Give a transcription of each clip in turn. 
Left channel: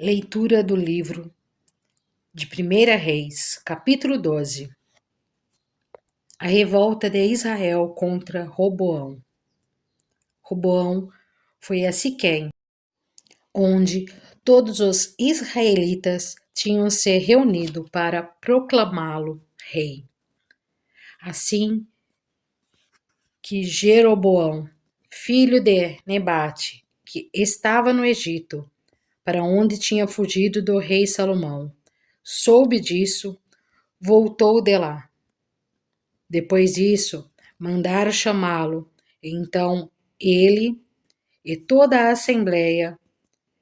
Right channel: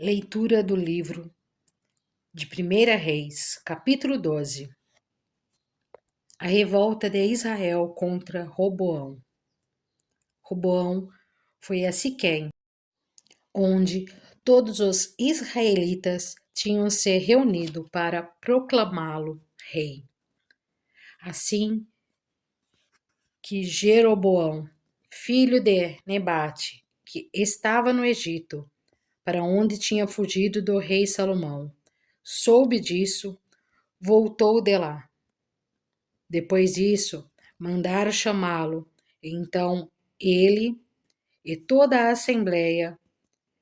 Leitura do livro de 1 Reis, capítulo 12. A revolta de Israel contra Roboão. Roboão foi a Siquém, onde todos os israelitas tinham se reunido para proclamá-lo rei. Assim que Jeroboão, filho de Nebate, que estava no Egito, para onde tinha fugido do rei Salomão, soube disso, voltou de lá. Depois disso, mandaram chamá-lo. Então ele e toda a assembleia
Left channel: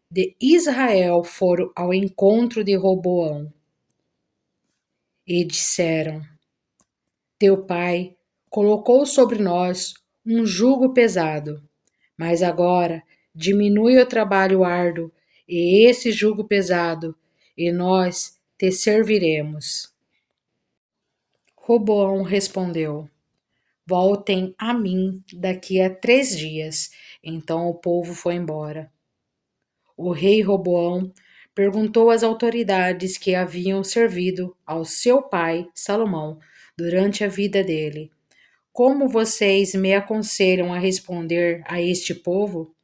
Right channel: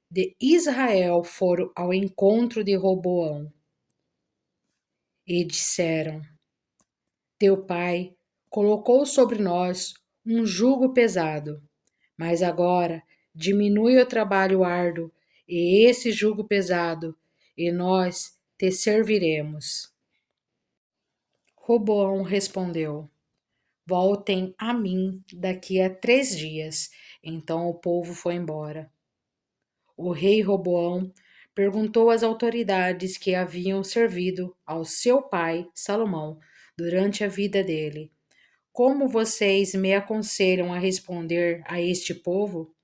de Israel foram ao encontro de Roboão e disseram: Teu pai colocou sobre nós um jugo pesado, mas agora diminui o trabalho árduo e esse jugo pesado, e nós te serviremos. Roboão respondeu: Voltem a mim daqui a 3 dias. Então o povo foi embora. O rei Roboão perguntou às autoridades que haviam servido ao seu pai Salomão durante a vida dele: Como vocês me aconselham a responder a este povo?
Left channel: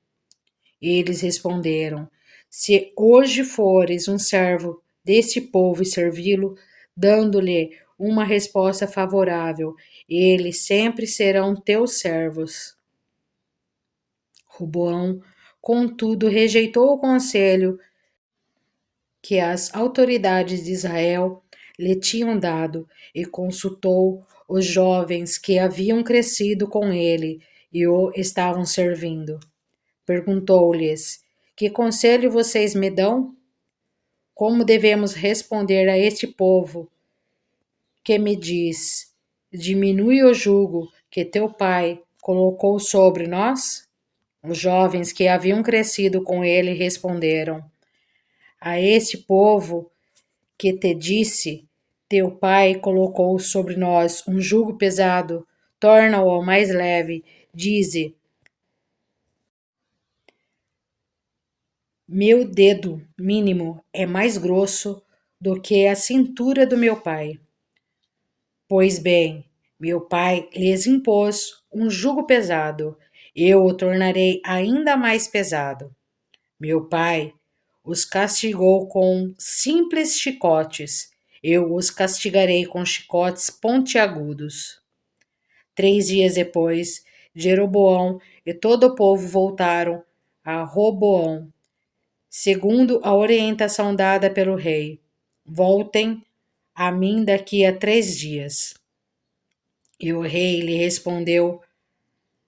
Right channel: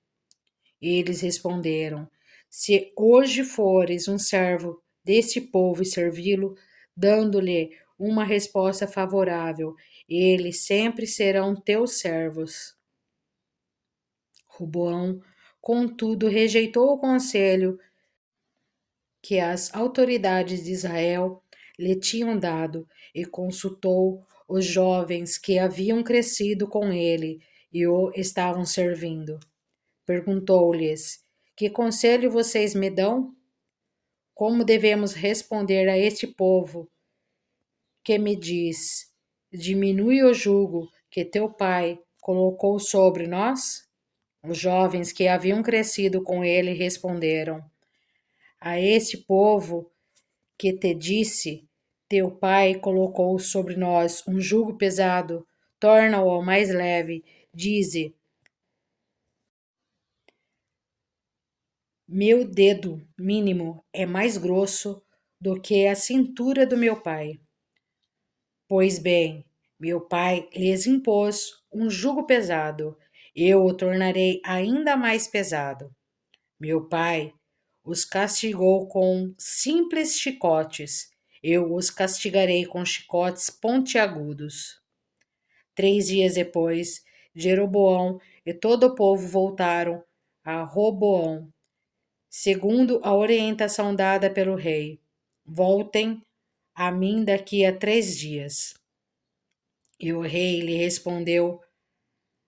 Eles responderam: Se hoje fores um servo desse povo e servi-lo, dando-lhe uma resposta favorável, eles sempre serão teus servos. Roboão, contudo, rejeitou o conselho que as autoridades de Israel lhe tinham dado e consultou os jovens que haviam crescido com ele e o estavam servindo. Perguntou-lhes: Que conselho vocês me dão? Como devemos responder a este povo que me diz: Diminui o jugo que teu pai colocou sobre nós? Os jovens que haviam crescido com ele responderam: A este povo que te disse: Teu pai colocou sobre nós um jugo pesado, torna-o mais leve. Dize: Meu dedo mínimo é mais grosso do que a cintura do meu pai. Pois bem, meu pai lhes impôs um jugo pesado, eu o tornarei ainda mais pesado. Meu pai os castigou com simples chicotes, eu os castigarei com chicotes pontiagudos. 3 dias depois, Jeroboão e todo o povo voltaram a Roboão, segundo a orientação dada pelo rei. Voltem a mim daqui a 3 dias. E o rei lhe respondeu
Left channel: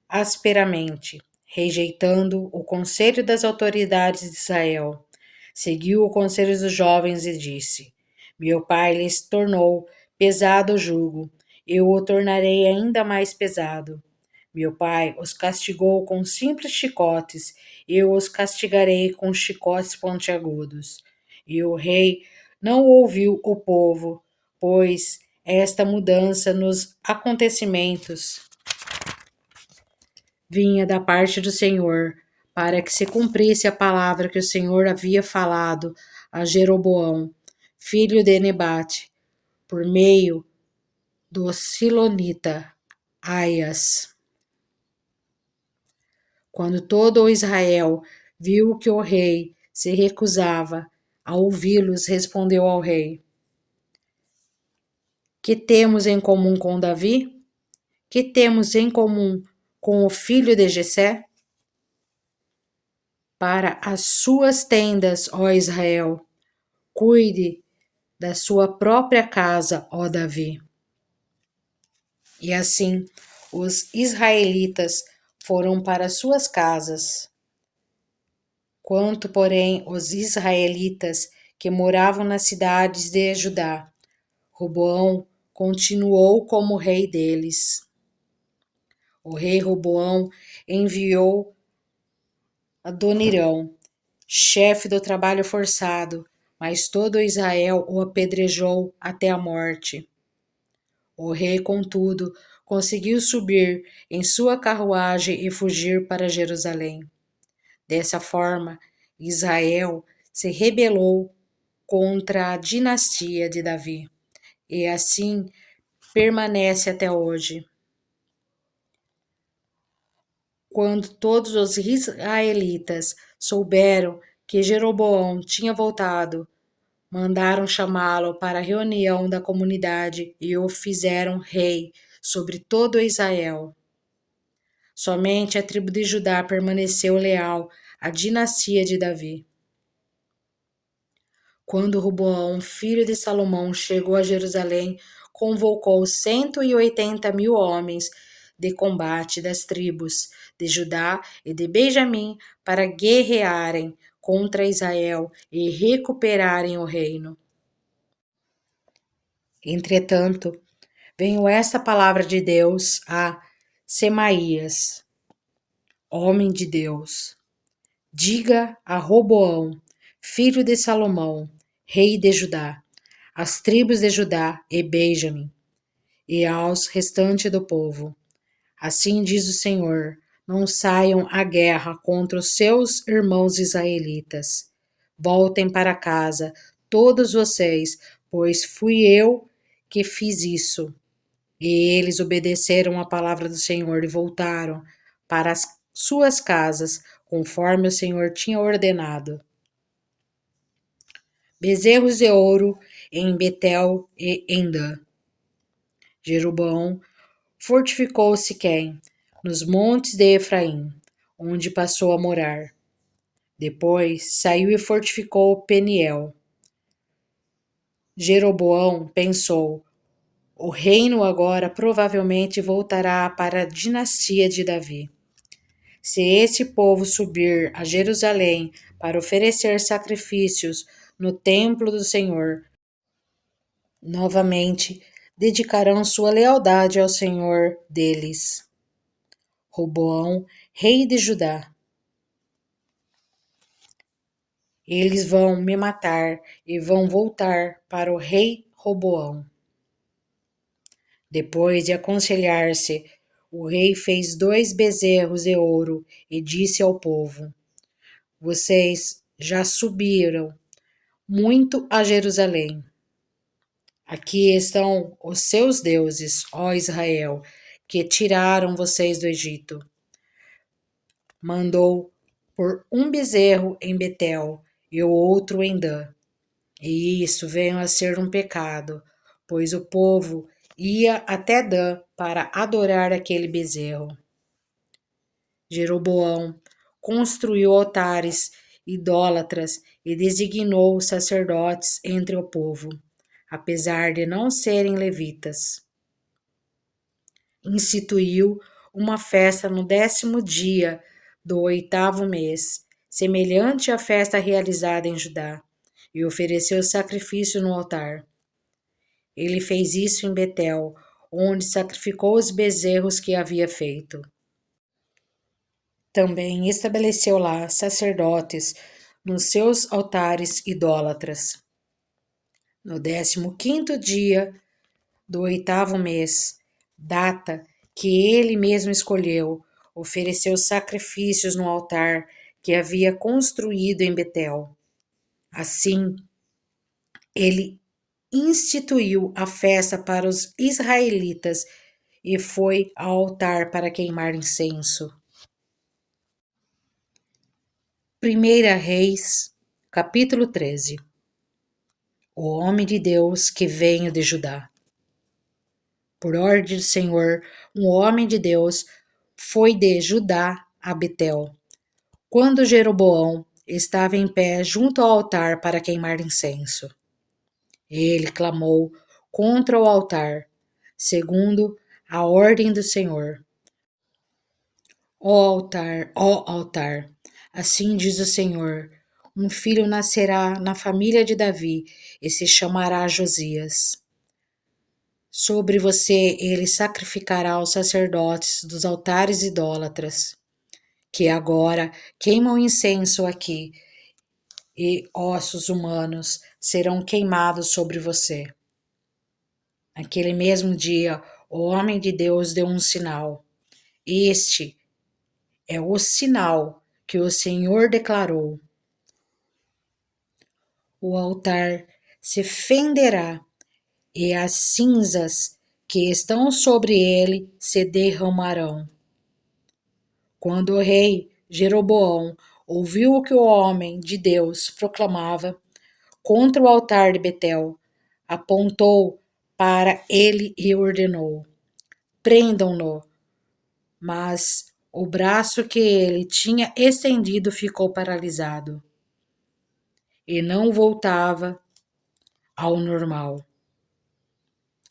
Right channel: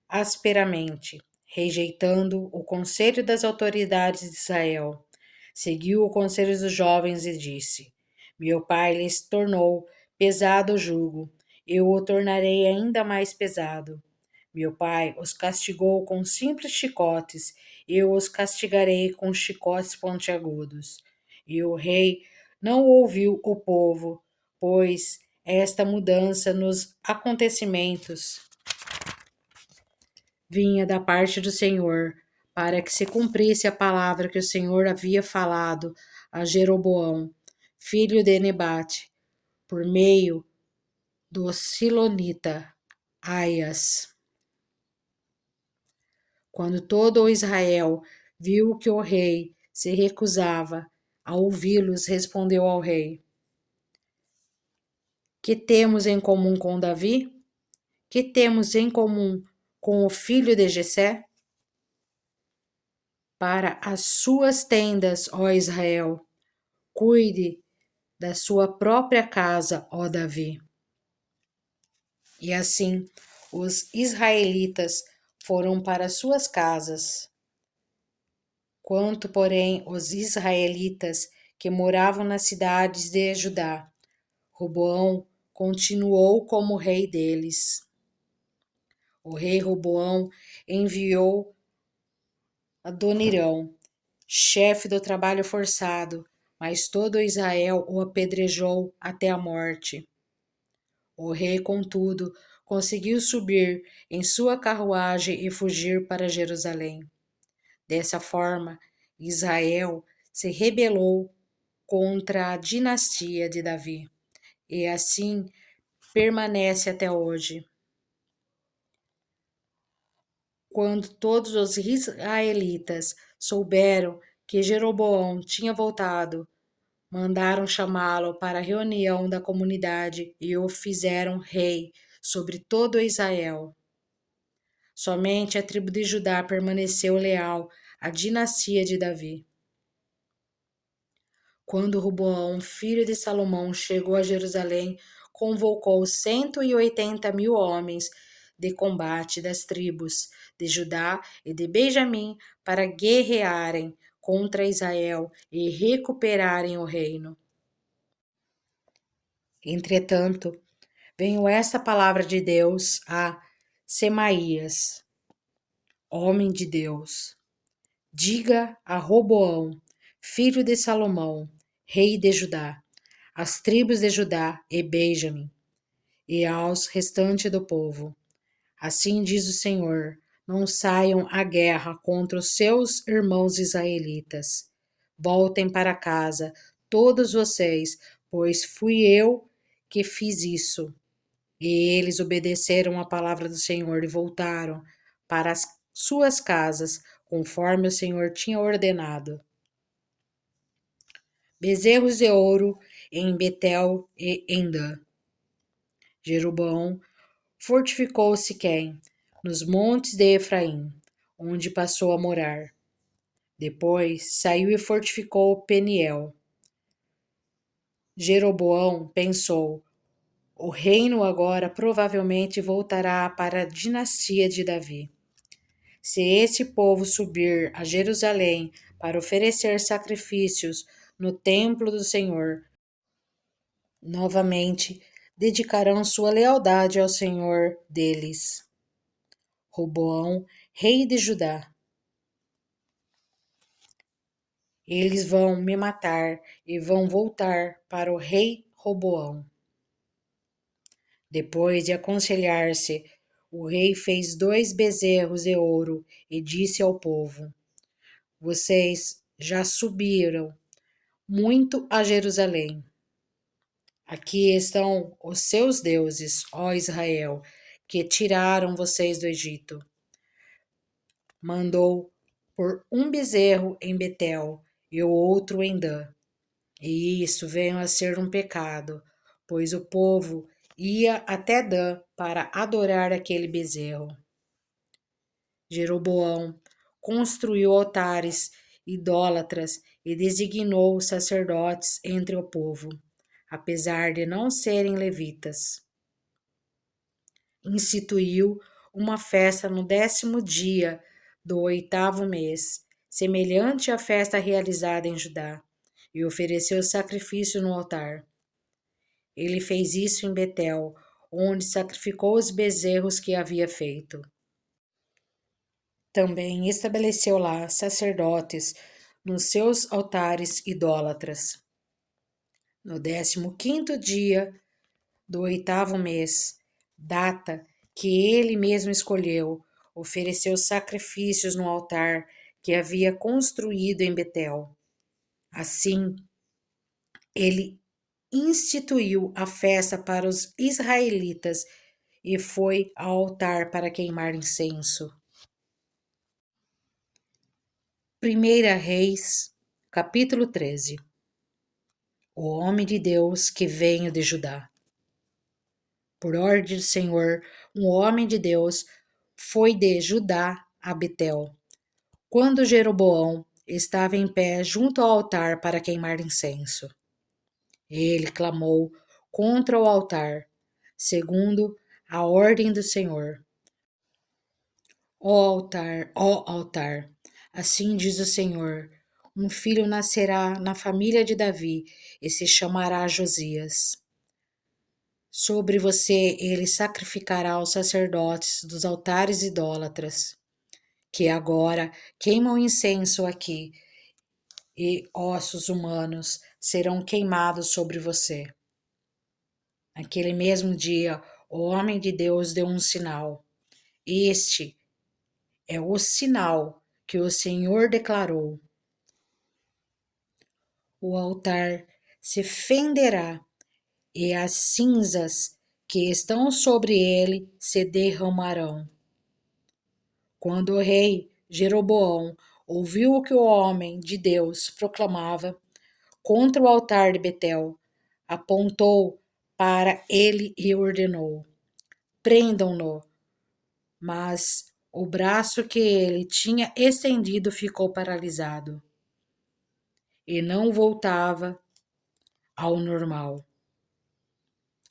asperamente, rejeitando o conselho das autoridades de Israel. Seguiu o conselho dos jovens e disse: Meu pai lhes tornou pesado o jugo, eu o tornarei ainda mais pesado. Meu pai os castigou com simples chicotes, eu os castigarei com chicotes pontiagudos. E o rei não ouviu o povo, pois esta mudança nos acontecimentos vinha da parte do Senhor, para que se cumprisse a palavra que o Senhor havia falado a Jeroboão, filho de Nebate, por meio do Silonita Aias. Quando todo o Israel viu que o rei se recusava a ouvi-los, respondeu ao rei: Que temos em comum com Davi? Que temos em comum com o filho de Jessé? Para as suas tendas, ó Israel, cuide da sua própria casa, ó Davi. E assim os israelitas foram para suas casas. Quanto, porém, os israelitas que moravam nas cidades de Judá, Roboão continuou como rei deles. O rei Roboão enviou Adonirão, chefe do trabalho forçado, mas todo Israel o apedrejou até a morte. O rei, contudo, conseguiu subir em sua carruagem e fugir para Jerusalém. Dessa forma, Israel se rebelou contra a dinastia de Davi, e assim permanece até hoje. Quando todos os israelitas souberam que Jeroboão tinha voltado, mandaram chamá-lo para a reunião da comunidade e o fizeram rei sobre todo Israel. Somente a tribo de Judá permaneceu leal à dinastia de Davi. Quando Roboão, filho de Salomão, chegou a Jerusalém, convocou 180.000 homens de combate das tribos de Judá e de Benjamim para guerrearem contra Israel e recuperarem o reino. Entretanto, veio esta palavra de Deus a Semaías, homem de Deus: diga a Roboão, filho de Salomão, rei de Judá, às tribos de Judá e Benjamim, e aos restantes do povo: assim diz o Senhor: não saiam à guerra contra os seus irmãos israelitas. Voltem para casa, todos vocês, pois fui eu que fiz isso. E eles obedeceram à palavra do Senhor e voltaram para as suas casas, conforme o Senhor tinha ordenado. Bezerros de ouro em Betel e em Dan. Jeroboão fortificou Siquém, nos montes de Efraim, onde passou a morar. Depois saiu e fortificou Peniel. Jeroboão pensou: o reino agora provavelmente voltará para a dinastia de Davi. Se esse povo subir a Jerusalém para oferecer sacrifícios no templo do Senhor, novamente dedicarão sua lealdade ao Senhor deles. Roboão, rei de Judá. Eles vão me matar e vão voltar para o rei Roboão. Depois de aconselhar-se, o rei fez 2 bezerros de ouro e disse ao povo: vocês já subiram muito a Jerusalém. Aqui estão os seus deuses, ó Israel, que tiraram vocês do Egito. Mandou por um bezerro em Betel e o outro em Dan. E isso veio a ser um pecado, pois o povo ia até Dan para adorar aquele bezerro. Jeroboão construiu altares idólatras e designou sacerdotes entre o povo, apesar de não serem levitas. Instituiu uma festa no 10º dia do 8º mês, semelhante à festa realizada em Judá, e ofereceu sacrifício no altar. Ele fez isso em Betel, onde sacrificou os bezerros que havia feito. Também estabeleceu lá sacerdotes nos seus altares idólatras. No 15º dia do 8º mês, data que ele mesmo escolheu, ofereceu sacrifícios no altar que havia construído em Betel. Assim, ele instituiu a festa para os israelitas e foi ao altar para queimar incenso. 1 Reis, capítulo 13. O homem de Deus que veio de Judá. Por ordem do Senhor, um homem de Deus foi de Judá a Betel, quando Jeroboão estava em pé junto ao altar para queimar incenso. Ele clamou contra o altar, segundo a ordem do Senhor. Ó altar, assim diz o Senhor: um filho nascerá na família de Davi e se chamará Josias. Sobre você ele sacrificará os sacerdotes dos altares idólatras, que agora queimam incenso aqui, e ossos humanos serão queimados sobre você. Naquele mesmo dia, o homem de Deus deu um sinal. Este é o sinal que o Senhor declarou. o altar se fenderá e as cinzas que estão sobre ele se derramarão. Quando o rei Jeroboão ouviu o que o homem de Deus proclamava contra o altar de Betel, apontou para ele e ordenou: prendam-no. Mas o braço que ele tinha estendido ficou paralisado e não voltava ao normal.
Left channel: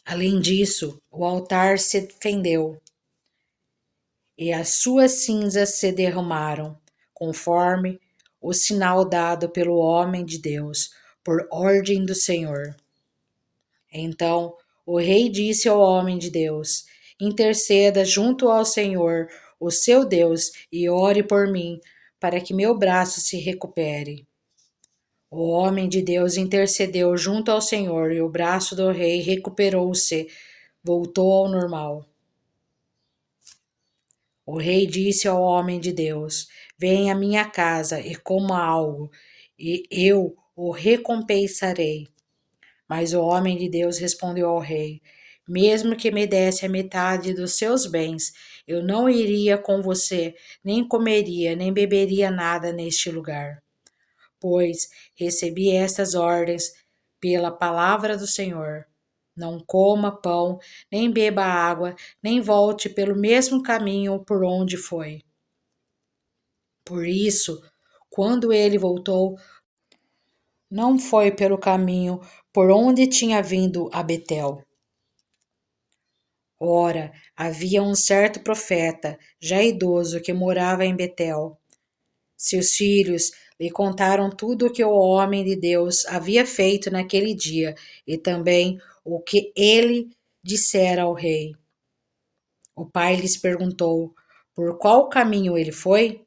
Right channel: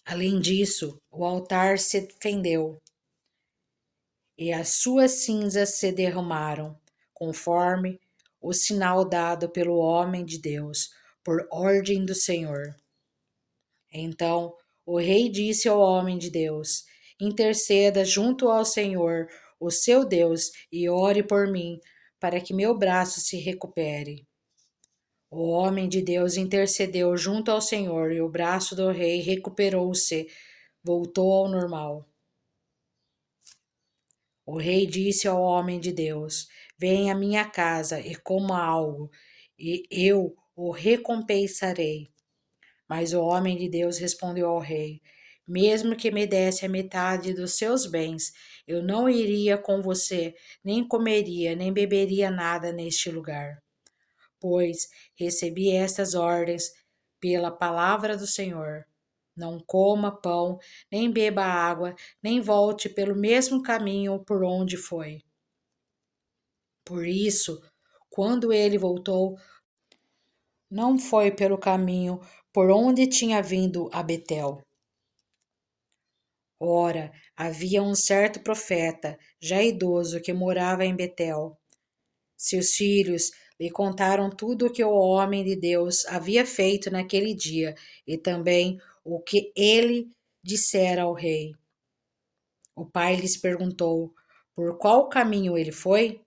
Além disso, o altar se fendeu e as suas cinzas se derramaram, conforme o sinal dado pelo homem de Deus, por ordem do Senhor. Então o rei disse ao homem de Deus: interceda junto ao Senhor, o seu Deus, e ore por mim, para que meu braço se recupere. O homem de Deus intercedeu junto ao Senhor e o braço do rei recuperou-se, voltou ao normal. O rei disse ao homem de Deus: venha à minha casa e coma algo, e eu o recompensarei. Mas o homem de Deus respondeu ao rei: mesmo que me desse a metade dos seus bens, eu não iria com você, nem comeria, nem beberia nada neste lugar. Pois recebi estas ordens pela palavra do Senhor. Não coma pão, nem beba água, nem volte pelo mesmo caminho por onde foi. Por isso, quando ele voltou, não foi pelo caminho por onde tinha vindo a Betel. Ora, havia um certo profeta, já idoso, que morava em Betel. Seus filhos lhe contaram tudo o que o homem de Deus havia feito naquele dia e também o que ele dissera ao rei. O pai lhes perguntou por qual caminho ele foi,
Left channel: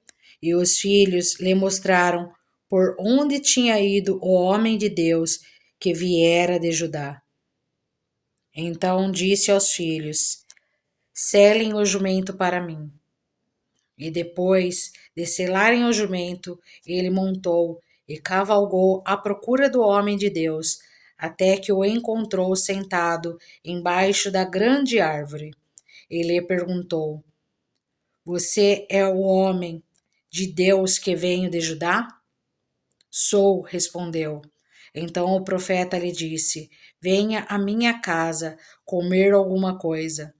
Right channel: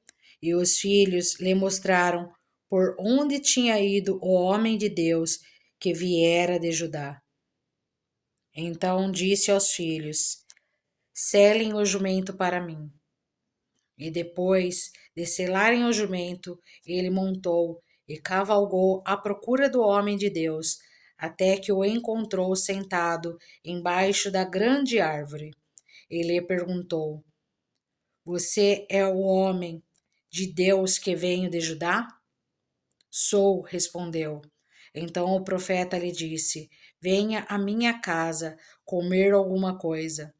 e os filhos lhe mostraram por onde tinha ido o homem de Deus que viera de Judá. Então disse aos filhos: selem o jumento para mim. E depois de selarem o jumento, ele montou e cavalgou à procura do homem de Deus, até que o encontrou sentado embaixo da grande árvore. Ele perguntou: você é o homem de Deus que veio de Judá? Sou, respondeu. Então o profeta lhe disse: venha à minha casa comer alguma coisa.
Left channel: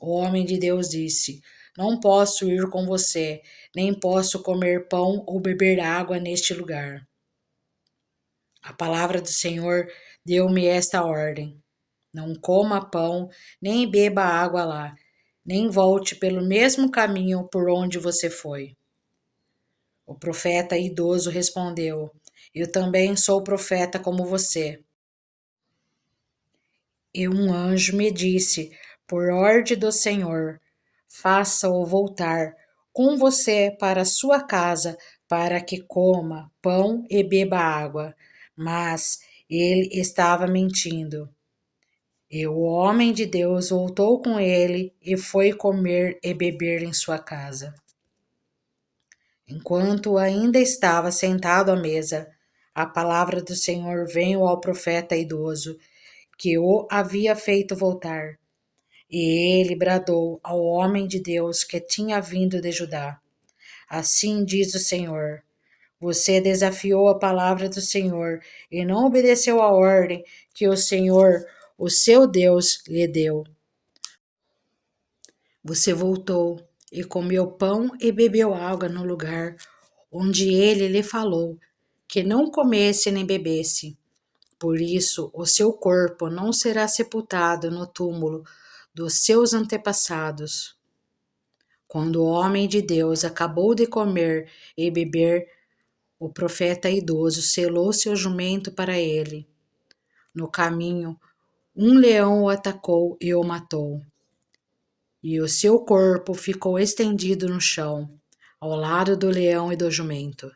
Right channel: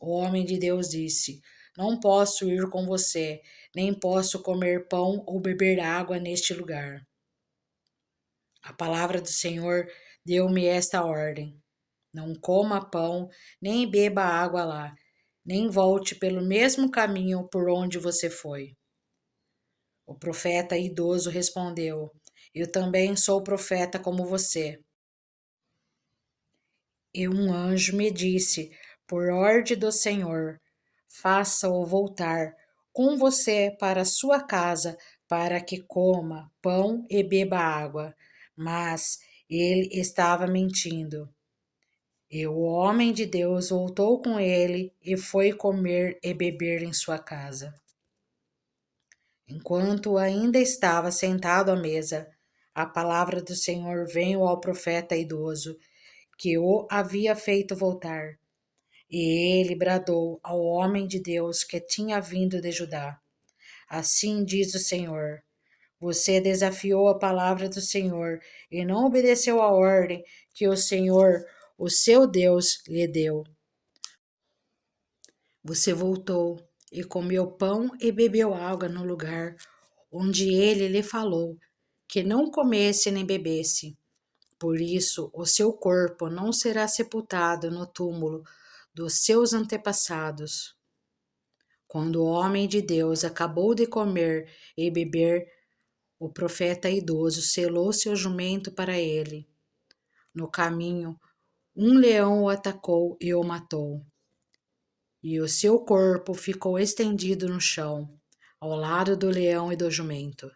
O homem de Deus disse: não posso ir com você, nem posso comer pão ou beber água neste lugar. A palavra do Senhor deu-me esta ordem: não coma pão, nem beba água lá, nem volte pelo mesmo caminho por onde você foi. O profeta idoso respondeu: eu também sou profeta como você. E um anjo me disse, por ordem do Senhor: faça-o voltar com você para sua casa, para que coma pão e beba água. Mas ele estava mentindo. E o homem de Deus voltou com ele e foi comer e beber em sua casa. Enquanto ainda estava sentado à mesa, a palavra do Senhor veio ao profeta idoso, que o havia feito voltar. E ele bradou ao homem de Deus que tinha vindo de Judá: assim diz o Senhor: você desafiou a palavra do Senhor e não obedeceu à ordem que o Senhor, o seu Deus, lhe deu. Você voltou e comeu pão e bebeu água no lugar onde ele lhe falou que não comesse nem bebesse. Por isso, o seu corpo não será sepultado no túmulo dos seus antepassados. Quando o homem de Deus acabou de comer e beber, o profeta idoso selou seu jumento para ele. No caminho, um leão o atacou e o matou. E o seu corpo ficou estendido no chão, ao lado do leão e do jumento.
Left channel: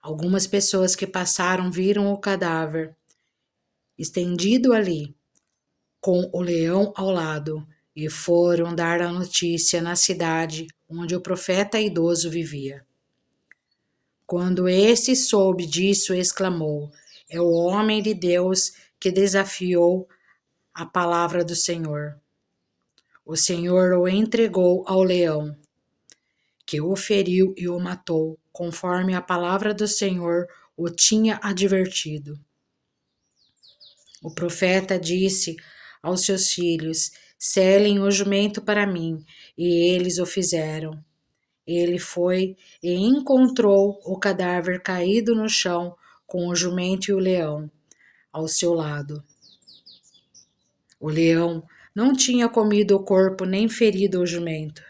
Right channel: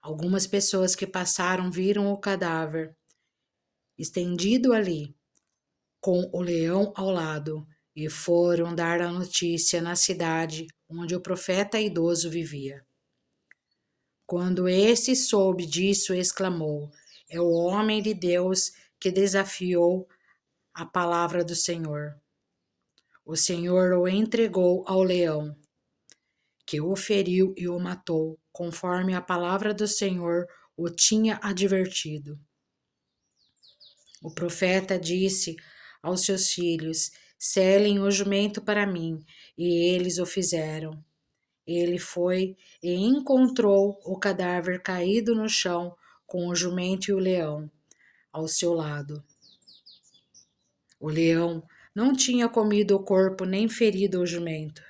Algumas pessoas que passaram viram o cadáver estendido ali, com o leão ao lado, e foram dar a notícia na cidade onde o profeta idoso vivia. Quando este soube disso, exclamou: É o homem de Deus que desafiou a palavra do Senhor. O Senhor o entregou ao leão, que o feriu e o matou, conforme a palavra do Senhor o tinha advertido. O profeta disse aos seus filhos: Selem o jumento para mim, e eles o fizeram. Ele foi e encontrou o cadáver caído no chão, com o jumento e o leão ao seu lado. O leão não tinha comido o corpo nem ferido o jumento.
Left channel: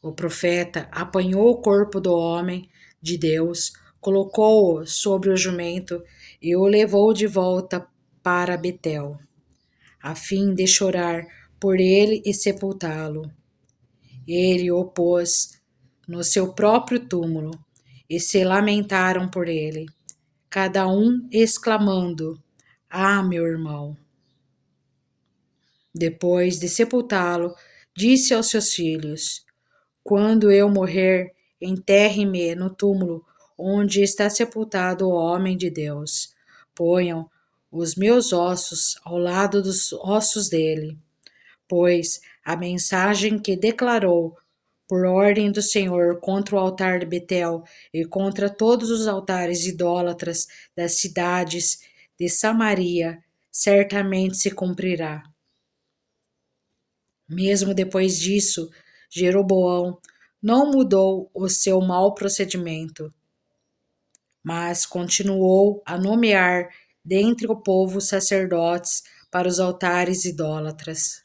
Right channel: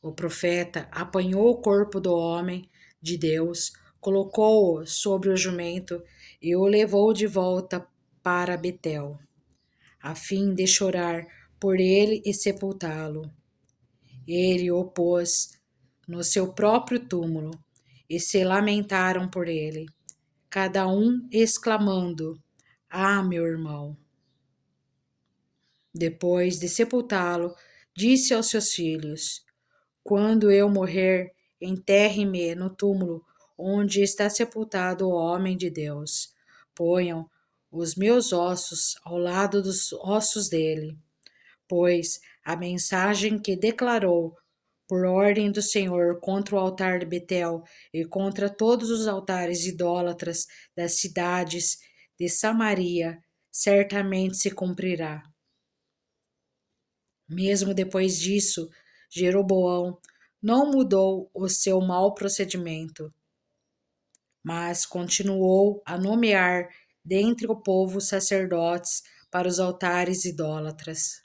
O profeta apanhou o corpo do homem de Deus, colocou-o sobre o jumento e o levou de volta para Betel, a fim de chorar por ele e sepultá-lo. Ele o pôs no seu próprio túmulo e se lamentaram por ele, cada um exclamando: Ah, meu irmão! Depois de sepultá-lo, disse aos seus filhos: Quando eu morrer, enterre-me no túmulo onde está sepultado o homem de Deus. Ponham os meus ossos ao lado dos ossos dele, pois a mensagem que declarou por ordem do Senhor contra o altar de Betel e contra todos os altares idólatras das cidades de Samaria certamente se cumprirá. Mesmo depois disso, Jeroboão não mudou o seu mau procedimento, mas continuou a nomear dentre o povo sacerdotes para os altares idólatras.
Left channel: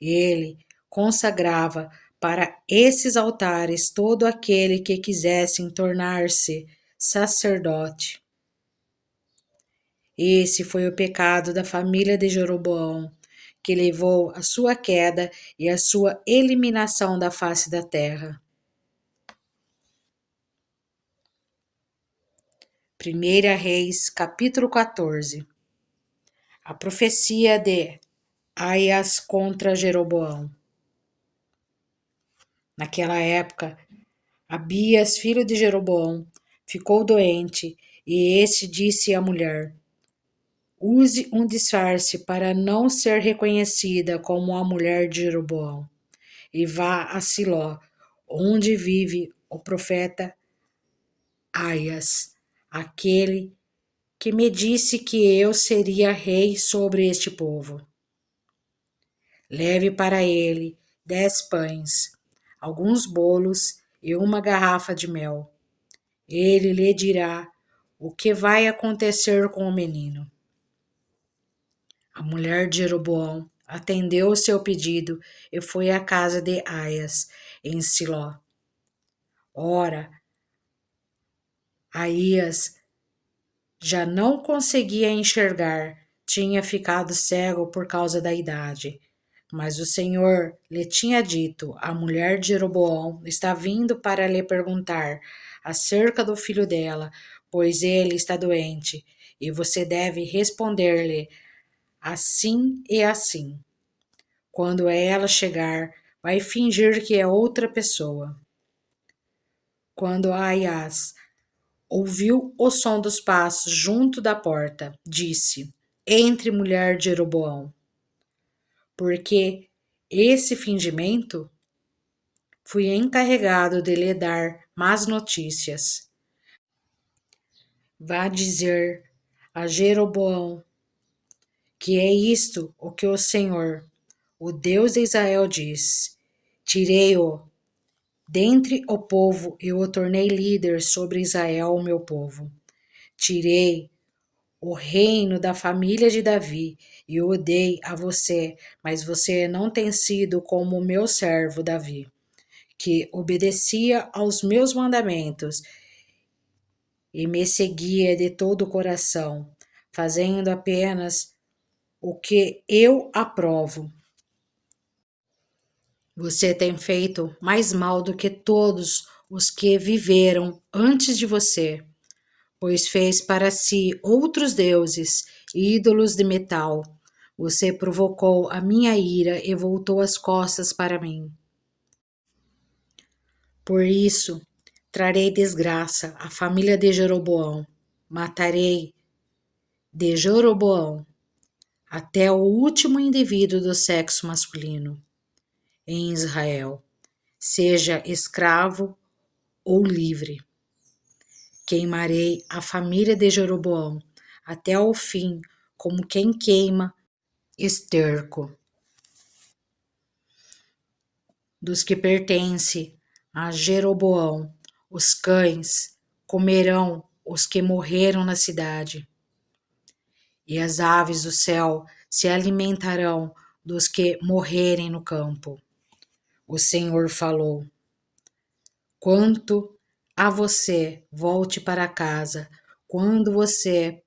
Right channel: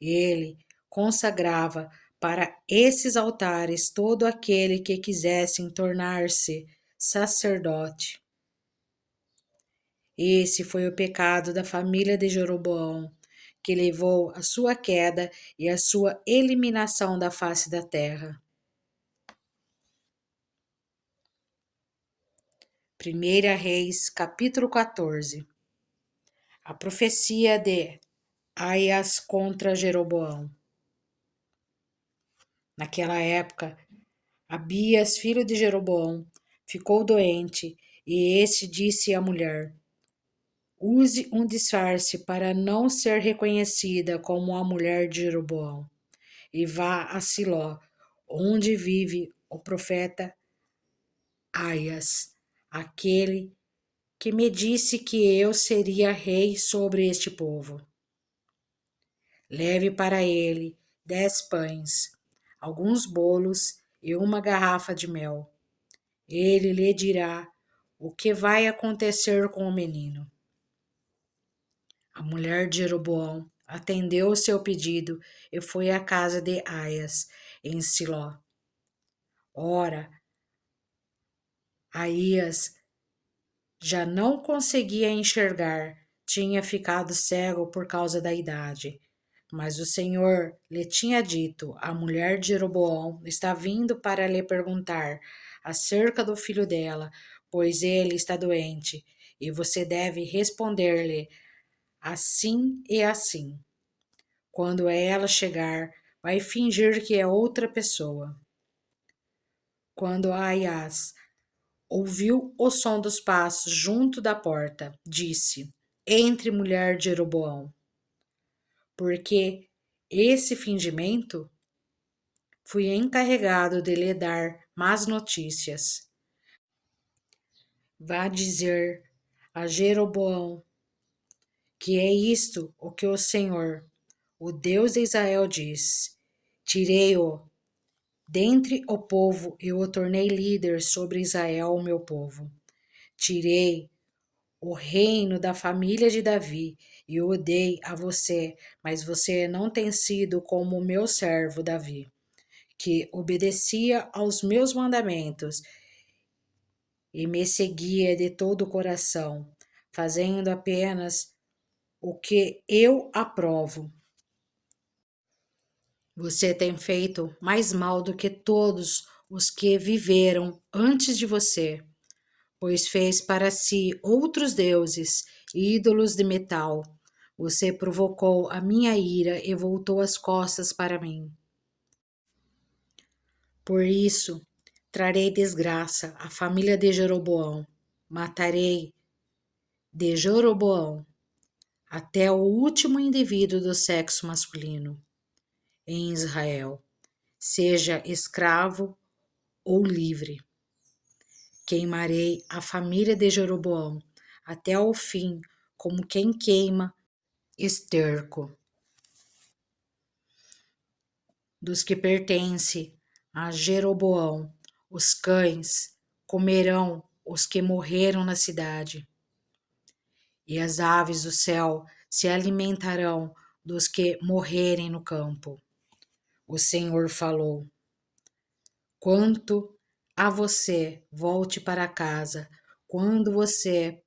Ele consagrava para esses altares todo aquele que quisesse tornar-se sacerdote. Esse foi o pecado da família de Jeroboão, que levou à sua queda e à sua eliminação da face da terra. 1 Reis, capítulo 14. A profecia de Aias contra Jeroboão. Naquela época, Abias, filho de Jeroboão, ficou doente, e este disse à mulher: Use um disfarce para não ser reconhecida como a mulher de Jeroboão, e vá a Siló, onde vive o profeta Aias, aquele que me disse que eu seria rei sobre este povo. Leve para ele 10 pães, alguns bolos e uma garrafa de mel. Ele lhe dirá o que vai acontecer com o menino. A mulher de Jeroboão atendeu o seu pedido e foi à casa de Aias, em Siló. Ora, Aias já não conseguia enxergar, tinha ficado cego por causa da idade. Mas o Senhor lhe tinha dito: A mulher de Jeroboão está vindo para lhe perguntar acerca do filho dela, pois ele está doente, e você deve responder-lhe assim e assim. Quando ela chegar, vai fingir que é outra pessoa. Quando Aias ouviu o som dos passos junto da porta, disse: Entre, mulher de Jeroboão. Porque esse fingimento fui encarregado de lhe dar más notícias. Vá dizer a Jeroboão que é isto o que o Senhor, o Deus de Israel, diz: Tirei-o dentre o povo e o tornei líder sobre Israel, o meu povo. Tirei o reino da família de Davi e o dei a você, mas você não tem sido como o meu servo Davi, que obedecia aos meus mandamentos e me seguia de todo o coração, fazendo apenas o que eu aprovo. Você tem feito mais mal do que todos os que viveram antes de você, pois fez para si outros deuses, ídolos de metal. Você provocou a minha ira e voltou as costas para mim. Por isso, trarei desgraça à família de Jeroboão, matarei de Jeroboão até o último indivíduo do sexo masculino em Israel, seja escravo ou livre. Queimarei a família de Jeroboão até o fim, como quem queima esterco. Dos que pertencem a Jeroboão, os cães comerão os que morreram na cidade, e as aves do céu se alimentarão dos que morrerem no campo. O Senhor falou. Quanto a você, volte para casa. Quando você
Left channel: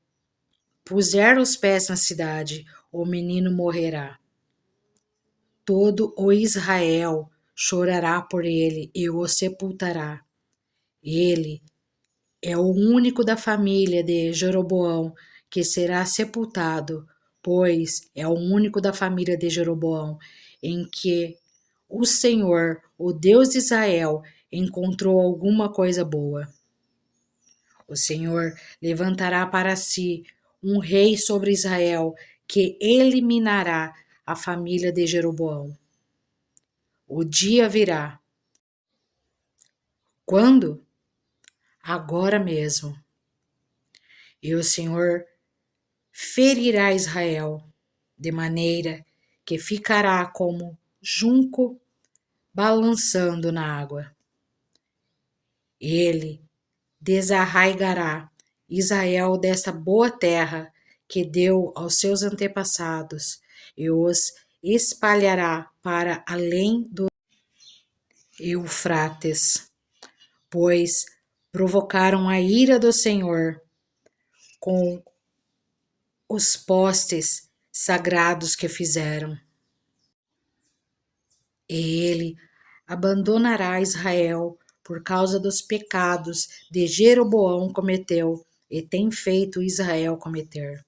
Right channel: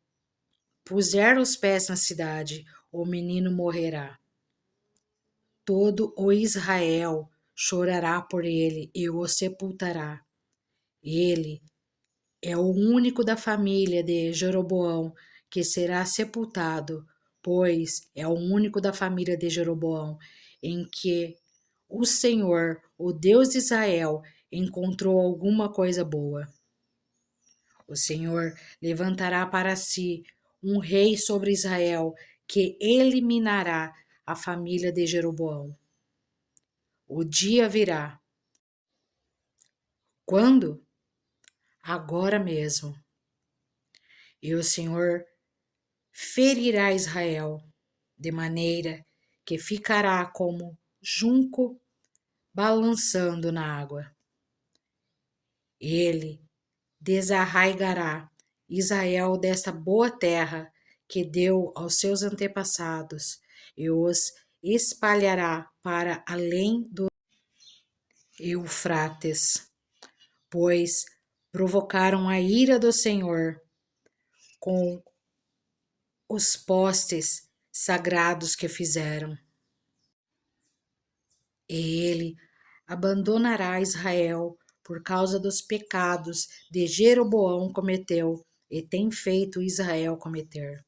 puser os pés na cidade, o menino morrerá. Todo o Israel chorará por ele e o sepultará. Ele é o único da família de Jeroboão que será sepultado, pois é o único da família de Jeroboão em que o Senhor, o Deus de Israel, encontrou alguma coisa boa. O Senhor levantará para si um rei sobre Israel que eliminará a família de Jeroboão. O dia virá. Quando? Agora mesmo. E o Senhor ferirá Israel, de maneira que ficará como junco balançando na água. Ele desarraigará Israel desta boa terra que deu aos seus antepassados e os espalhará para além do Eufrates, pois provocaram a ira do Senhor com os postes sagrados que fizeram. E ele abandonará Israel por causa dos pecados de Jeroboão cometeu e tem feito Israel cometer.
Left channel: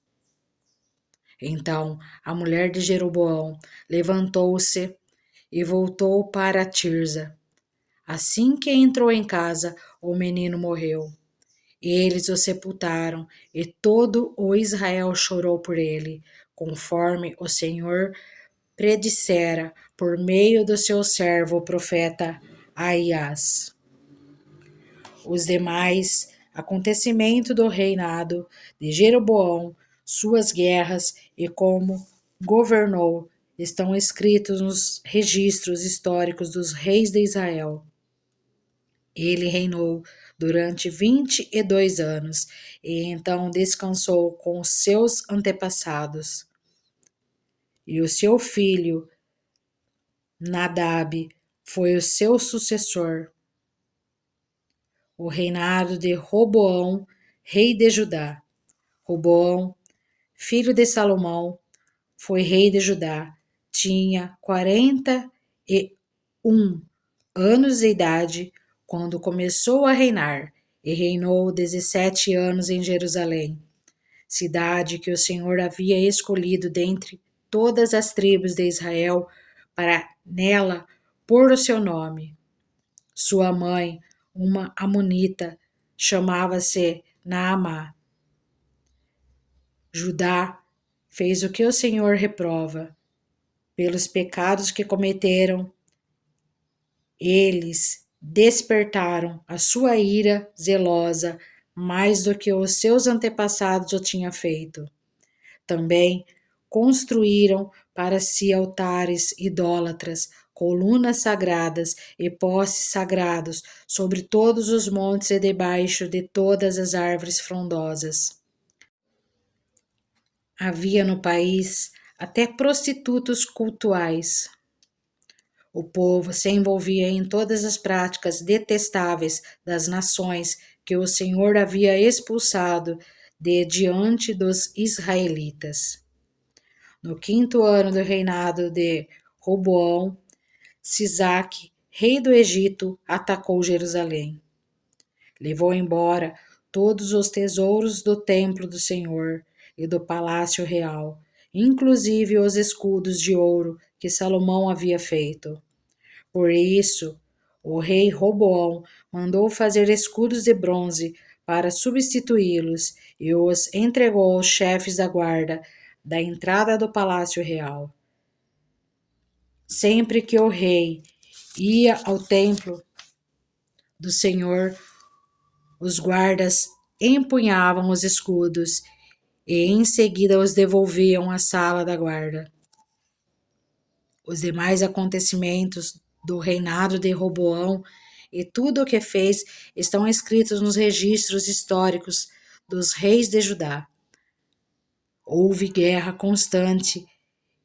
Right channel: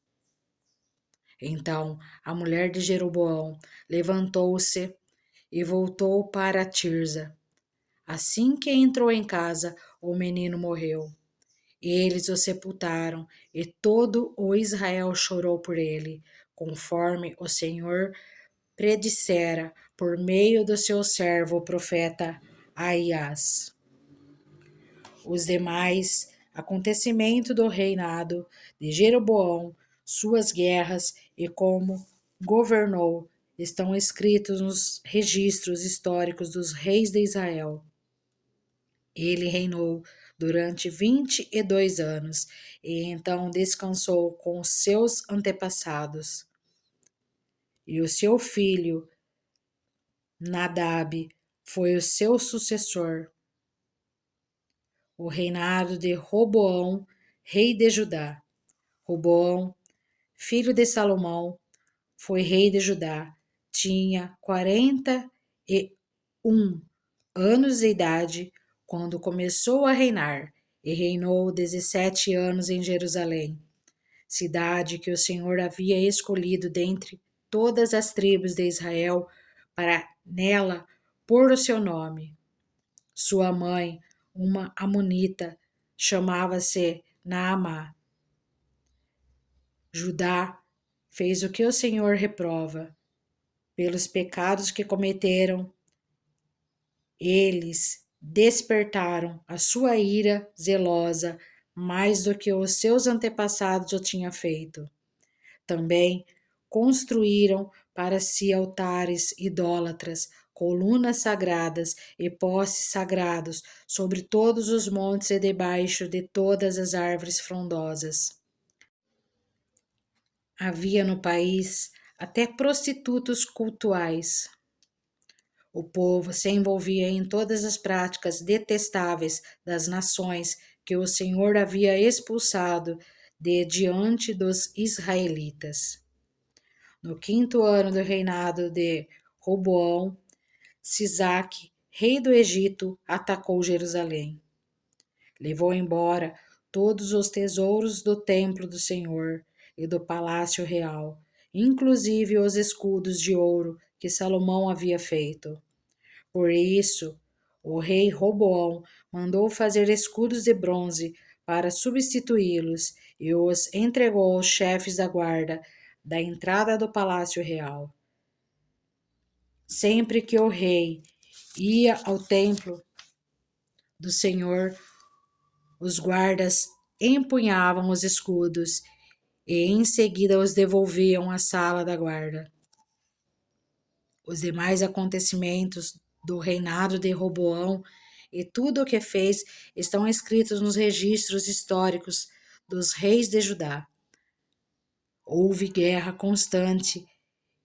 Então a mulher de Jeroboão levantou-se e voltou para Tirza. Assim que entrou em casa, o menino morreu. Eles o sepultaram, e todo o Israel chorou por ele, conforme o Senhor predissera por meio do seu servo o profeta Aias. Os demais acontecimentos do reinado de Jeroboão, suas guerras e como governou estão escritos nos registros históricos dos reis de Israel. Ele reinou durante 22 anos e então descansou com os seus antepassados. E o seu filho Nadab foi o seu sucessor. O reinado de Roboão, rei de Judá. Roboão, filho de Salomão, foi rei de Judá. Tinha 41 anos de idade quando começou a reinar e reinou 17 anos em Jerusalém, cidade que o Senhor havia escolhido dentre todas as tribos de Israel para nela pôr o seu nome. Sua mãe, uma amonita, chamava-se Naamá. Judá fez o que o Senhor reprova. Pelos pecados que cometeram, eles despertaram a sua ira zelosa mais do que os seus antepassados o tinham feito. Também construíram para si altares idólatras, colunas sagradas e postes sagrados sobre todos os montes e debaixo de todas as árvores frondosas. Havia no país até prostitutos cultuais. O povo se envolvia em todas as práticas detestáveis das nações que o Senhor havia expulsado de diante dos israelitas. No 5º ano do reinado de Roboão, Sisaque, rei do Egito, atacou Jerusalém. Levou embora todos os tesouros do templo do Senhor e do palácio real, inclusive os escudos de ouro que Salomão havia feito. Por isso, O rei Roboão mandou fazer escudos de bronze para substituí-los e os entregou aos chefes da guarda da entrada do palácio real. Sempre que o rei ia ao templo do Senhor, os guardas empunhavam os escudos e em seguida os devolviam à sala da guarda. Os demais acontecimentos do reinado de Roboão e tudo o que fez estão escritos nos registros históricos dos reis de Judá. Houve guerra constante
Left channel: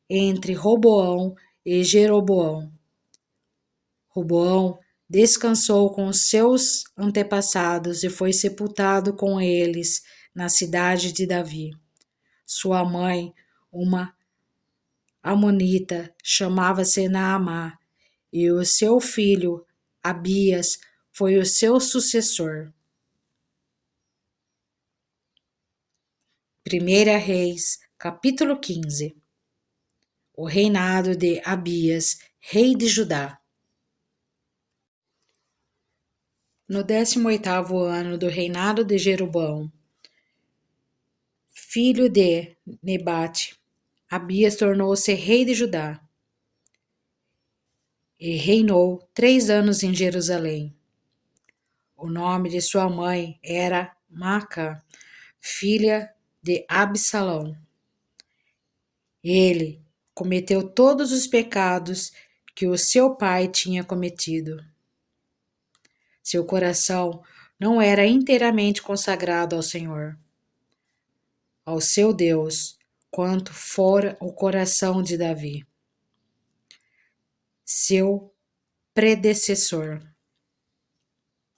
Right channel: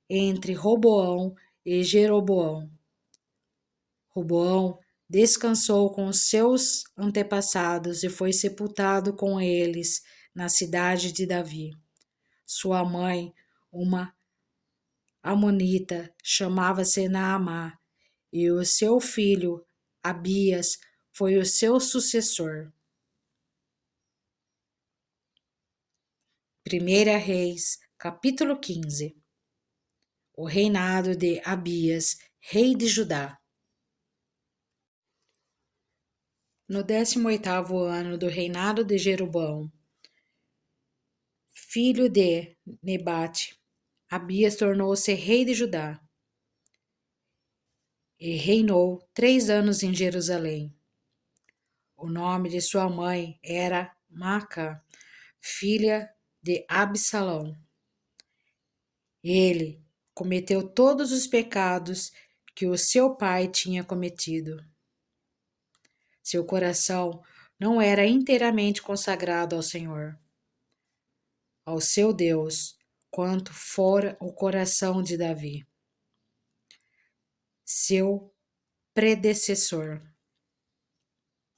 entre Roboão e Jeroboão. Roboão descansou com os seus antepassados e foi sepultado com eles na cidade de Davi. Sua mãe, uma amonita, chamava-se Naamá, e o seu filho Abias foi o seu sucessor. 1 Reis, capítulo 15. O reinado de Abias, rei de Judá. No 18º ano do reinado de Jeroboão, filho de Nebate, Abias tornou-se rei de Judá e reinou 3 anos em Jerusalém. O nome de sua mãe era Maaca, filha de Absalão. Ele cometeu todos os pecados que o seu pai tinha cometido. Seu coração não era inteiramente consagrado ao Senhor, ao seu Deus, quanto fora o coração de Davi, seu predecessor.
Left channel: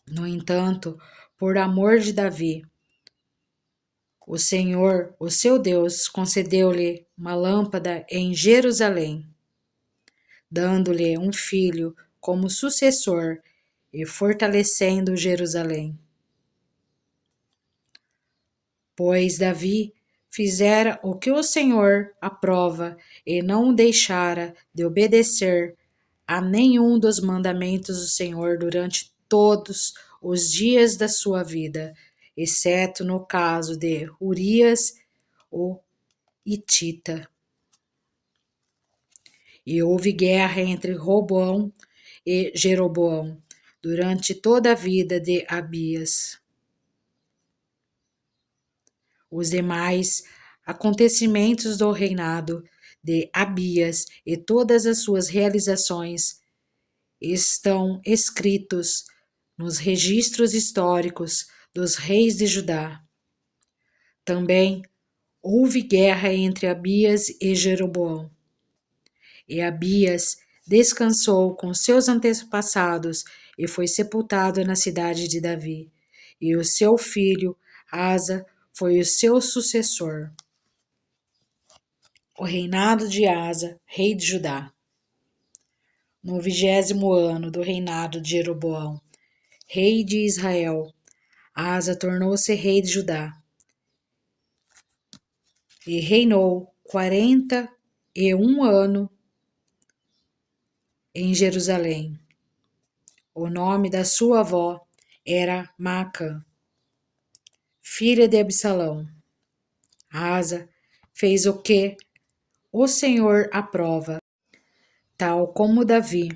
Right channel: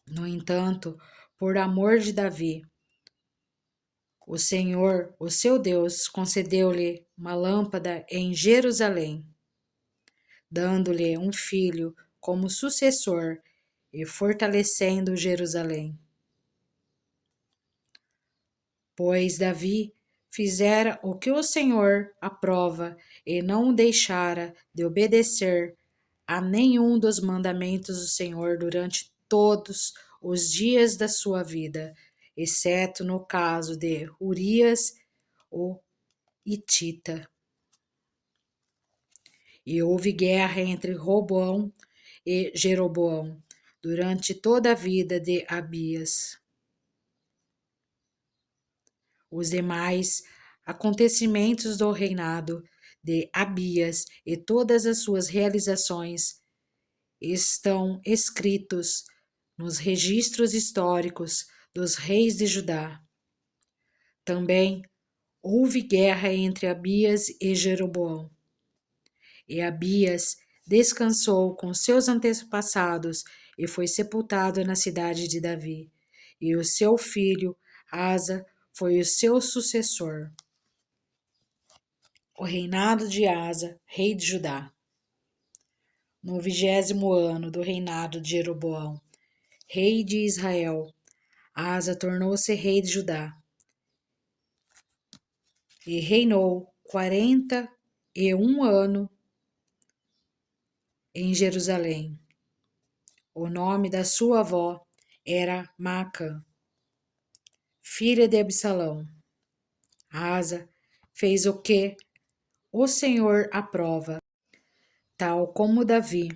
No entanto, por amor de Davi, o Senhor, o seu Deus, concedeu-lhe uma lâmpada em Jerusalém, dando-lhe um filho como sucessor e fortalecendo Jerusalém. Pois Davi fizera o que o Senhor aprova e não deixara de obedecer a nenhum dos mandamentos do Senhor durante todos os dias da sua vida, exceto no caso de Urias, o Hitita. E houve guerra entre Roboão e Jeroboão durante toda a vida de Abias. Os demais acontecimentos do reinado de Abias e todas as suas realizações estão escritos nos registros históricos dos reis de Judá. Também houve guerra entre Abias e Jeroboão. E Abias descansou com seus antepassados e foi sepultado na cidade de Davi. E o seu filho Asa foi o seu sucessor. O reinado de Asa, rei de Judá. No 20º ano do reinado de Jeroboão, rei de Israel, Asa tornou-se rei de Judá e reinou 41 anos em Jerusalém. O nome da sua avó era Maaca, filha de Absalão. Asa fez o que o Senhor aprova, tal como Davi,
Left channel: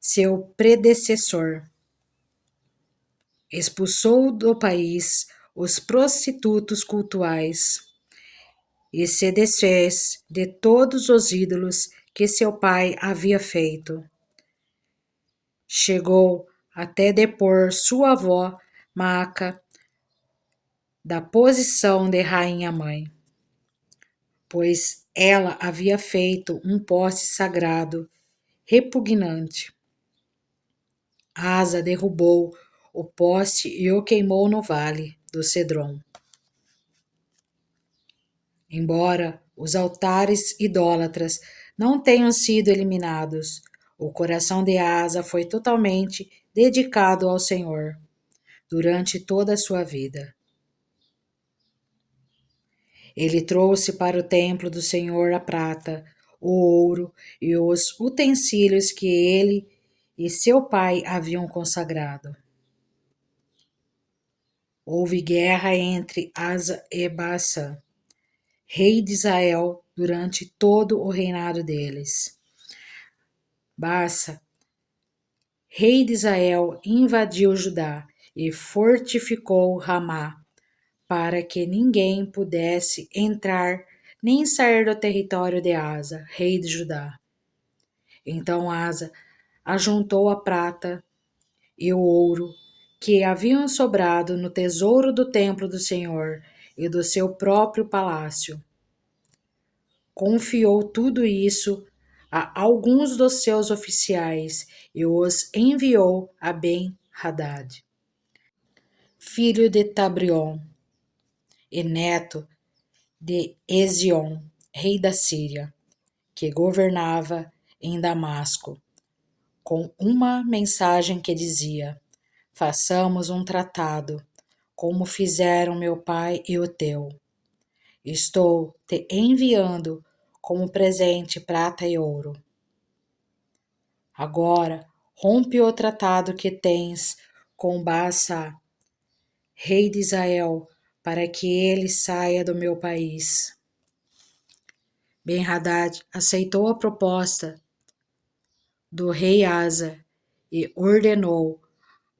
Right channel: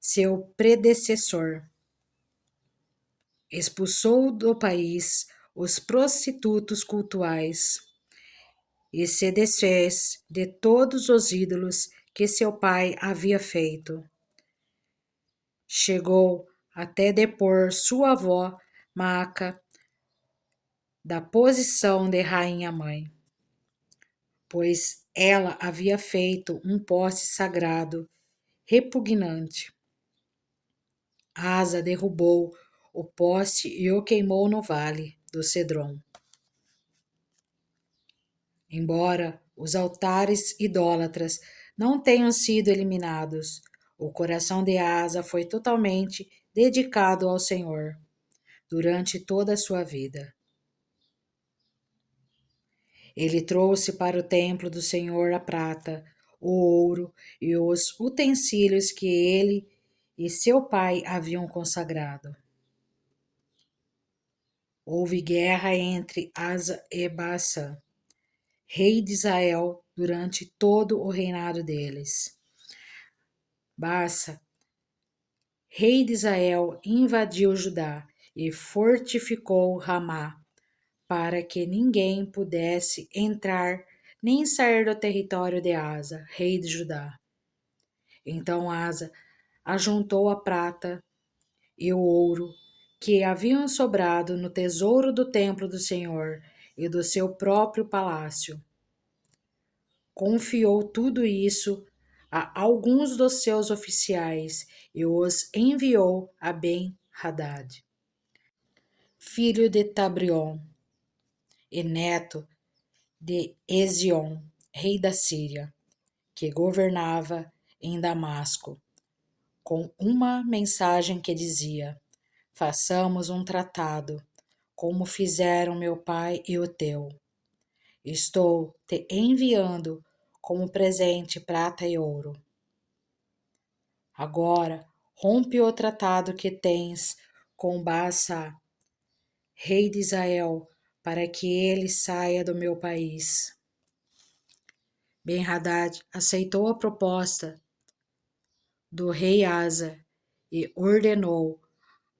seu predecessor. Expulsou do país os prostitutos cultuais e se desfez de todos os ídolos que seu pai havia feito. Chegou até depor sua avó Maaca da posição de rainha-mãe, pois ela havia feito um poste sagrado repugnante. Asa derrubou o poste e o queimou no vale do Cedron. Embora os altares idólatras não tenham sido eliminados, o coração de Asa foi totalmente dedicado ao Senhor durante toda a sua vida. Ele trouxe para o templo do Senhor a prata, o ouro e os utensílios que ele e seu pai haviam consagrado. Houve guerra entre Asa e Baasa, rei de Israel, durante todo o reinado deles. Baasa, rei de Israel, invadiu Judá e fortificou Ramá, para que ninguém pudesse entrar nem sair do território de Asa, rei de Judá. Então Asa ajuntou a prata e o ouro que haviam sobrado no tesouro do templo do Senhor e do seu próprio palácio. Confiou tudo isso a alguns dos seus oficiais e os enviou a Ben-Hadad, filho de Tabrion e neto de Ezion, rei da Síria, que governava em Damasco, com uma mensagem que dizia: façamos um tratado, como fizeram meu pai e o teu. Estou te enviando como presente prata e ouro. Agora rompe o tratado que tens com Baasa, rei de Israel, para que ele saia do meu país. Ben-Hadad aceitou a proposta do rei Asa e ordenou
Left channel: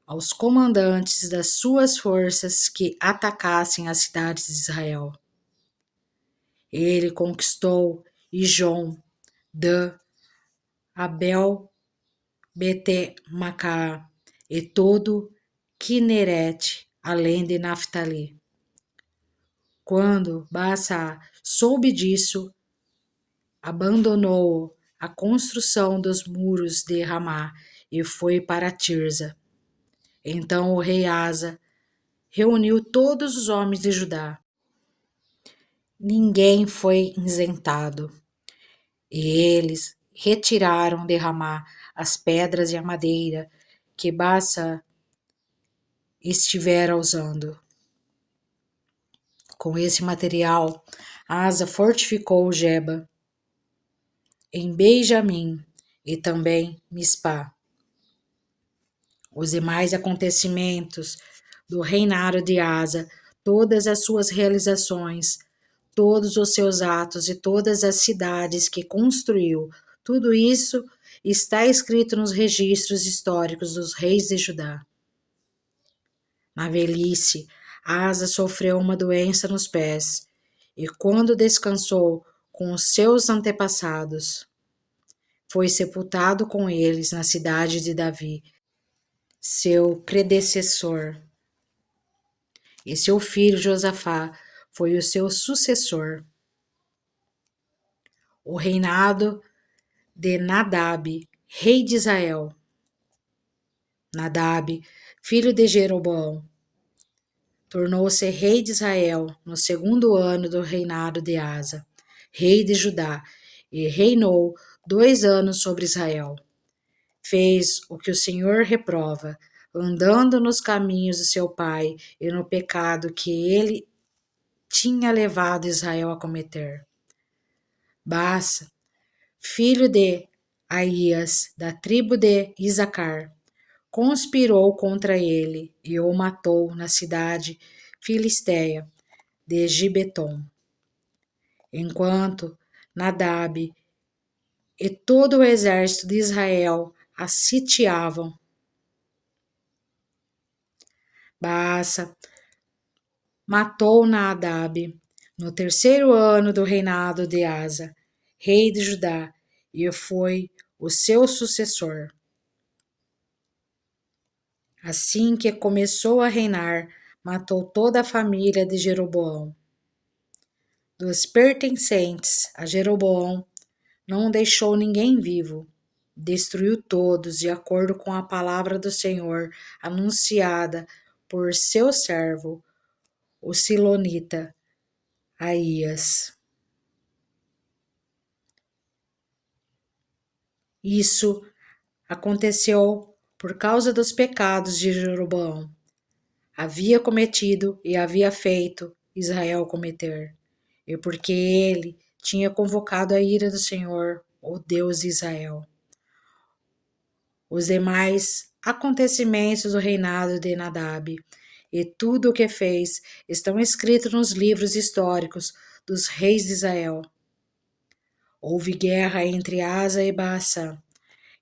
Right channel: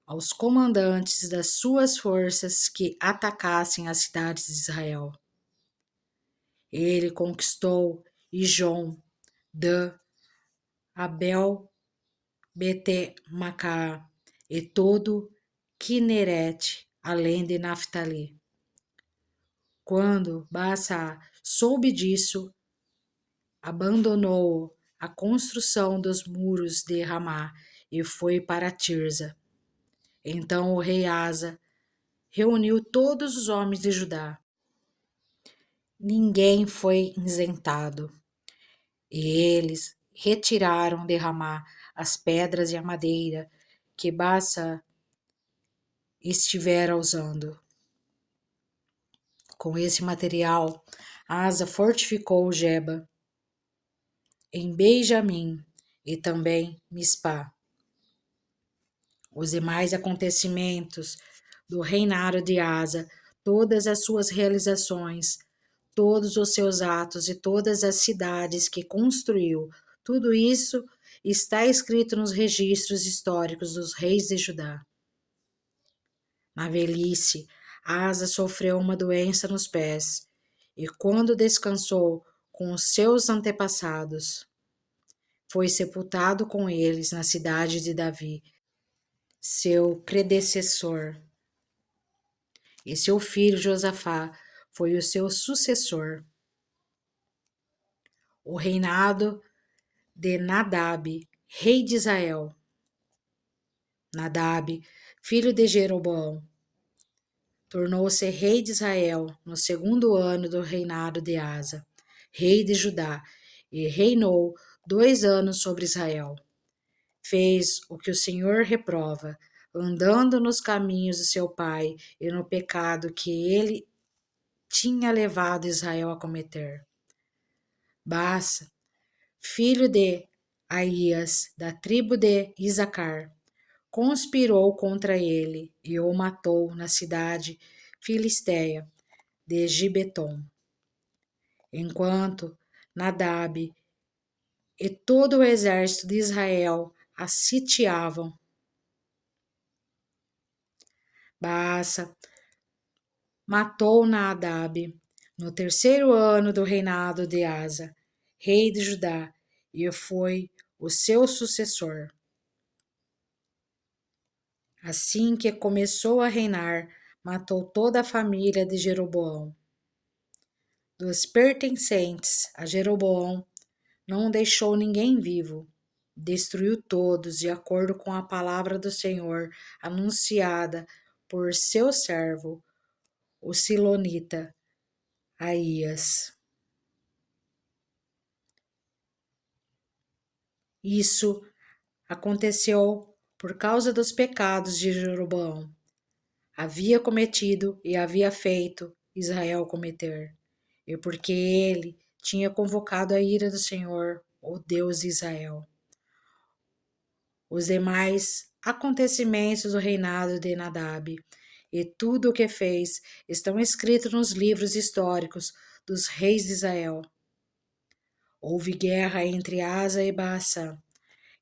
aos comandantes das suas forças que atacassem as cidades de Israel. Ele conquistou Ijon, Dan, Abel, Bete-Macá e todo Quinerete, além de Naftali. Quando Baasa soube disso, abandonou a construção dos muros de Ramá e foi para Tirza. Então o rei Asa reuniu todos os homens de Judá. Ninguém foi isentado, e eles retiraram de Ramá as pedras e a madeira que Baasa estivera usando. Com esse material, Asa fortificou Geba, em Benjamim e também Mispá. Os demais acontecimentos do reinado de Asa, todas as suas realizações, todos os seus atos e todas as cidades que construiu, tudo isso está escrito nos registros históricos dos reis de Judá. Na velhice, Asa sofreu uma doença nos pés, e quando descansou com os seus antepassados, foi sepultado com eles na cidade de Davi, seu predecessor, e seu filho Josafá foi o seu sucessor. O reinado de Nadab, rei de Israel. Nadab, filho de Jeroboão, tornou-se rei de Israel no segundo ano do reinado de Asa, rei de Judá, e reinou 2 anos sobre Israel. Fez o que o Senhor reprova, andando nos caminhos de seu pai e no pecado que ele tinha levado Israel a cometer. Baasa, filho de Aías, da tribo de Isacar, conspirou contra ele e o matou na cidade filisteia de Gibeton. Enquanto Nadab e todo o exército de Israel a sitiavam, Baasa matou Nadab no 3º ano do reinado de Asa, rei de Judá, e foi o seu sucessor. Assim que começou a reinar, matou toda a família de Jeroboão. Dos pertencentes a Jeroboão, não deixou ninguém vivo. Destruiu todos, de acordo com a palavra do Senhor, anunciada por seu servo, o Silonita, Aías. Isso aconteceu por causa dos pecados de Jeroboão. Havia cometido e havia feito Israel cometer, e porque ele tinha convocado a ira do Senhor, o Deus de Israel. Os demais acontecimentos do reinado de Nadab e tudo o que fez estão escritos nos livros históricos dos reis de Israel. Houve guerra entre Asa e Baasa,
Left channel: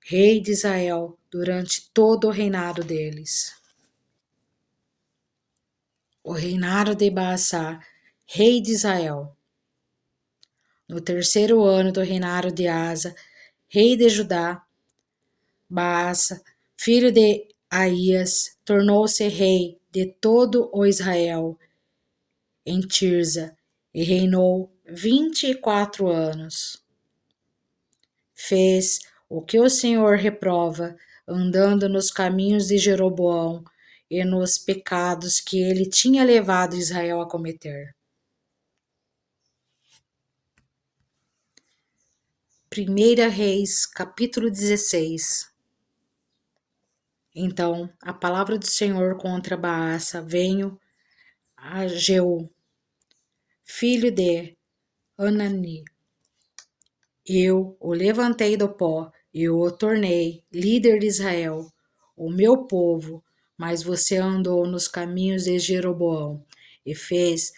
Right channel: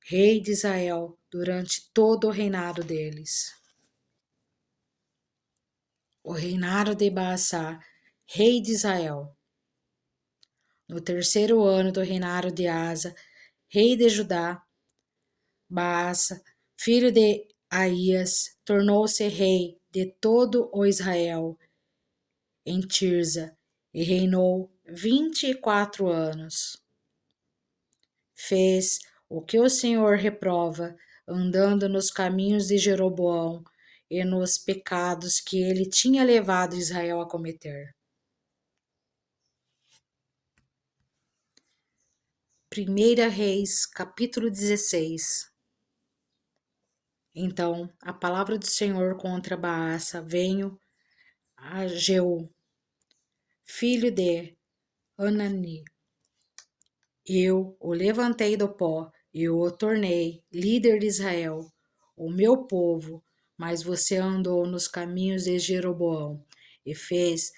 rei de Israel, durante todo o reinado deles. O reinado de Baasa, rei de Israel. No terceiro ano do reinado de Asa, rei de Judá, Baasa, filho de Aías, tornou-se rei de todo o Israel em Tirza e reinou 24 anos. Fez o que o Senhor reprova, andando nos caminhos de Jeroboão e nos pecados que ele tinha levado Israel a cometer. 1 Reis, capítulo 16. Então a palavra do Senhor contra Baasa veio a Jeú, filho de Anani. Eu o levantei do pó e o tornei líder de Israel, o meu povo, mas você andou nos caminhos de Jeroboão e fez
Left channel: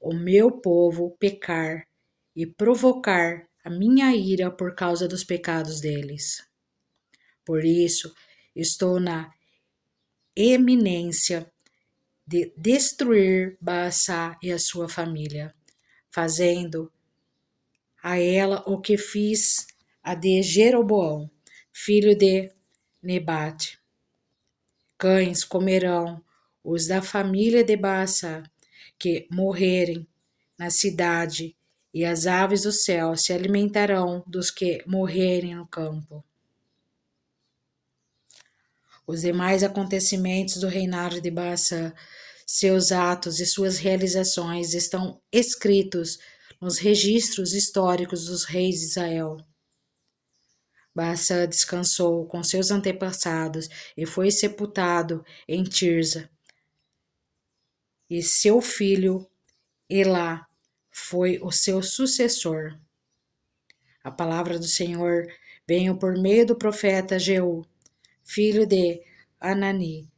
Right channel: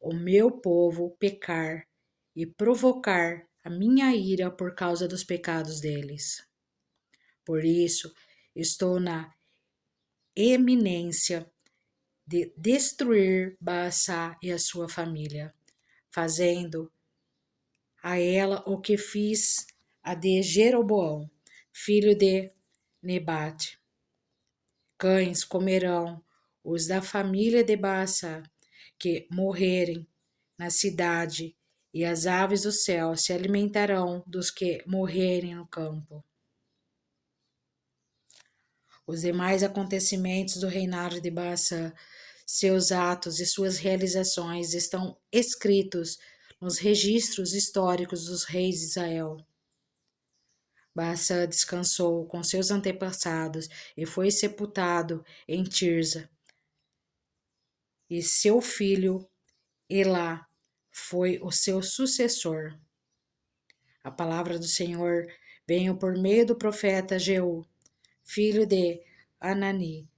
o meu povo pecar e provocar a minha ira por causa dos pecados deles. Por isso, estou na eminência de destruir Baasa e a sua família, fazendo a ela o que fiz a de Jeroboão, filho de Nebate. Cães comerão os da família de Baasa que morrerem na cidade, e as aves do céu se alimentarão dos que morrerem no campo. Os demais acontecimentos do reinado de Baasa, seus atos e suas realizações estão escritos nos registros históricos dos reis de Israel. Baasa descansou com seus antepassados e foi sepultado em Tirza. E seu filho Elá foi o seu sucessor. A palavra do Senhor veio por meio do profeta Jeú, filho de Anani,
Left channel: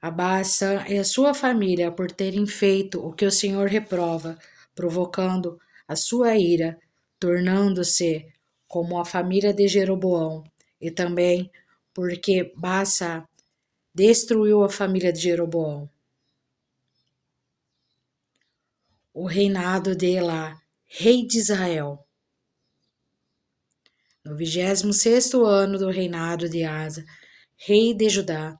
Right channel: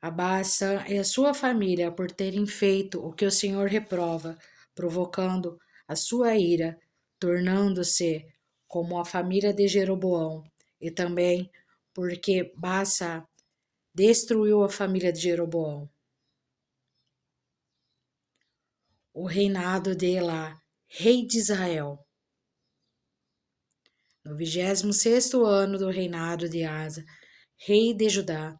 a Baasa e a sua família por terem feito o que o Senhor reprova, provocando a sua ira, tornando-se como a família de Jeroboão, e também porque Baasa destruiu a família de Jeroboão. O reinado de Elá, rei de Israel. No 26º ano do reinado de Asa, rei de Judá,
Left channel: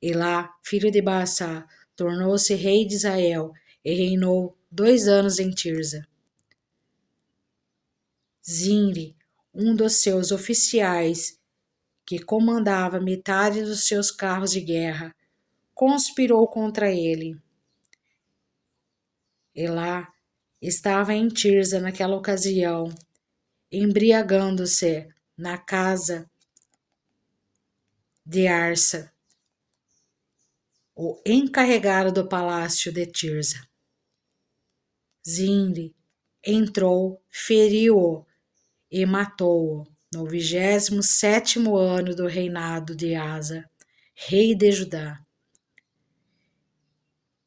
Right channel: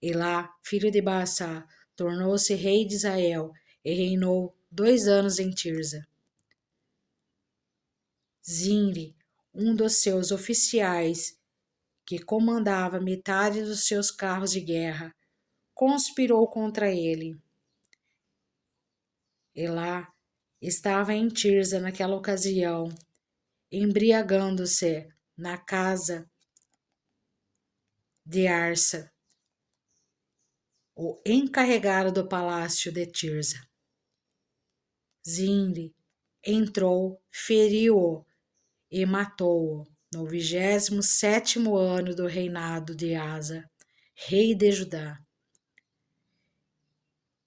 Elá, filho de Baasa, tornou-se rei de Israel e reinou 2 anos em Tirza. Zimri, um dos seus oficiais, que comandava metade dos seus carros de guerra, conspirou contra ele. Elá estava em Tirza naquela ocasião, embriagando-se na casa de Arsa, o encarregado do palácio de Tirza. Zimri entrou, feriu-o e matou-o no 27º ano do reinado de Asa, rei de Judá,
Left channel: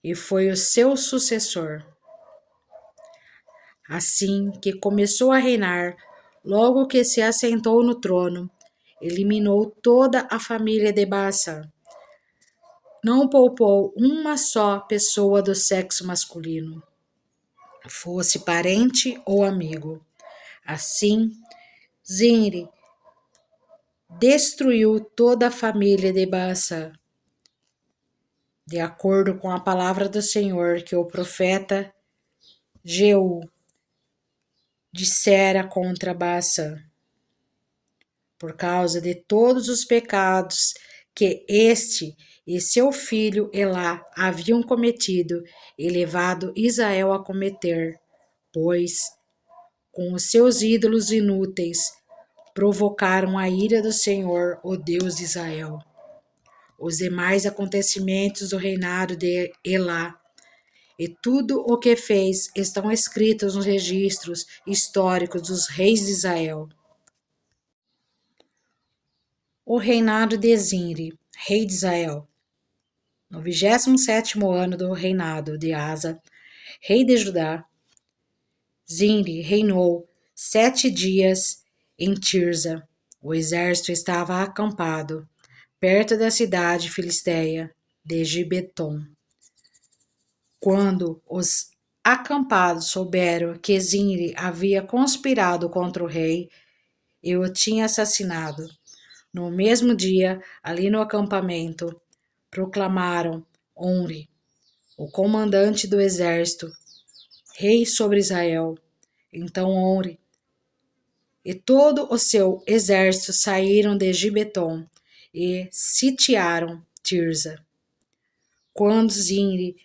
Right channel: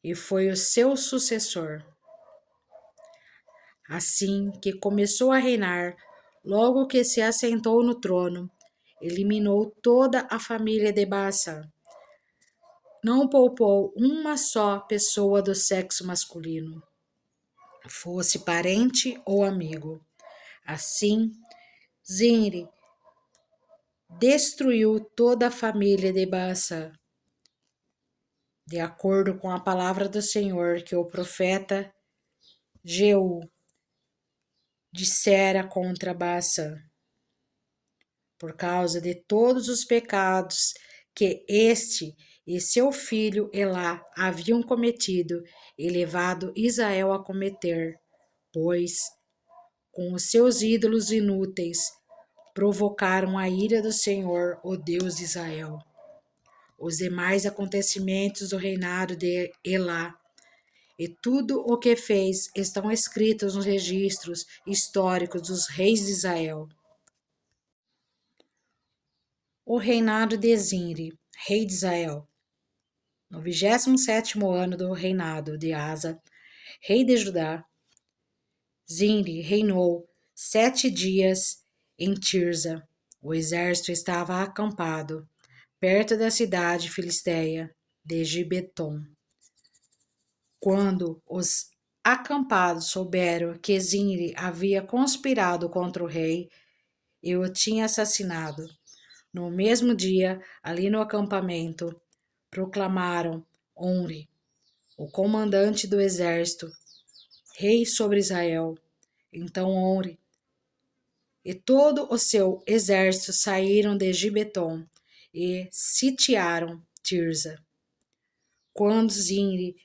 e foi o seu sucessor. Assim que começou a reinar, logo que se assentou no trono, eliminou toda a família de Baasa. Não poupou uma só pessoa do sexo masculino, fosse parente ou amigo. Assim, Zimri destruiu toda a família de Baasa, de acordo com a palavra do Senhor que o profeta Jeú dissera contra Baasa, por causa de todos os pecados que este e seu filho Elá haviam cometido e levado Israel a cometer, pois, com os seus ídolos inúteis, provocaram a ira do Senhor, o Deus de Israel. Os demais acontecimentos do reinado de Elá e tudo o que fez estão escritos nos registros históricos dos reis de Israel. O reinado de Zinri, rei de Israel. No 27º ano do reinado de Asa, rei de Judá, Zinri reinou 7 dias em Tirza. O exército estava acampado perto da cidade filisteia de Gibeton. Quando os acampados souberam que Zinri havia conspirado contra o rei e o tinha assassinado, no mesmo dia, ali no acampamento, proclamaram Onri, o comandante do exército, rei sobre Israel. Então Onri e todo o seu exército saíram de Gibeton e sitiaram Tirza. Quando Zinri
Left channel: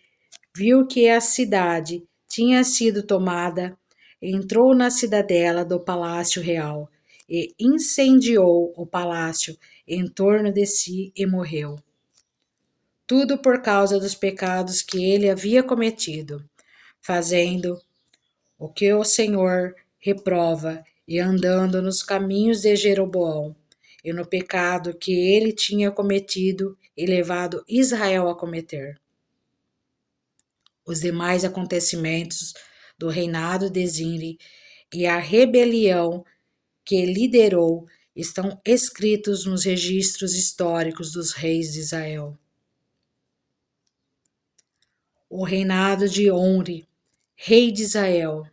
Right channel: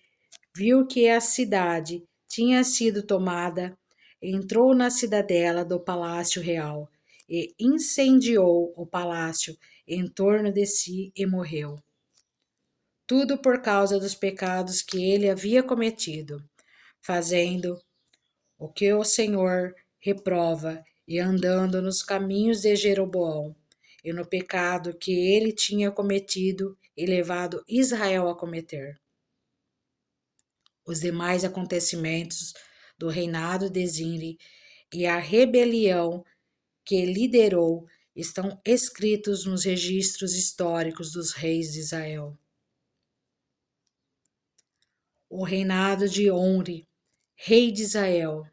viu que a cidade tinha sido tomada, entrou na cidadela do palácio real e incendiou o palácio em torno de si e morreu. Tudo por causa dos pecados que ele havia cometido, fazendo o que o Senhor reprova e andando nos caminhos de Jeroboão e no pecado que ele tinha cometido e levado Israel a cometer. Os demais acontecimentos do reinado de Zinri e a rebelião que liderou estão escritos nos registros históricos dos reis de Israel. O reinado de Onri, rei de Israel.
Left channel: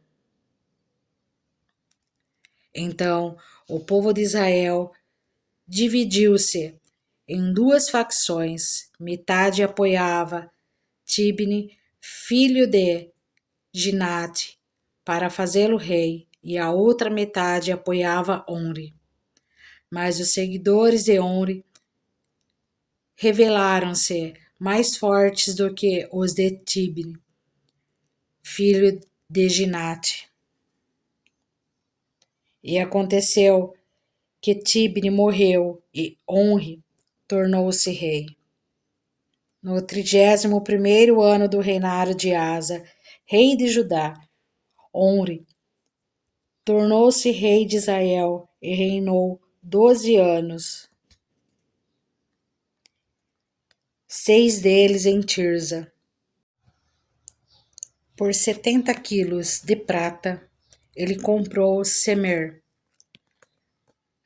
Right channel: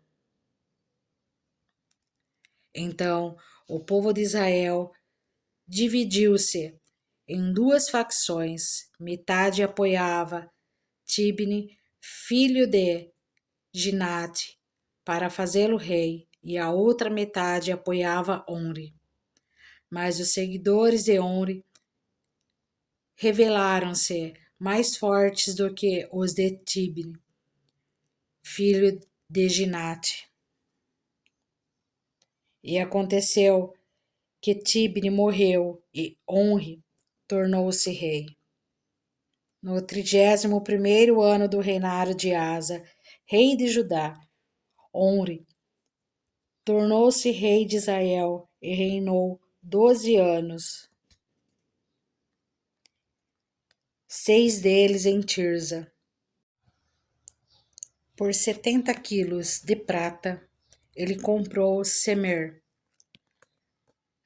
Então, o povo de Israel dividiu-se em 2 facções. Metade apoiava Tibni, filho de Ginate, para fazê-lo rei, e a outra metade apoiava Onri. Mas os seguidores de Onri revelaram-se mais fortes do que os de Tibni, filho de Ginate. E aconteceu que Tibni morreu e Onri tornou-se rei. No 31º ano do reinado de Asa, rei de Judá, Onri tornou-se rei de Israel e reinou 12 anos, 6 deles em Tirza. Por 70 quilos de prata, ele comprou Semer,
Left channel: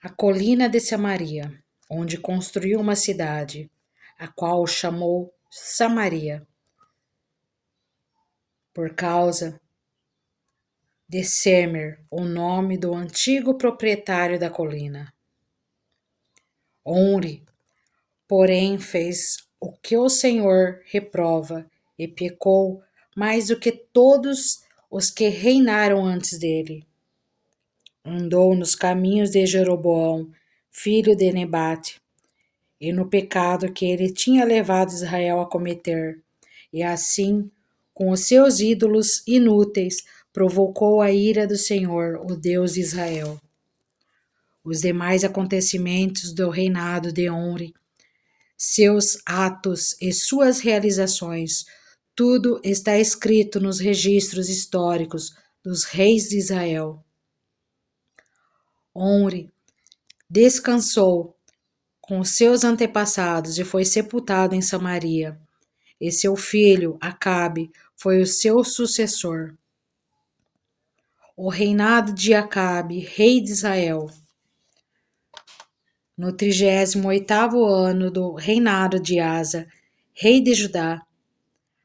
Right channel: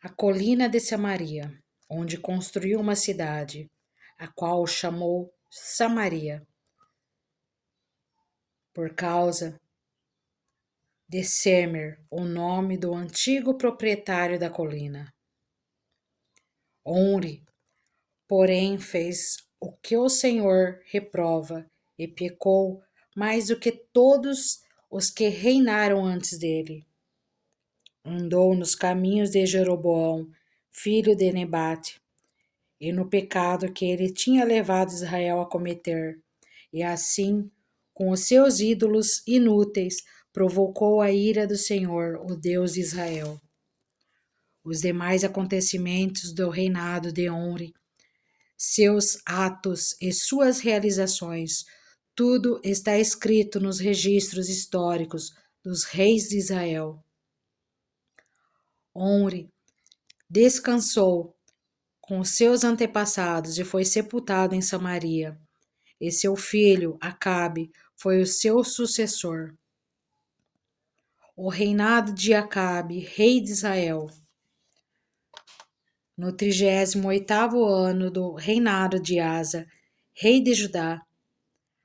a colina de Samaria, onde construiu uma cidade, a qual chamou Samaria, por causa de Semer, o nome do antigo proprietário da colina. Onri, porém, fez o que o Senhor reprova e pecou mais do que todos os que reinaram antes dele. Andou nos caminhos de Jeroboão, filho de Nebate, e no pecado que ele tinha levado Israel a cometer, e assim, com os seus ídolos inúteis, provocou a ira do Senhor, o Deus de Israel. Os demais acontecimentos do reinado de Onri, seus atos e suas realizações, tudo está escrito nos registros históricos dos reis de Israel. Onri descansou com os seus antepassados e foi sepultado em Samaria, e seu filho Acabe foi o seu sucessor. O reinado de Acabe, rei de Israel. No 38º ano do reinado de Asa, rei de Judá,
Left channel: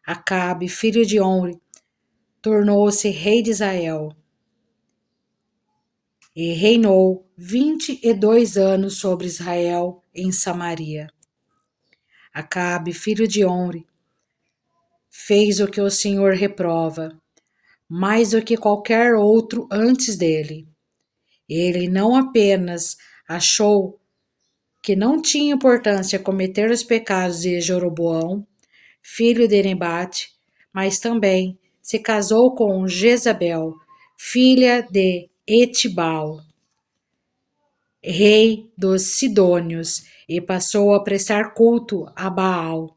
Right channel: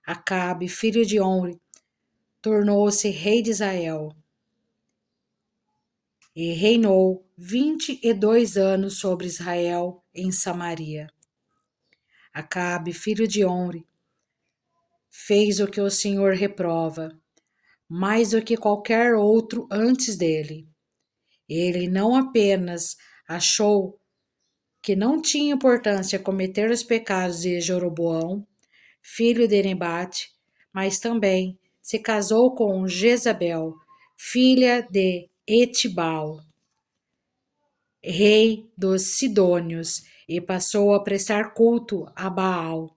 Acabe, filho de Onri, tornou-se rei de Israel e reinou 22 anos sobre Israel em Samaria. Acabe, filho de Onri, fez o que o Senhor reprova, mais do que qualquer outro antes dele. Ele não apenas achou que não tinha importância cometer os pecados de Jeroboão, filho de Nebate, mas também se casou com Jezabel, filha de Etibal, rei dos Sidônios, e passou a prestar culto a Baal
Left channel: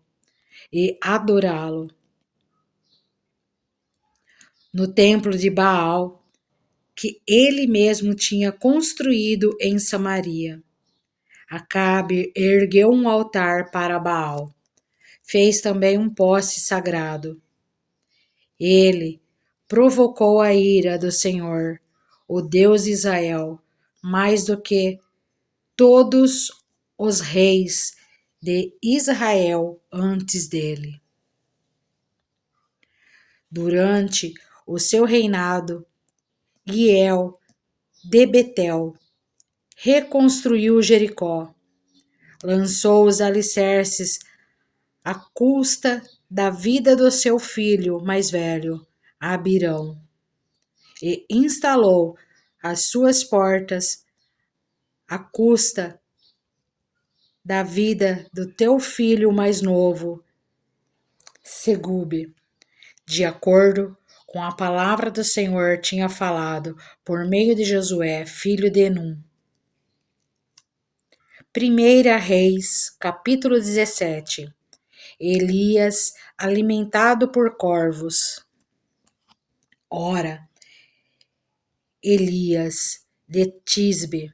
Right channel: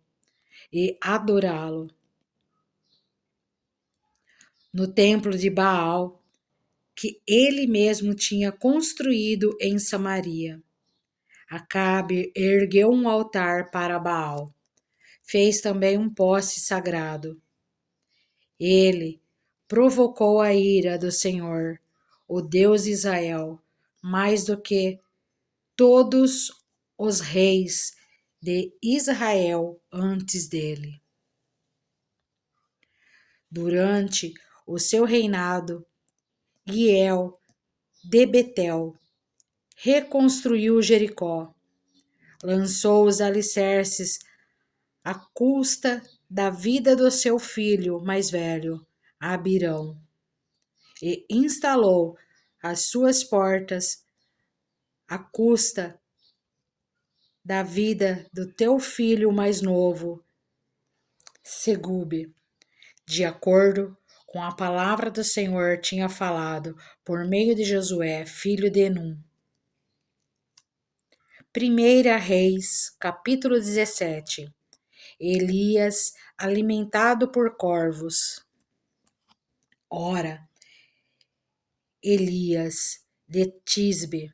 e adorá-lo. No templo de Baal, que ele mesmo tinha construído em Samaria. Acabe ergueu um altar para Baal. Fez também um poste sagrado. Ele provocou a ira do Senhor, o Deus de Israel, mais do que todos os reis de Israel antes dele. Durante o seu reinado, Giel de Betel reconstruiu Jericó, lançou os alicerces à custa da vida do seu filho mais velho, Abirão, e instalou as suas portas à custa da vida do teu filho mais novo, Segube, de acordo com a palavra do Senhor tinha falado por meio de Josué, filho de Num. 1 Reis, capítulo 17. Elias alimentado por corvos. Ora, Elias de Tisbe,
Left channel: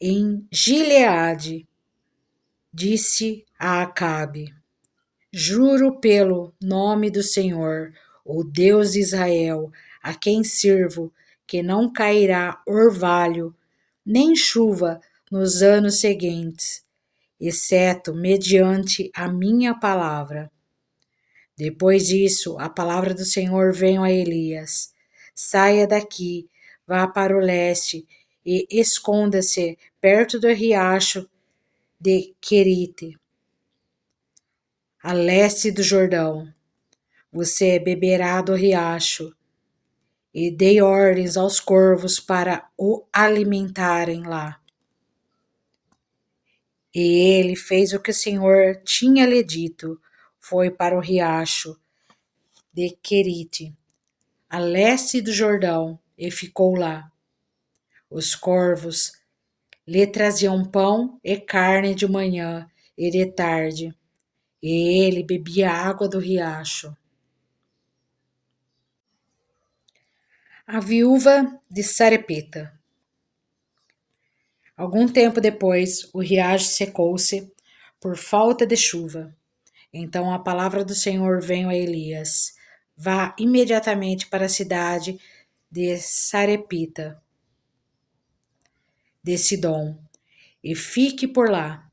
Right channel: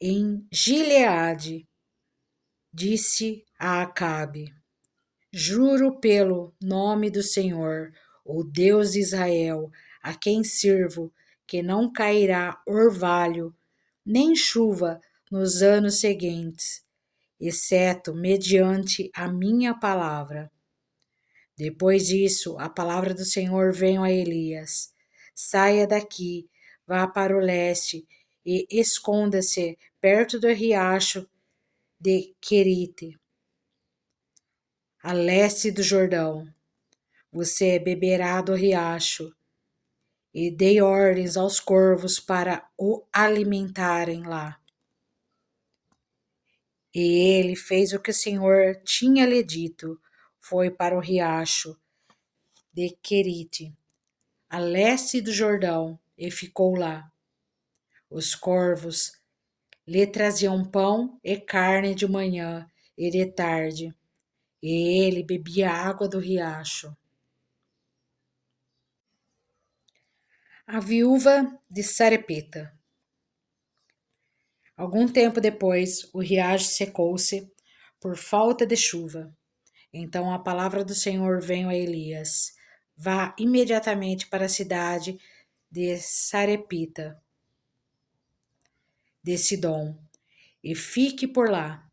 em Gileade, disse a Acabe: Juro pelo nome do Senhor, o Deus de Israel, a quem sirvo, que não cairá orvalho, nem chuva nos anos seguintes, exceto mediante a minha palavra. Depois disso, a palavra do Senhor veio a Elias: Saia daqui, vá para o leste e esconda-se perto do riacho de Querite, a leste do Jordão. Você beberá do riacho. E dei ordens aos corvos para o alimentarem lá. E ele fez o que o Senhor tinha lhe dito. Foi para o riacho de Querite, a leste do Jordão, e ficou lá. Os corvos lhe traziam pão e carne de manhã e de tarde, e ele bebia água do riacho. A viúva de Sarepta. Algum tempo depois, o riacho secou-se por falta de chuva. Então a palavra do Senhor veio a Elias: Vá imediatamente para a cidade de Sarepta, de Sidom, e fique por lá.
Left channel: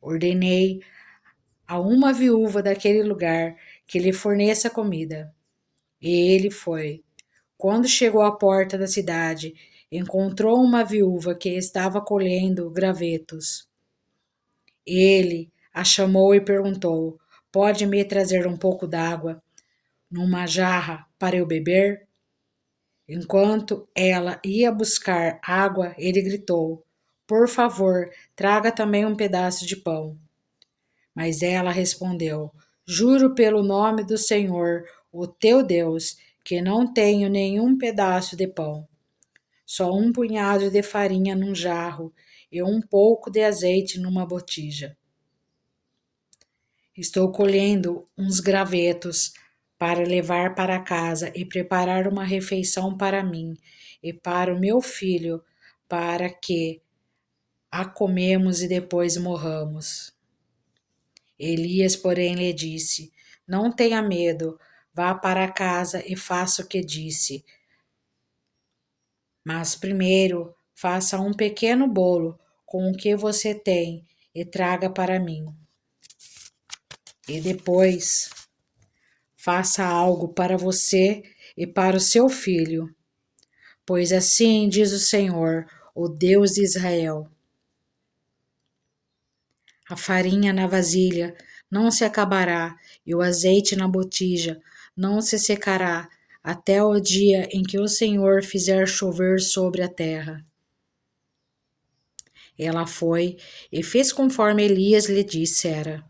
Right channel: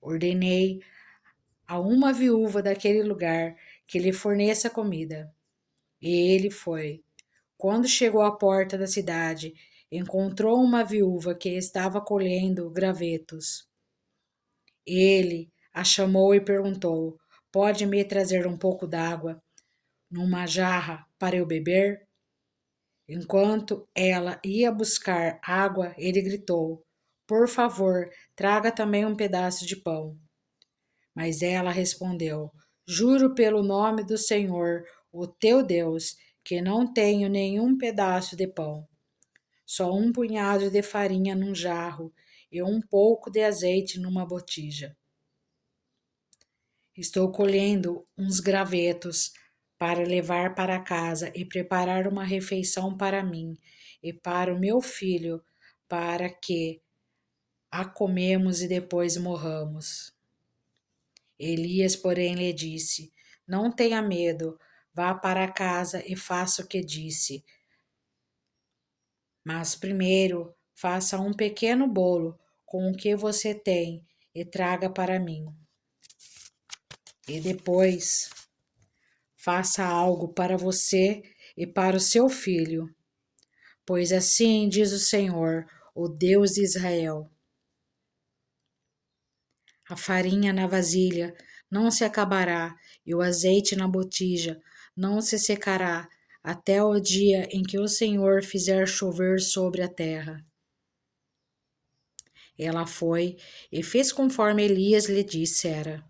Ordenei a uma viúva daquele lugar que lhe forneça comida. E ele foi. Quando chegou à porta da cidade, encontrou uma viúva que estava colhendo gravetos. Ele a chamou e perguntou: Pode me trazer um pouco d'água numa jarra para eu beber? Enquanto ela ia buscar água, ele gritou: Por favor, traga também um pedaço de pão. Mas ela respondeu: Juro pelo nome do Senhor, o teu Deus, que não tenho nenhum pedaço de pão, só um punhado de farinha num jarro e um pouco de azeite numa botija. Estou colhendo uns gravetos para levar para casa e preparar uma refeição para mim e para o meu filho, para que a comemos e depois morramos. Elias, porém, lhe disse: Não tenha medo, vá para casa e faça o que disse. Mas primeiro faça um pequeno bolo com o que você tem e traga para mim. E depois faça algo para você e para o seu filho, pois assim diz o Senhor, o Deus de Israel: a farinha na vasilha não se acabará e o azeite na botija não se secará até o dia em que o Senhor fizer chover sobre a terra. Ela foi e fez conforme Elias lhe dissera.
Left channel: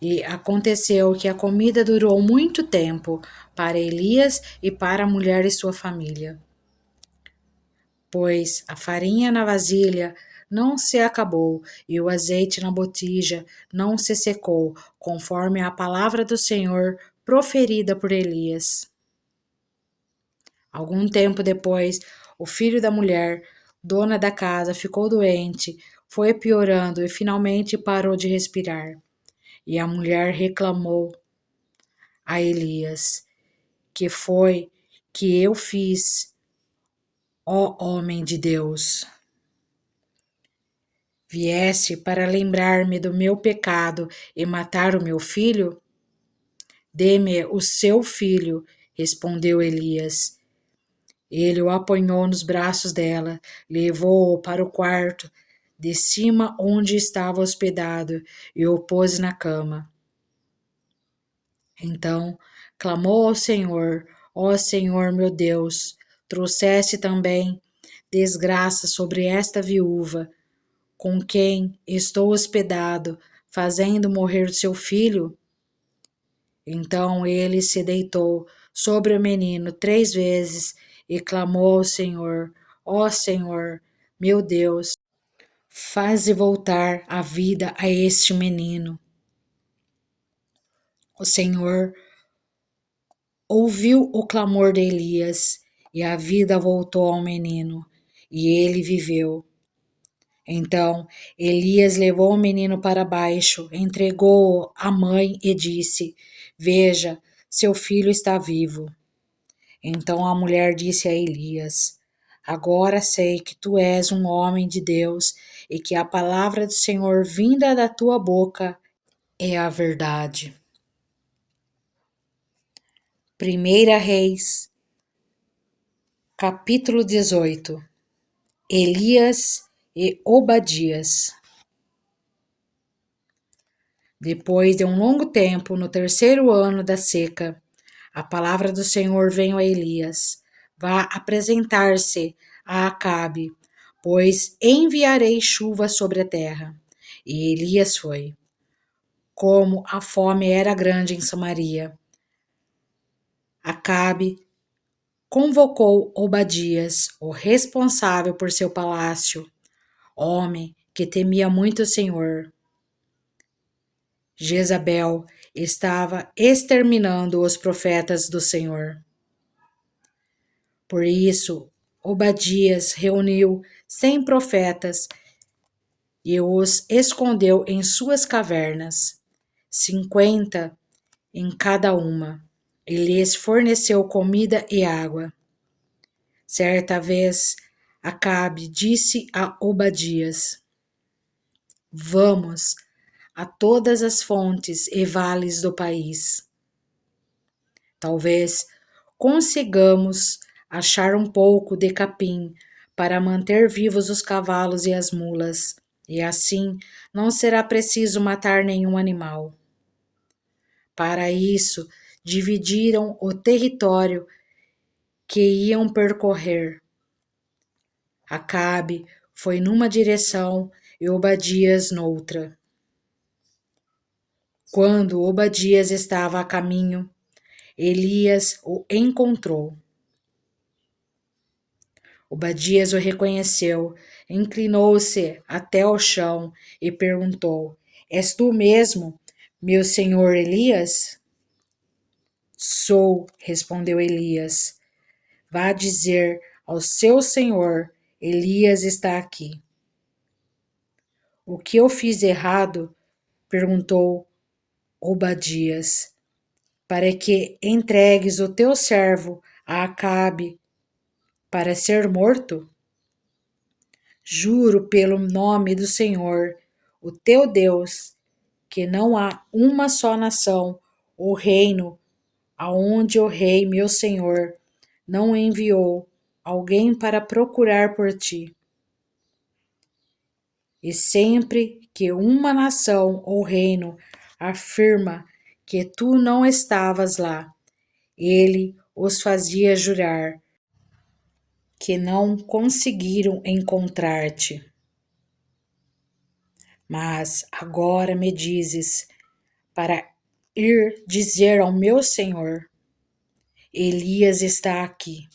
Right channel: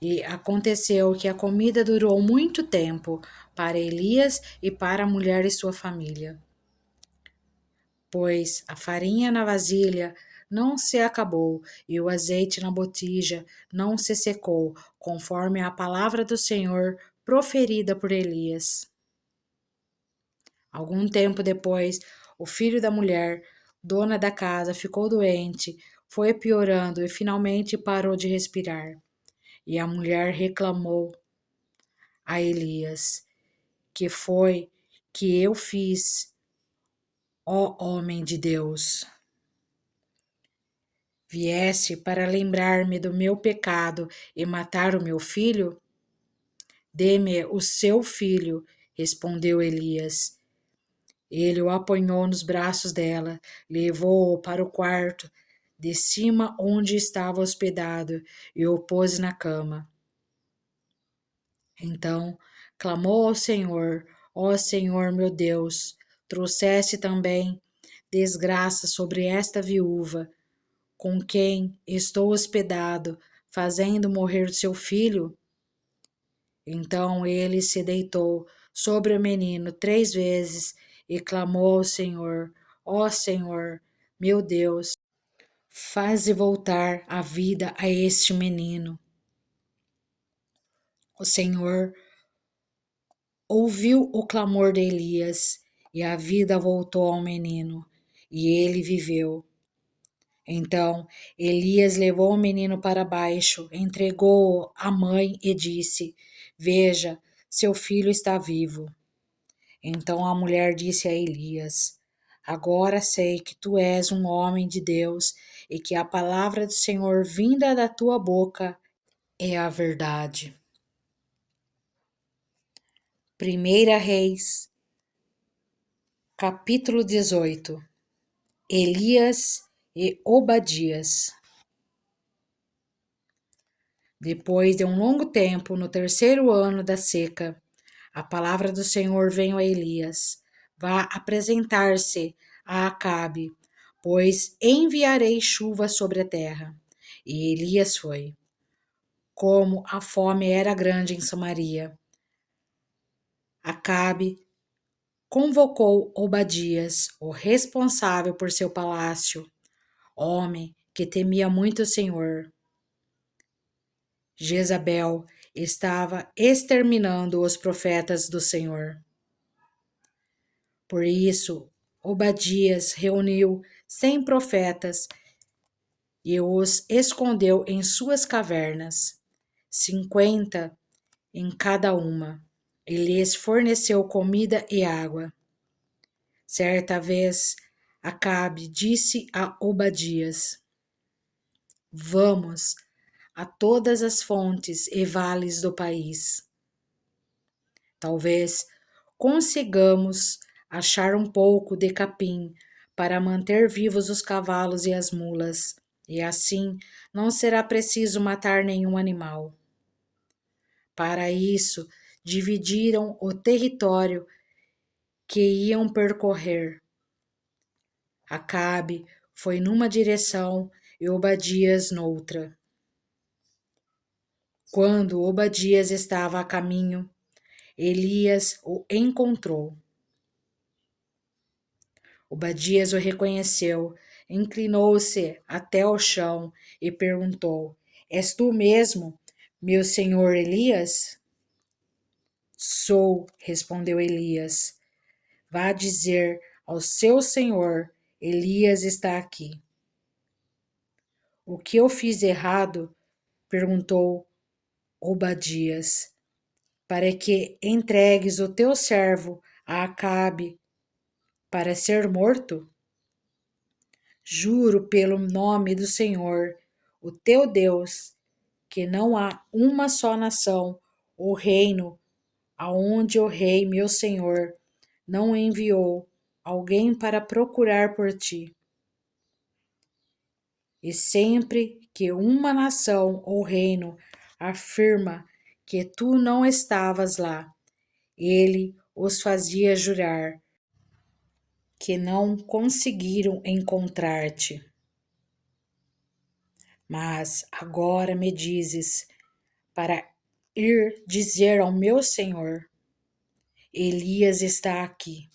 E aconteceu que a comida durou muito tempo para Elias e para a mulher e sua família, pois a farinha na vasilha não se acabou e o azeite na botija não se secou, conforme a palavra do Senhor proferida por Elias. Algum tempo depois, o filho da mulher, dona da casa, ficou doente. foi piorando e finalmente parou de respirar. E a mulher reclamou a Elias: que foi que eu fiz, ó homem de Deus? Vieste para lembrar-me do meu pecado e matar o meu filho? Dê-me o seu filho, respondeu Elias. Ele o apanhou nos braços dela, levou-o para o quarto de cima onde estava hospedado e o pôs na cama. Então clamou ao Senhor: ó Senhor meu Deus, trouxeste também desgraça sobre esta viúva, com quem estou hospedado, fazendo morrer seu filho? Então ele se deitou sobre o menino 3 vezes e clamou ao Senhor: ó Senhor, meu Deus, faze voltar a vida a este menino. O Senhor ouviu o clamor de Elias e a vida voltou ao menino, e ele viveu. Então Elias levou o menino para baixo, entregou-o à mãe e disse: veja, seu filho está vivo. Então a mulher disse a Elias: agora sei que tu és um homem de Deus e que a palavra do Senhor vinda da tua boca é a verdade. 1 Reis, capítulo 18. Elias e Obadias. Depois de um longo tempo, no 3º ano da seca, a palavra do Senhor veio a Elias: vá apresentar-se a Acabe, pois enviarei chuva sobre a terra. E Elias foi. Como a fome era grande em Samaria, Acabe convocou Obadias, o responsável por seu palácio, homem que temia muito o Senhor. Jezabel estava exterminando os profetas do Senhor. Por isso, Obadias reuniu 100 profetas e os escondeu em suas cavernas, 50 em cada uma. E lhes forneceu comida e água. Certa vez, Acabe disse a Obadias: vamos a todas as fontes e vales do país. Talvez consigamos achar um pouco de capim para manter vivos os cavalos e as mulas, e assim não será preciso matar nenhum animal. Para isso, dividiram o território que iam percorrer. Acabe foi numa direção e Obadias noutra. Quando Obadias estava a caminho, Elias o encontrou. Obadias o reconheceu, inclinou-se até o chão e perguntou: és tu mesmo, meu senhor Elias? Sou, respondeu Elias. Vá dizer ao seu senhor: Elias está aqui. O que eu fiz de errado? Perguntou Obadias. Para que entregues o teu servo a Acabe para ser morto? Juro pelo nome do Senhor, o teu Deus, que não há uma só nação ou reino aonde o rei meu senhor não enviou alguém para procurar por ti. E sempre que uma nação ou reino afirma que tu não estavas lá, ele os fazia jurar que não conseguiram encontrar-te. Mas agora me dizes para ir dizer ao meu senhor: Elias está aqui.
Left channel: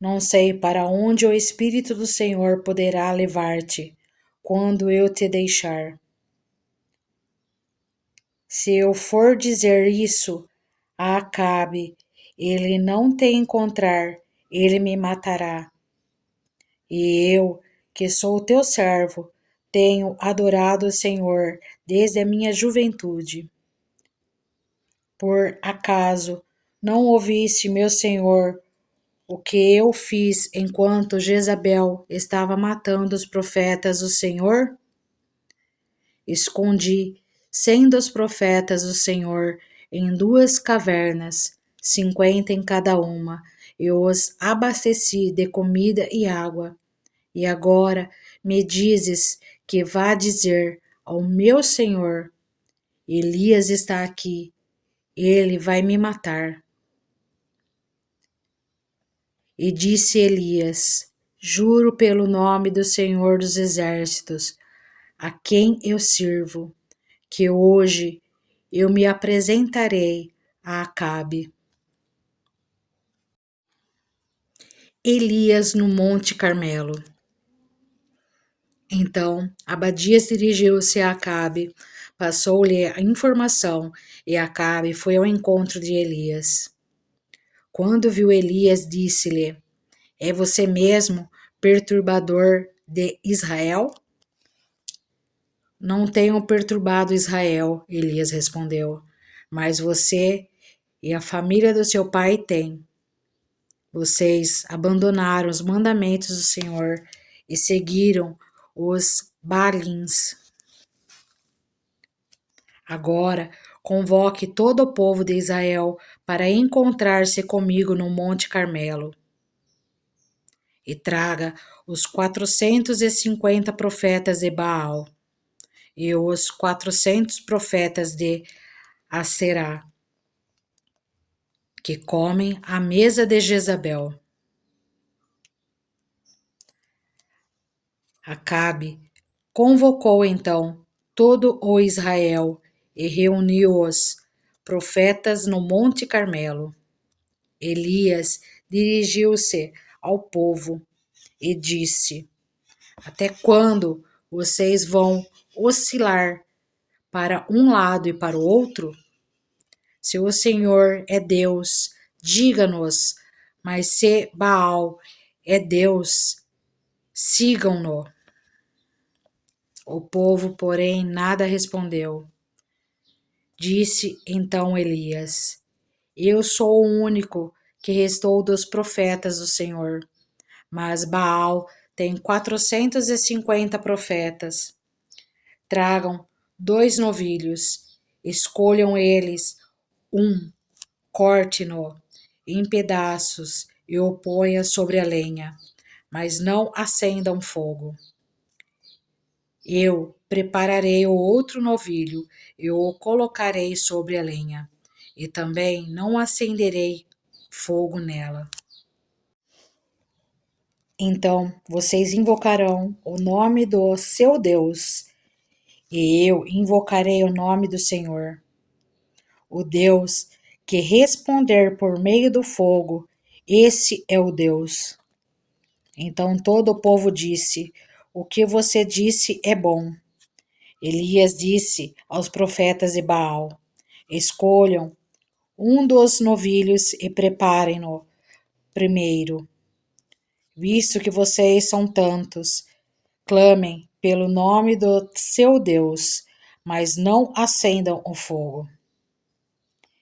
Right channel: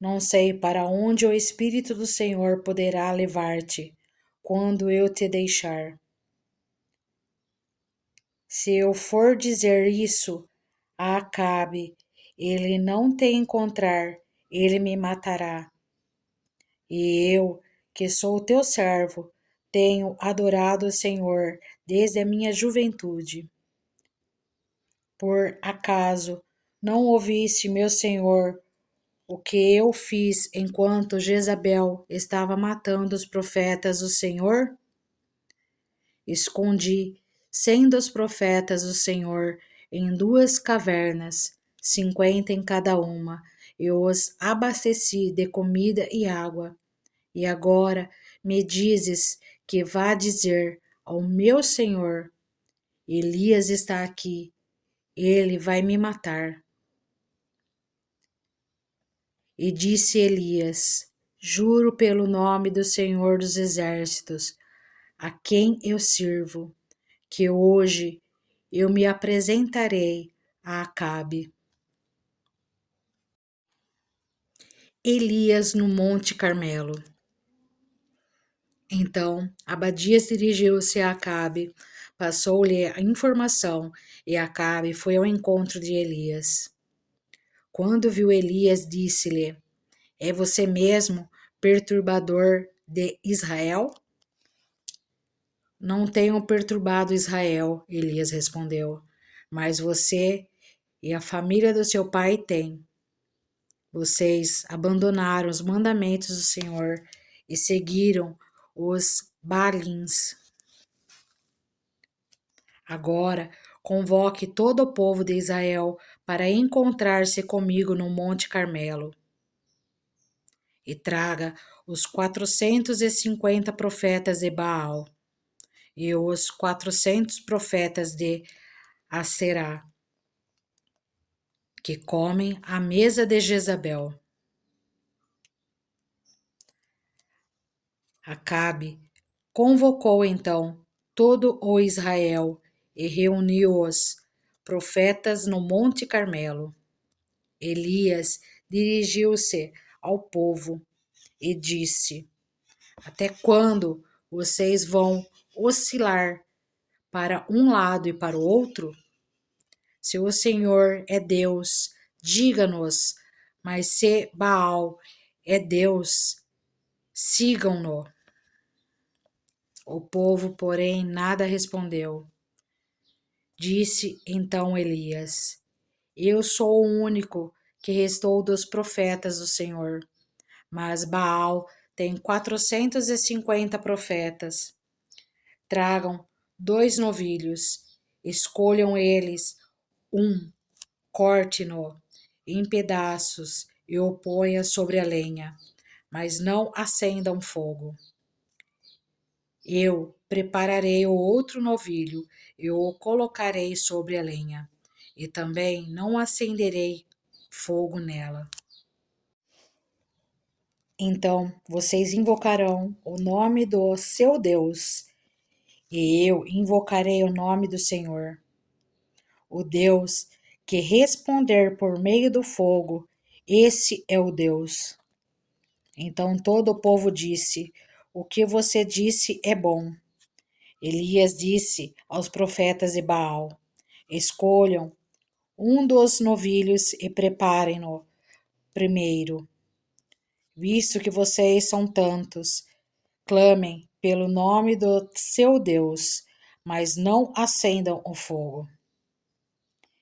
Não sei para onde o Espírito do Senhor poderá levar-te quando eu te deixar. Se eu for dizer isso a Acabe, ele não te encontrar, ele me matará. E eu que sou teu servo, tenho adorado o Senhor desde a minha juventude. Por acaso não ouviste, meu senhor, o que eu fiz enquanto Jezabel estava matando os profetas do Senhor? Escondi 100 dos profetas do Senhor em 2 cavernas, 50 em cada uma, e os abasteci de comida e água. E agora me dizes que vá dizer ao meu senhor: Elias está aqui, ele vai me matar. E disse Elias: Juro pelo nome do Senhor dos Exércitos, a quem eu sirvo, que hoje eu me apresentarei a Acabe. Elias no Monte Carmelo. Então Abadias dirigiu-se a Acabe, passou-lhe a informação, e Acabe foi ao encontro de Elias. Quando viu Elias, disse-lhe: É você mesmo, perturbador de Israel? Não tenho perturbado Israel, Elias respondeu, mas você e a família do seu pai têm. Vocês abandonaram os mandamentos do Senhor e seguiram os Baalins. Agora, convoque todo o povo de Israel para encontrar-se comigo no Monte Carmelo. E traga os 450 profetas de Baal e os 400 profetas de Aserá, que comem à mesa de Jezabel. Acabe convocou então todo o Israel e reuniu os profetas no Monte Carmelo. Elias dirigiu-se ao povo e disse: Até quando vocês vão oscilar para um lado e para o outro? Se o Senhor é Deus, diga-nos, mas se Baal é Deus, sigam-no. O povo, porém, nada respondeu. Disse então Elias: Eu sou o único que restou dos profetas do Senhor, mas Baal tem 450 profetas. Tragam 2 novilhos, escolham eles um, corte-no em pedaços e o ponha sobre a lenha, mas não acendam fogo. Eu prepararei o outro novilho e o colocarei sobre a lenha, e também não acenderei fogo nela. Então vocês invocarão o nome do seu Deus, e eu invocarei o nome do Senhor. O Deus que responder por meio do fogo, esse é o Deus. Então todo o povo disse: O que você disse é bom. Elias disse aos profetas de Baal: Escolham um dos novilhos e preparem-no primeiro. Visto que vocês são tantos, clamem pelo nome do seu Deus, mas não acendam o fogo.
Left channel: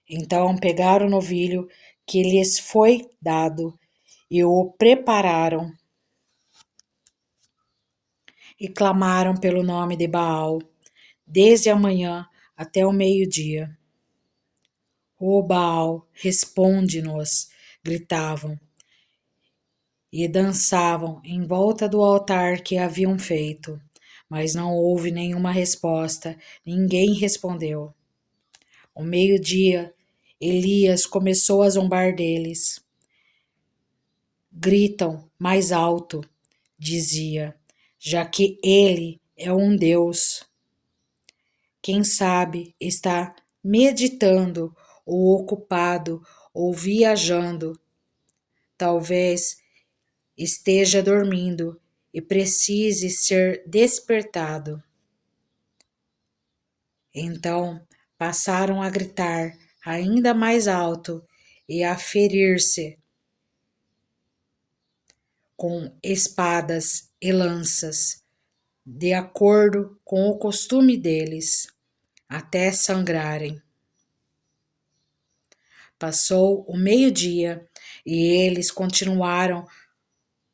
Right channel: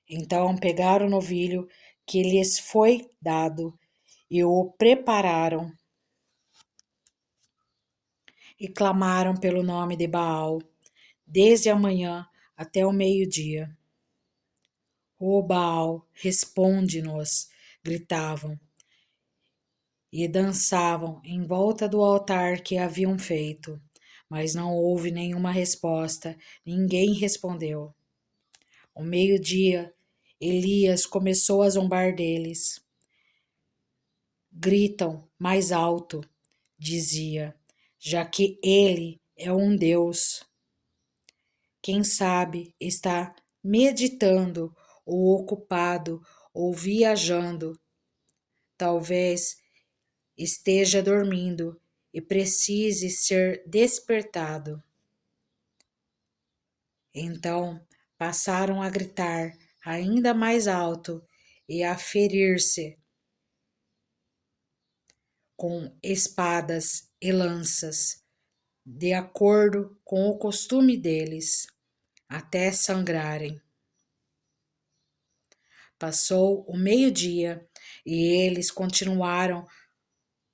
Então pegaram o novilho que lhes foi dado e o prepararam e clamaram pelo nome de Baal, desde a manhã até o meio-dia. Ó Baal, responde-nos, gritavam, e dançavam em volta do altar que haviam feito. Mas não houve nenhuma resposta, ninguém respondeu. Ao meio-dia, Elias começou a zombar deles. Gritam mais alto, dizia, já que ele é um Deus. Quem sabe está meditando ou ocupado ou viajando. Talvez esteja dormindo e precise ser despertado. Então passaram a gritar ainda mais alto e a ferir-se com espadas e lanças, de acordo com o costume deles, até sangrarem. Passou o meio-dia e eles continuaram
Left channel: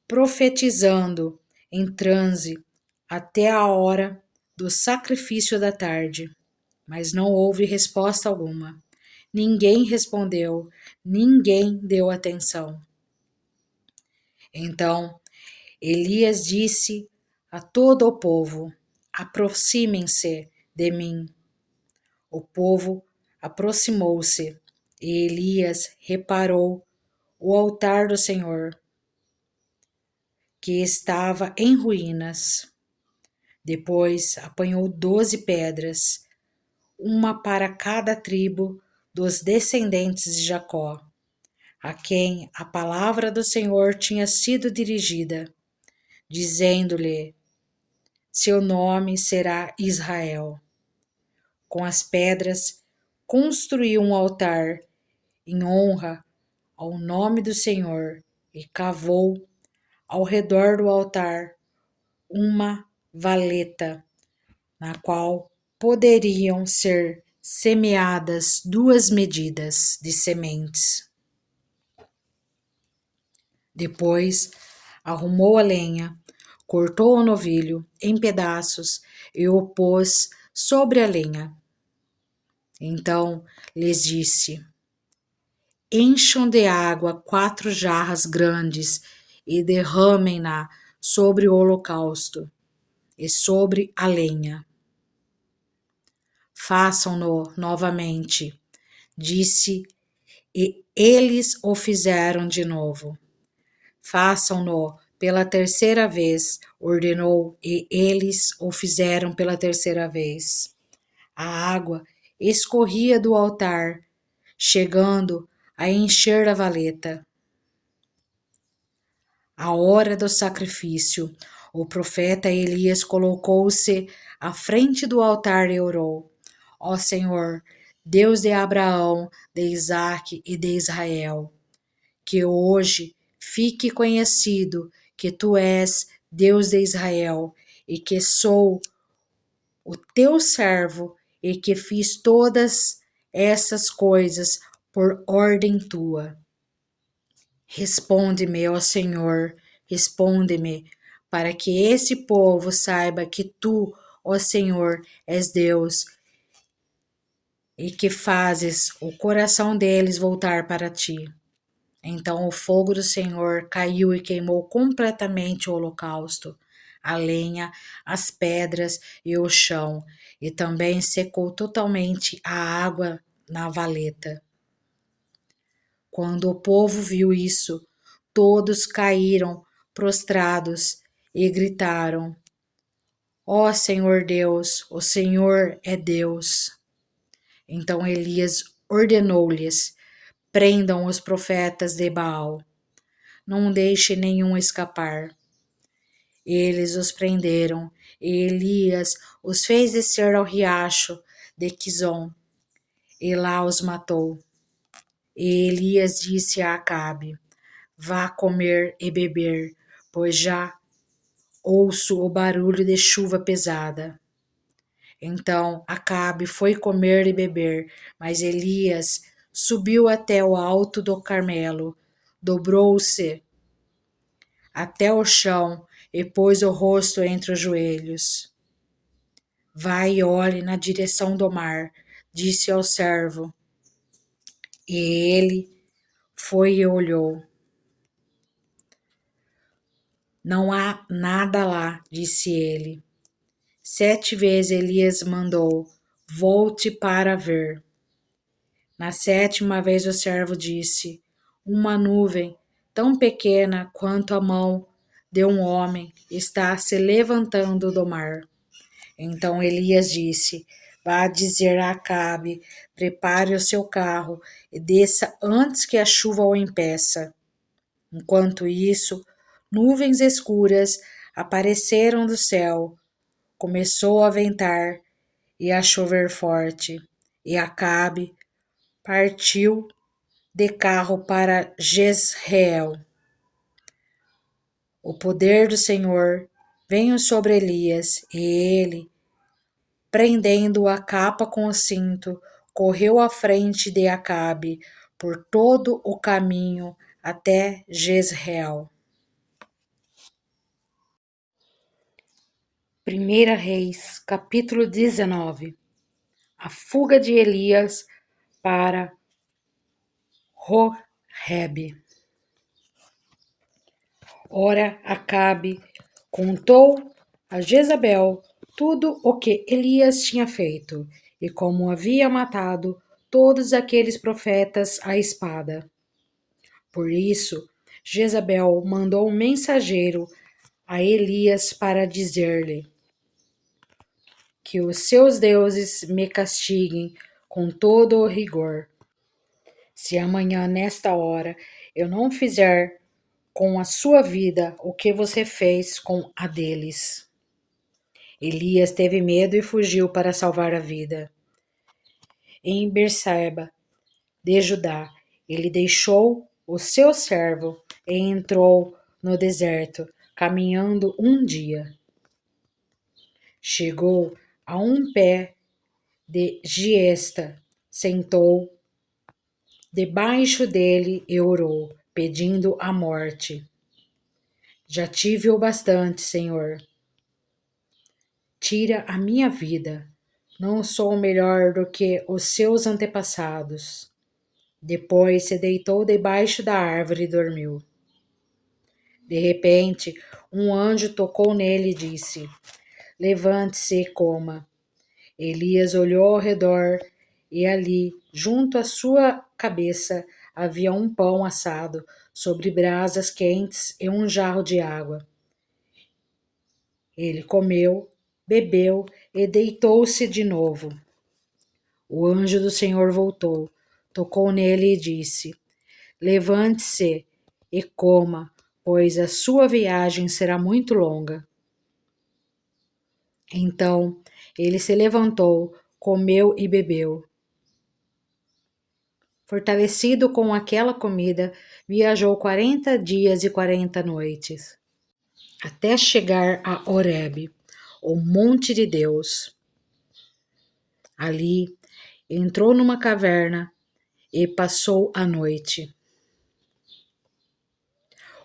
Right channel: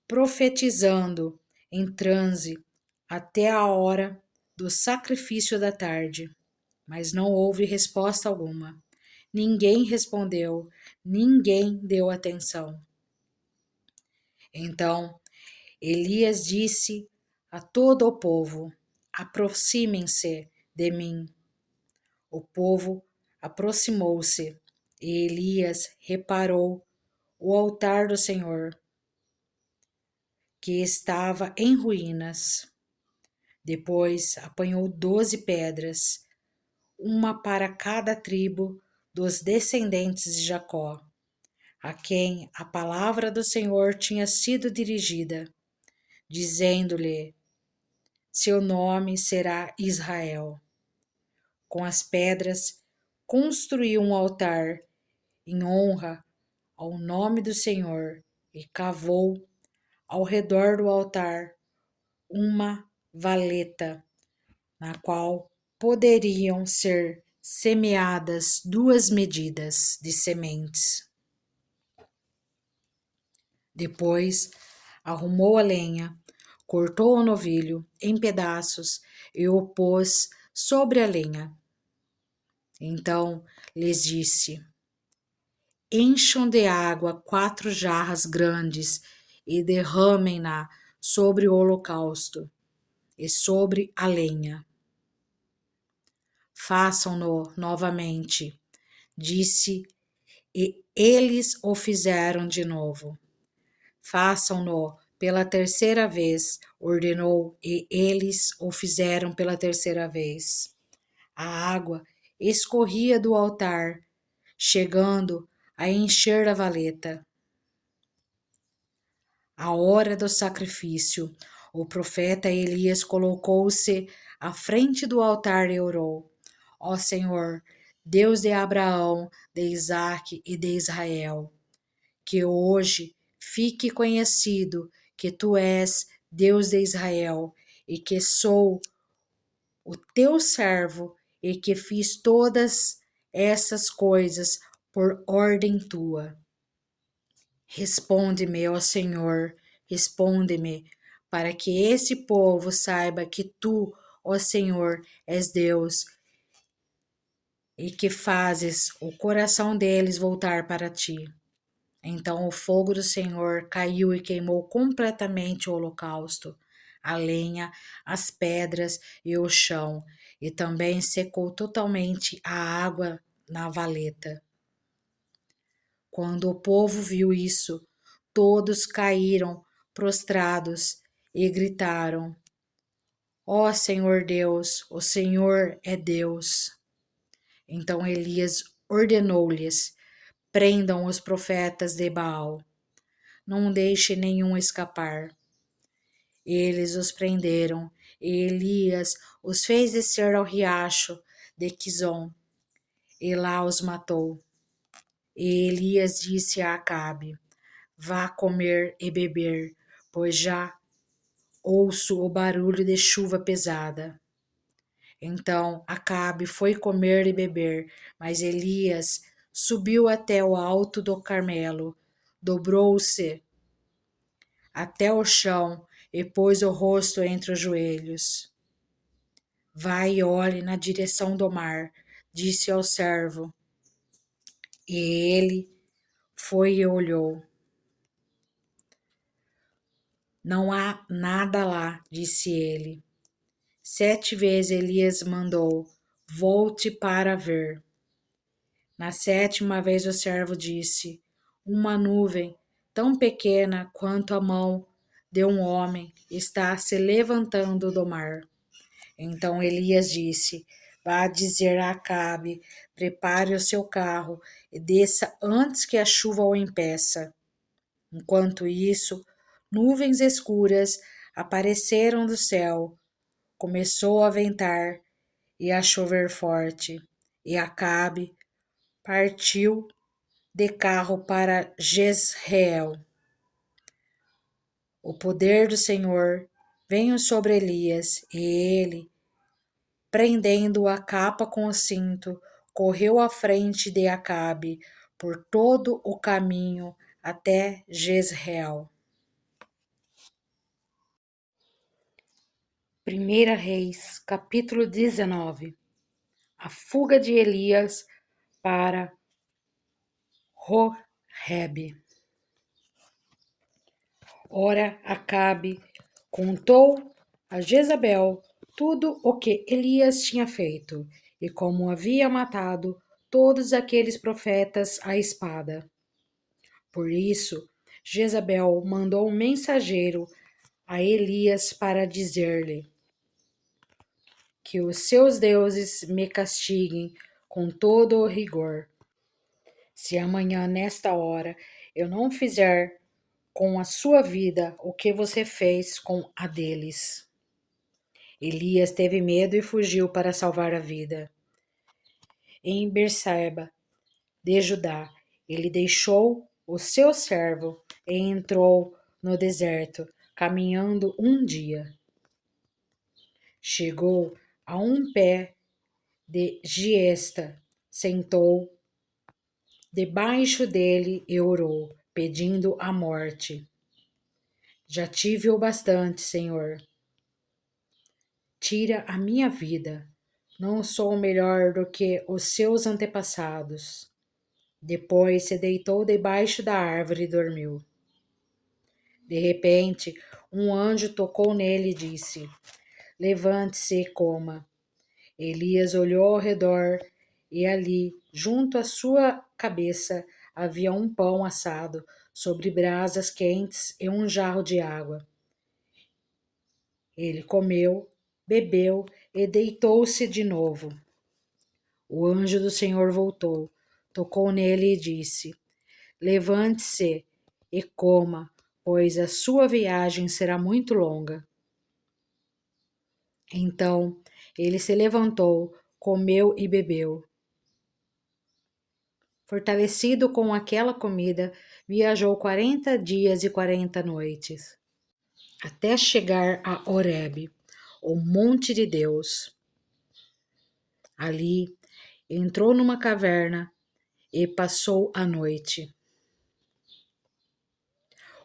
profetizando em transe até a hora do sacrifício da tarde, mas não houve resposta alguma. Ninguém respondeu, ninguém deu atenção. Então Elias disse a todo o povo: aproximem-se de mim. O povo aproximou-se e Elias reparou o altar do Senhor, que estava em ruínas. Depois apanhou 12 pedras, uma para cada tribo dos descendentes de Jacó, a quem a palavra do Senhor tinha sido dirigida, dizendo-lhe: seu nome será Israel. Com as pedras, construiu um altar em honra ao nome do Senhor e cavou ao redor do altar uma valeta, na qual poderiam ser semeadas 2 medidas de sementes. Depois arrumou a lenha, cortou o novilho em pedaços e o pôs sobre a lenha. Então lhes disse: encham de água 4 jarras grandes e derramem-na sobre o holocausto e sobre a lenha. Façam-no novamente, disse, e eles o fizeram de novo. Façam-no pela terceira vez, ordenou, e eles o fizeram pela terceira vez. A água escorria do altar, chegando a encher a valeta. À hora do sacrifício, o profeta Elias colocou-se à frente do altar e orou: ó Senhor, Deus de Abraão, de Isaque e de Israel, que hoje fique conhecido que tu és Deus de Israel e que sou o teu servo e que fiz todas essas coisas por ordem tua. Responde-me, ó Senhor, responde-me, para que esse povo saiba que tu, ó Senhor, és Deus e que fazes o coração deles voltar para ti. Então o fogo do Senhor caiu e queimou completamente o holocausto, a lenha, as pedras e o chão, e também secou totalmente a água na valeta. Quando o povo viu isso, todos caíram prostrados e gritaram: ó Senhor Deus, o Senhor é Deus. Então Elias ordenou-lhes: prendam os profetas de Baal, não deixe nenhum escapar. Eles os prenderam, e Elias os fez descer ao riacho de Quizon, e lá os matou. E Elias disse a Acabe: vá comer e beber, pois já ouço o barulho de chuva pesada. Então Acabe foi comer e beber, mas Elias subiu até o alto do Carmelo, dobrou-se até o chão e pôs o rosto entre os joelhos. Vai e olhe na direção do mar, disse ao servo. E ele foi e olhou. Não há nada lá, disse ele. 7 vezes Elias mandou: volte para ver. Na 7ª vez o servo disse: uma nuvem tão pequena quanto a mão de um homem está se levantando do mar. Então Elias disse: vá dizer a Acabe, prepare o seu carro e desça antes que a chuva o impeça. Enquanto isso, nuvens escuras apareceram do céu, começou a ventar e a chover forte, e Acabe partiu de carro para Jezreel. O poder do Senhor veio sobre Elias, e ele, prendendo a capa com o cinto, correu à frente de Acabe por todo o caminho até Jezreel. 1 Reis, capítulo 19. A fuga de Elias para Horebe. Ora, Acabe contou a Jezabel tudo o que Elias tinha feito e como havia matado todos aqueles profetas à espada. Por isso, Jezabel mandou um mensageiro a Elias para dizer-lhe: que os seus deuses me castiguem com todo o rigor, se amanhã, nesta hora, eu não fizer com a sua vida o que você fez com a deles. Elias teve medo e fugiu para salvar a vida. Em Berseba, de Judá, ele deixou o seu servo e entrou no deserto, caminhando um dia. Chegou a um pé de giesta, sentou debaixo dele e orou, pedindo a morte. Já tive o bastante, Senhor. Tira a minha vida. Não sou melhor do que os seus antepassados. Depois se deitou debaixo da árvore e dormiu. De repente, um anjo tocou nele e disse: Levante-se e coma. Elias olhou ao redor e ali, junto à sua cabeça, havia um pão assado sobre brasas quentes e um jarro de água. Ele comeu, bebeu e deitou-se de novo. O anjo do Senhor voltou, tocou nele e disse: Levante-se e coma, pois a sua viagem será muito longa. Então ele se levantou, comeu e bebeu. Fortalecido com aquela comida, viajou 40 dias e 40 noites, até chegar a Horebe, o monte de Deus. Ali, entrou numa caverna e passou a noite.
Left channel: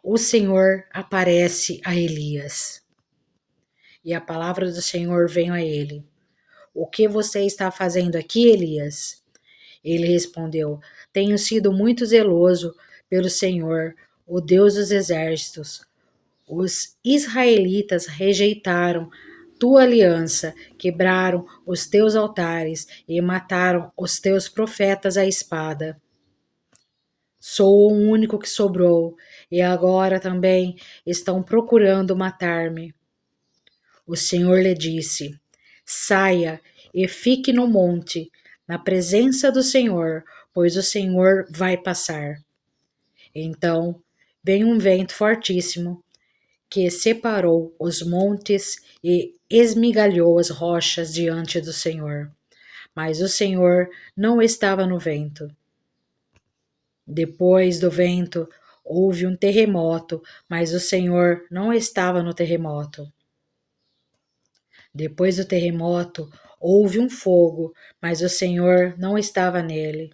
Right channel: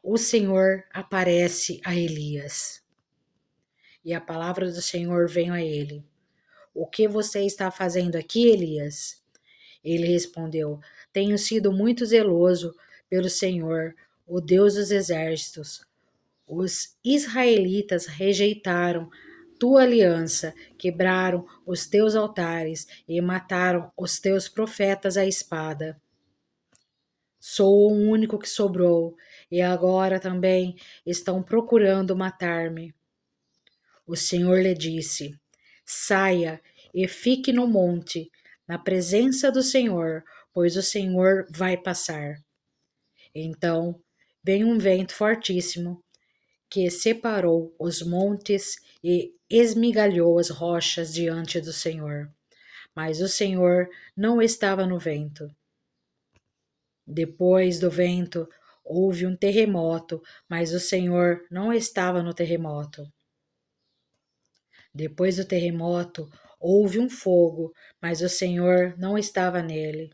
O Senhor aparece a Elias. E a palavra do Senhor veio a ele: O que você está fazendo aqui, Elias? Ele respondeu: Tenho sido muito zeloso pelo Senhor, o Deus dos exércitos. Os israelitas rejeitaram tua aliança, quebraram os teus altares e mataram os teus profetas à espada. Sou o único que sobrou, e agora também estão procurando matar-me. O Senhor lhe disse: Saia e fique no monte, na presença do Senhor, pois o Senhor vai passar. Então veio um vento fortíssimo que separou os montes e esmigalhou as rochas diante do Senhor. Mas o Senhor não estava no vento. Depois do vento, houve um terremoto, mas o Senhor não estava no terremoto. Depois do terremoto, houve um fogo, mas o Senhor não estava nele.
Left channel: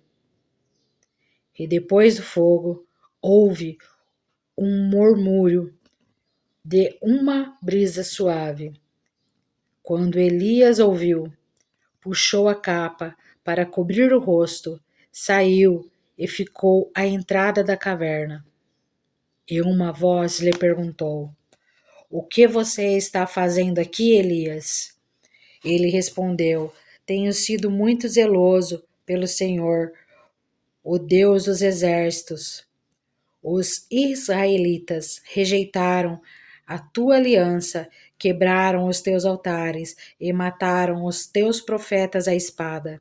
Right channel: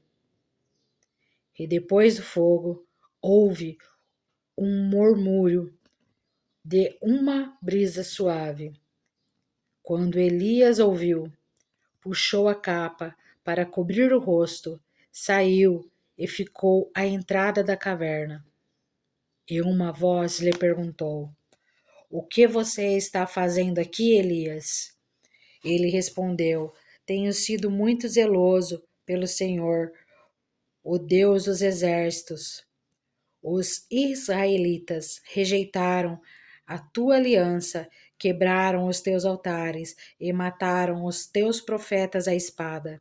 E depois do fogo, houve um murmúrio de uma brisa suave. Quando Elias ouviu, puxou a capa para cobrir o rosto, saiu e ficou à entrada da caverna. E uma voz lhe perguntou: O que você está fazendo aqui, Elias? Ele respondeu: Tenho sido muito zeloso pelo Senhor, o Deus dos exércitos. Os israelitas rejeitaram a tua aliança, quebraram os teus altares e mataram os teus profetas à espada.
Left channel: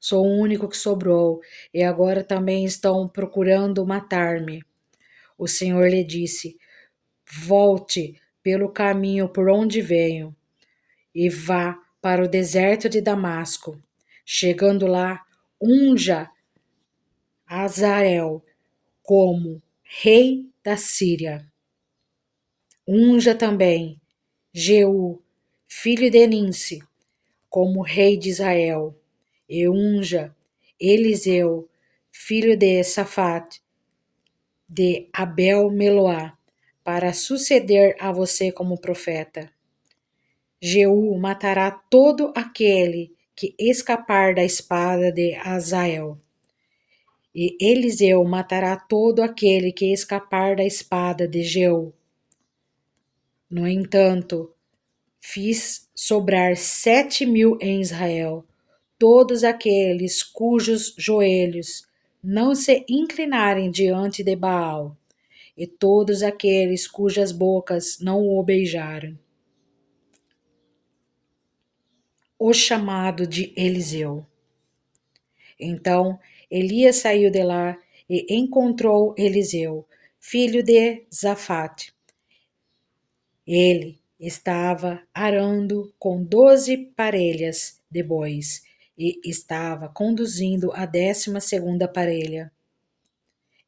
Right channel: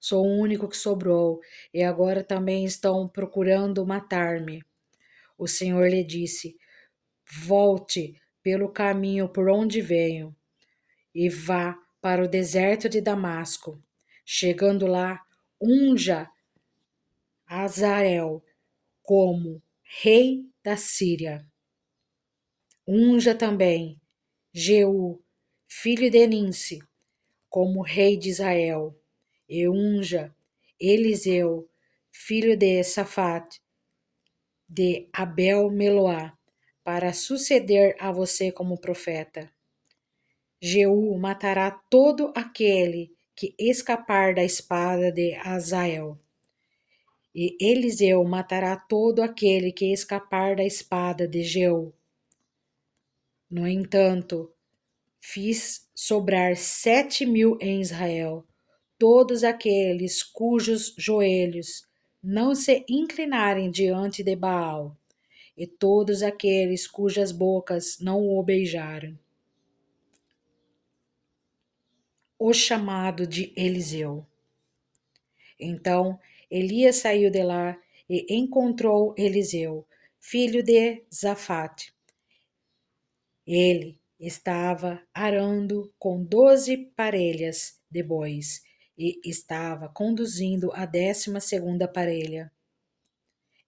Sou o único que sobrou, e agora também estão procurando matar-me. O Senhor lhe disse: Volte pelo caminho por onde venho e vá para o deserto de Damasco. Chegando lá, unja Azael como rei da Síria. Unja também Jeú, filho de Ninsi, como rei de Israel, e unja Eliseu, filho de Safate, de Abel-Meloá, para suceder a você como profeta. Jeú matará todo aquele que escapar da espada de Azael. E Eliseu matará todo aquele que escapar da espada de Jeú. No entanto, fiz sobrar 7.000 em Israel, todos aqueles cujos joelhos não se inclinarem diante de Baal, e todos aqueles cujas bocas não o beijaram. O chamado de Eliseu. Então Elias saiu de lá e encontrou Eliseu, filho de Zafate. Ele estava arando com 12 parelhas de bois e estava conduzindo a 12ª parelha.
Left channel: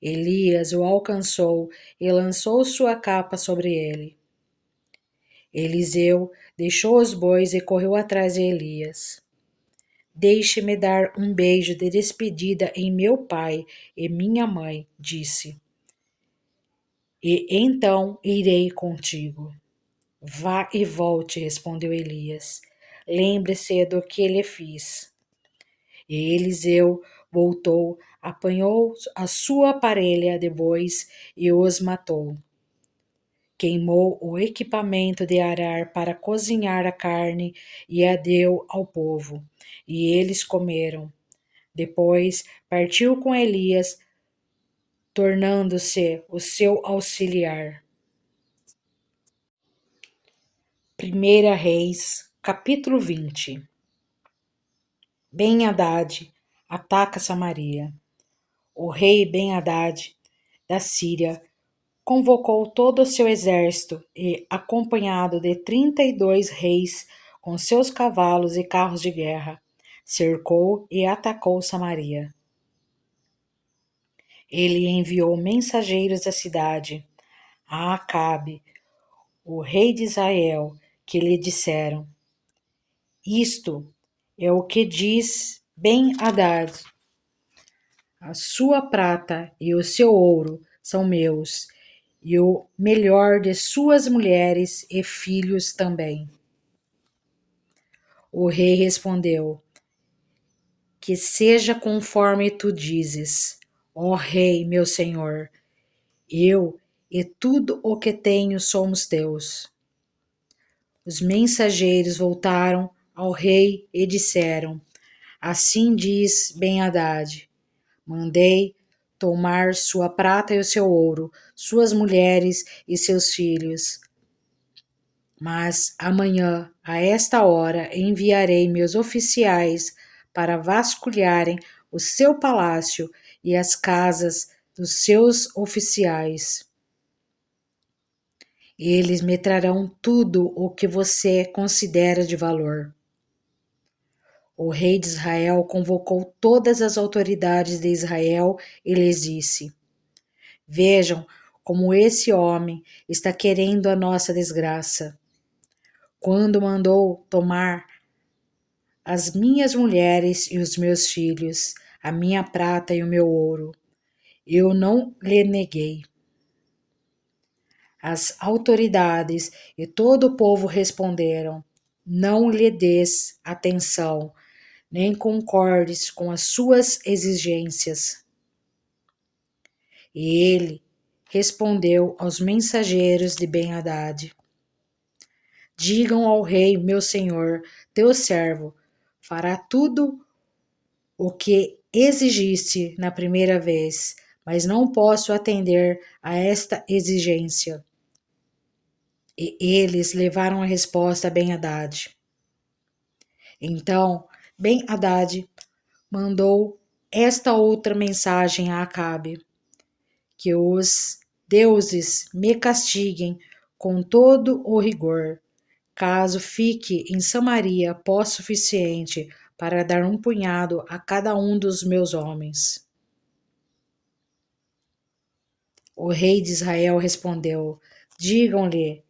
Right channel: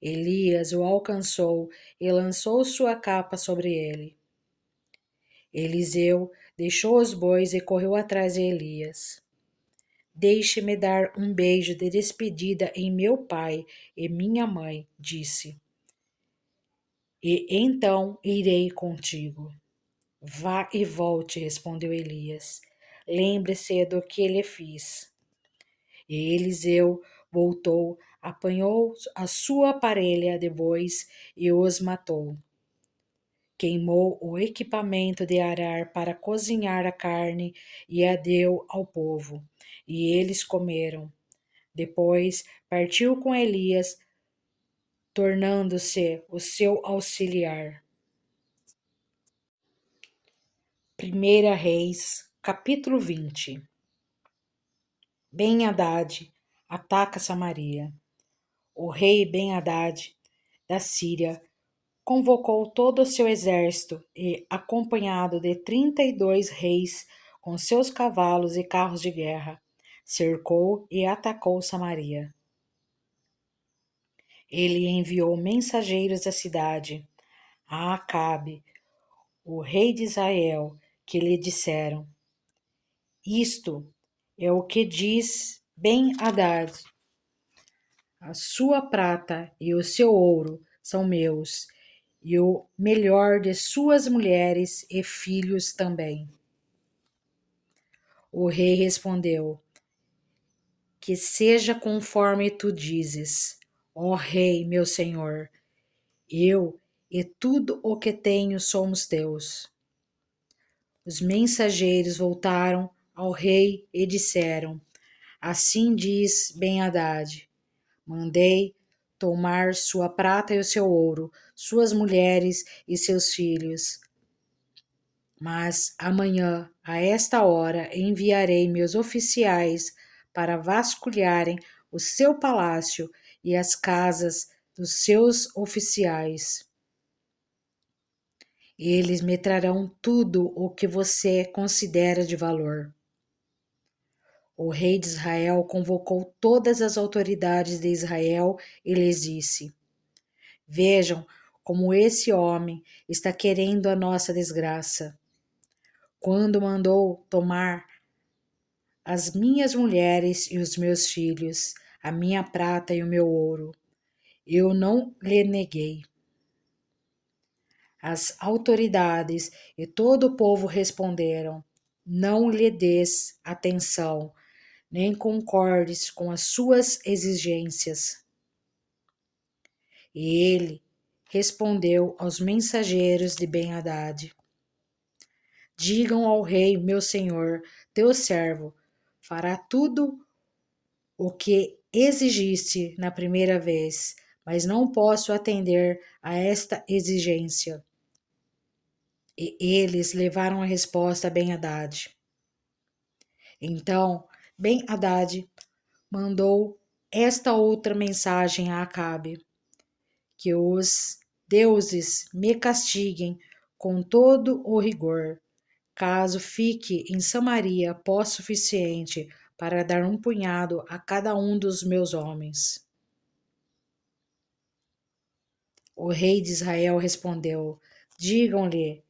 Elias o alcançou e lançou sua capa sobre ele. Eliseu deixou os bois e correu atrás de Elias. Deixe-me dar um beijo de despedida em meu pai e minha mãe, disse. E então irei contigo. Vá e volte, respondeu Elias. Lembre-se do que lhe fiz. E Eliseu voltou, apanhou a sua parelha de bois e os matou. Queimou o equipamento de arar para cozinhar a carne e a deu ao povo, e eles comeram. Depois partiu com Elias, tornando-se o seu auxiliar. 1 Reis, capítulo 20. Ben-Hadad ataca Samaria. O rei Ben-Hadad da Síria convocou todo o seu exército e, acompanhado de 32 reis com seus cavalos e carros de guerra, cercou e atacou Samaria. Ele enviou mensageiros à cidade, a Acabe, o rei de Israel, que lhe disseram: Isto é o que diz Ben-Hadad: a sua prata e o seu ouro são meus, e o melhor de suas mulheres e filhos também. O rei respondeu: Que seja conforme tu dizes, ó rei, meu senhor. Eu e tudo o que tenho somos teus. Os mensageiros voltaram ao rei e disseram: Assim diz Ben-Hadad: Mandei tomar sua prata e o seu ouro, suas mulheres e seus filhos. Mas amanhã, a esta hora, enviarei meus oficiais para vasculharem o seu palácio e as casas dos seus oficiais. Eles me trarão tudo o que você considera de valor. O rei de Israel convocou todas as autoridades de Israel e lhes disse: Vejam como esse homem está querendo a nossa desgraça. Quando mandou tomar as minhas mulheres e os meus filhos, a minha prata e o meu ouro, eu não lhe neguei. As autoridades e todo o povo responderam: Não lhe des atenção, nem concordes com as suas exigências. E ele respondeu aos mensageiros de Ben-Hadad: Digam ao rei, meu senhor, teu servo, fará tudo o que exigiste na primeira vez, mas não posso atender a esta exigência. E eles levaram a resposta a Ben-Hadad. Então Ben-Hadad mandou esta outra mensagem a Acabe: Que os deuses me castiguem com todo o rigor, caso fique em Samaria pó suficiente para dar um punhado a cada um dos meus homens. O rei de Israel respondeu: Digam-lhe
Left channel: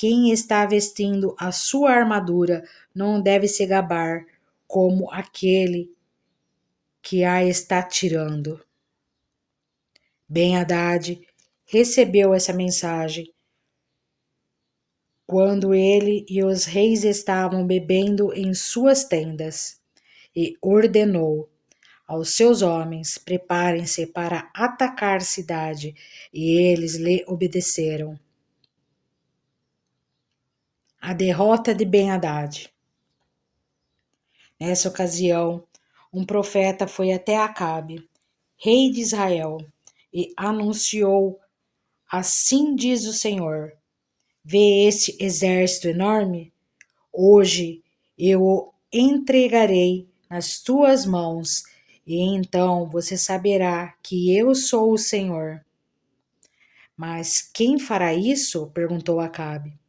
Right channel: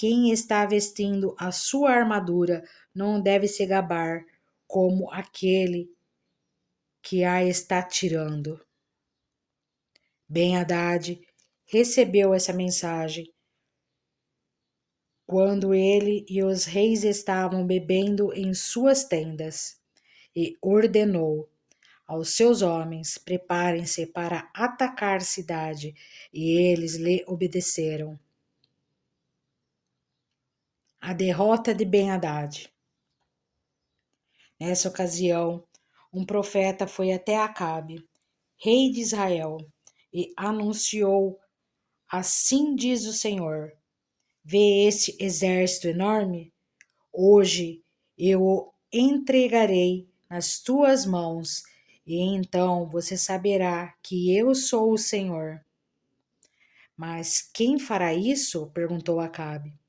quem está vestindo a sua armadura não deve se gabar como aquele que a está tirando. Ben-Hadad recebeu essa mensagem quando ele e os reis estavam bebendo em suas tendas, e ordenou aos seus homens: preparem-se para atacar a cidade, e eles lhe obedeceram. A derrota de Ben-Hadad. Nessa ocasião, um profeta foi até Acabe, rei de Israel, e anunciou: assim diz o Senhor: vê esse exército enorme? Hoje eu o entregarei nas tuas mãos, e então você saberá que eu sou o Senhor. Mas quem fará isso? Perguntou Acabe.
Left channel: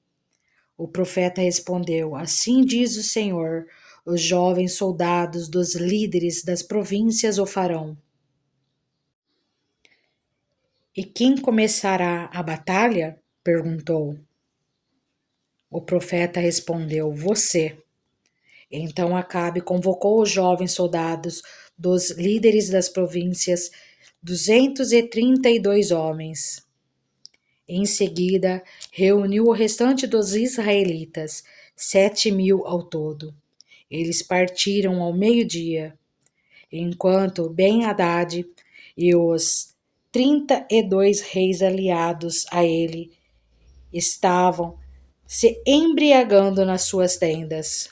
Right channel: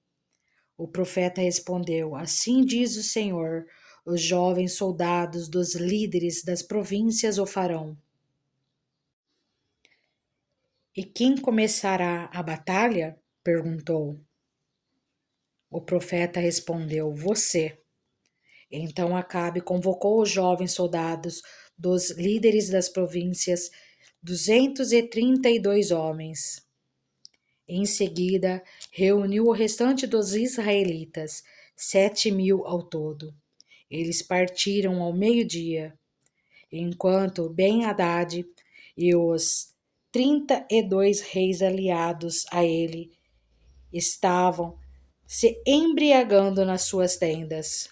O profeta respondeu: assim diz o Senhor: os jovens soldados dos líderes das províncias o farão. E quem começará a batalha? Perguntou. O profeta respondeu: você. Então Acabe convocou os jovens soldados dos líderes das províncias, 232 homens. Em seguida, reuniu o restante dos israelitas, 7.000 ao todo. Eles partiram ao meio-dia, enquanto Ben-Hadad e os 32 reis aliados a ele estavam se embriagando nas suas tendas.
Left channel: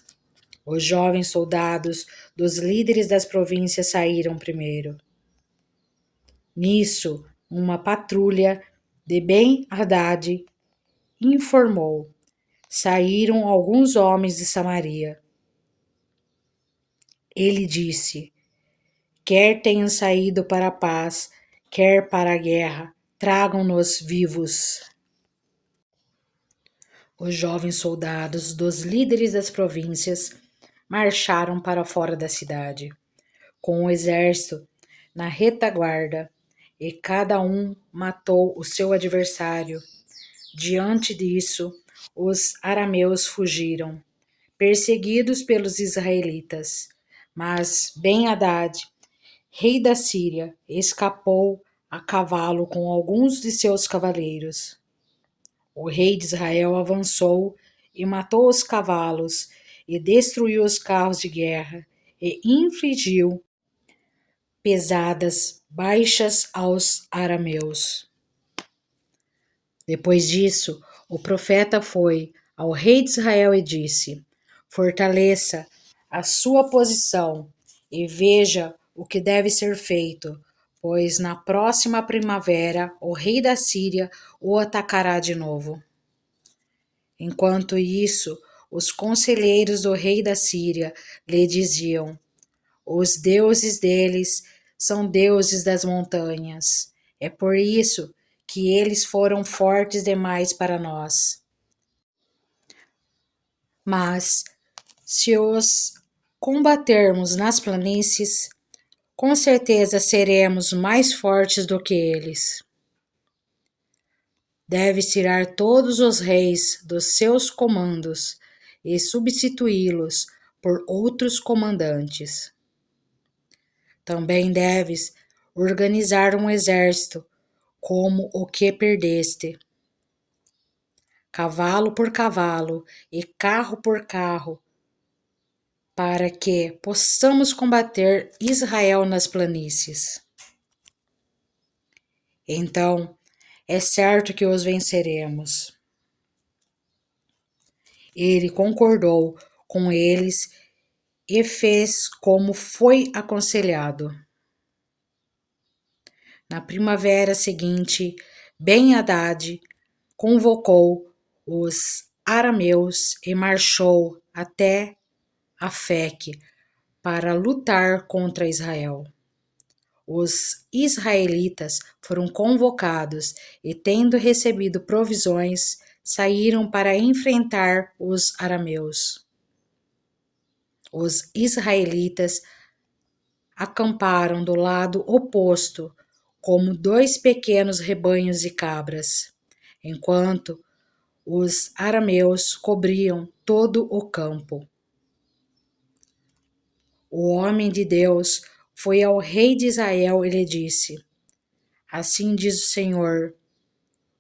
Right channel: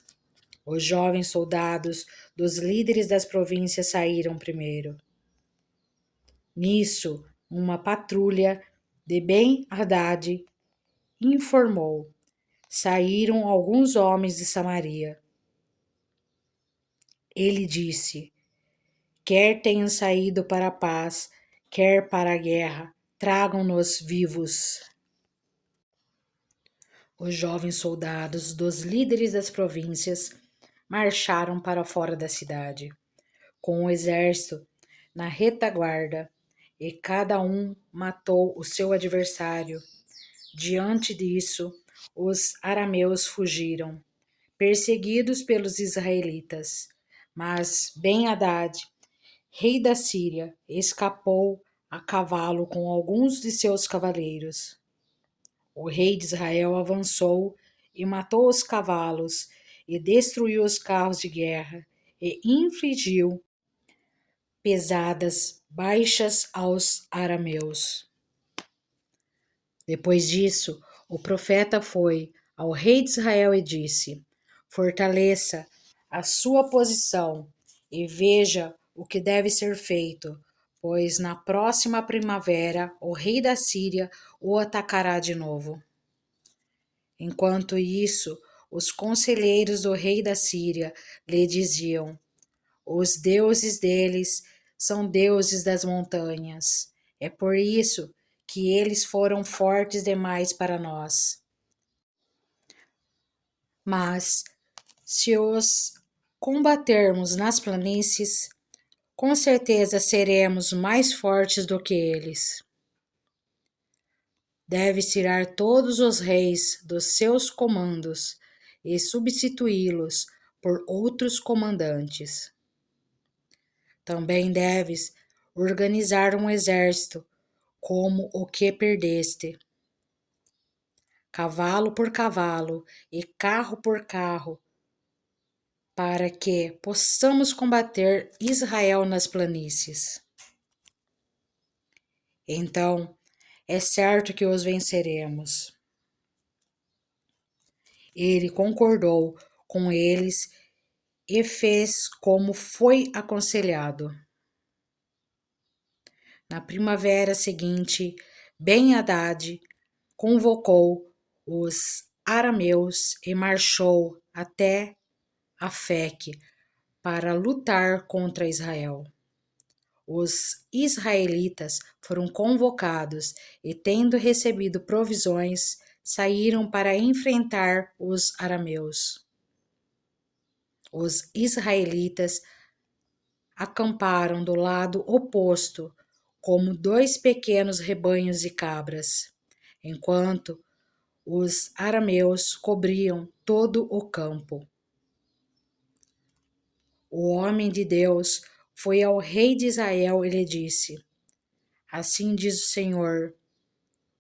Os jovens soldados dos líderes das províncias saíram primeiro. Nisso, uma patrulha de Ben-Hadad informou: saíram alguns homens de Samaria. Ele disse: quer tenham saído para a paz, quer para a guerra, tragam-nos vivos. Os jovens soldados dos líderes das províncias marcharam para fora da cidade, com o exército na retaguarda, e cada um matou o seu adversário. Diante disso, os arameus fugiram, perseguidos pelos israelitas. Mas Ben-Hadad, rei da Síria, escapou a cavalo com alguns de seus cavaleiros. O rei de Israel avançou e matou os cavalos, e destruiu os carros de guerra, e infligiu pesadas baixas aos arameus. Depois disso, o profeta foi ao rei de Israel e disse: fortaleça a sua posição e veja o que deve ser feito, pois na próxima primavera o rei da Síria o atacará de novo. Enquanto isso, os conselheiros do rei da Síria lhe diziam: os deuses deles são deuses das montanhas. É por isso que eles foram fortes demais para nós. Mas, se os combatermos nas planícies, com certeza seremos mais fortes do que eles. Deves tirar todos os reis dos seus comandos e substituí-los por outros comandantes. Também deves organizar um exército como o que perdeste, cavalo por cavalo e carro por carro, para que possamos combater Israel nas planícies. Então, é certo que os venceremos. Ele concordou com eles e fez como foi aconselhado. Na primavera seguinte, Ben-Hadad convocou os arameus e marchou até Afeque para lutar contra Israel. Os israelitas foram convocados e, tendo recebido provisões, saíram para enfrentar os arameus. Os israelitas acamparam do lado oposto, como dois pequenos rebanhos de cabras, enquanto os arameus cobriam todo o campo. O homem de Deus foi ao rei de Israel e lhe disse: Assim diz o Senhor,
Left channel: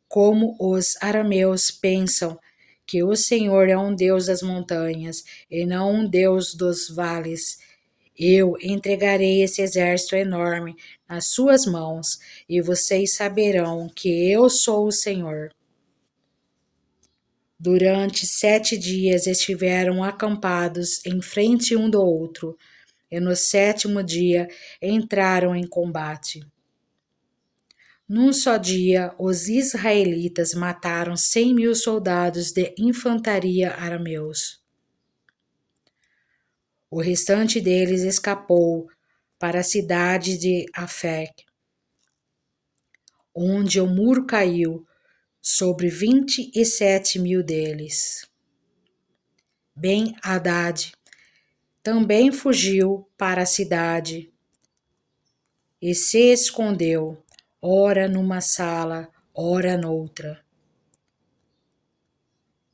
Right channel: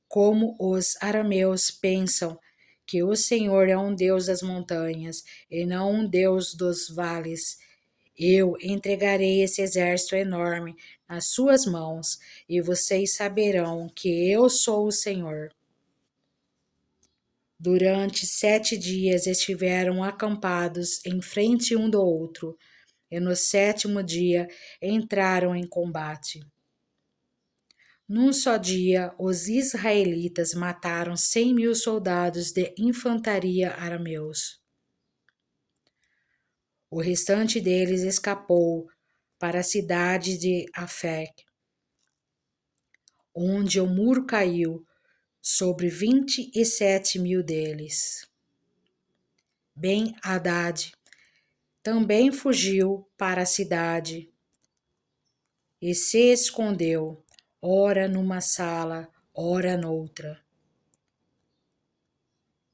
como os arameus pensam que o Senhor é um Deus das montanhas e não um Deus dos vales. Eu entregarei esse exército enorme nas suas mãos, e vocês saberão que eu sou o Senhor. Durante 7 dias estiveram acampados em frente um do outro, e no 7º dia entraram em combate. Num só dia, os israelitas mataram 100.000 soldados de infantaria arameus. O restante deles escapou para a cidade de Afec, onde o muro caiu sobre 27.000 deles. Ben-Hadad também fugiu para a cidade e se escondeu, ora numa sala, ora noutra.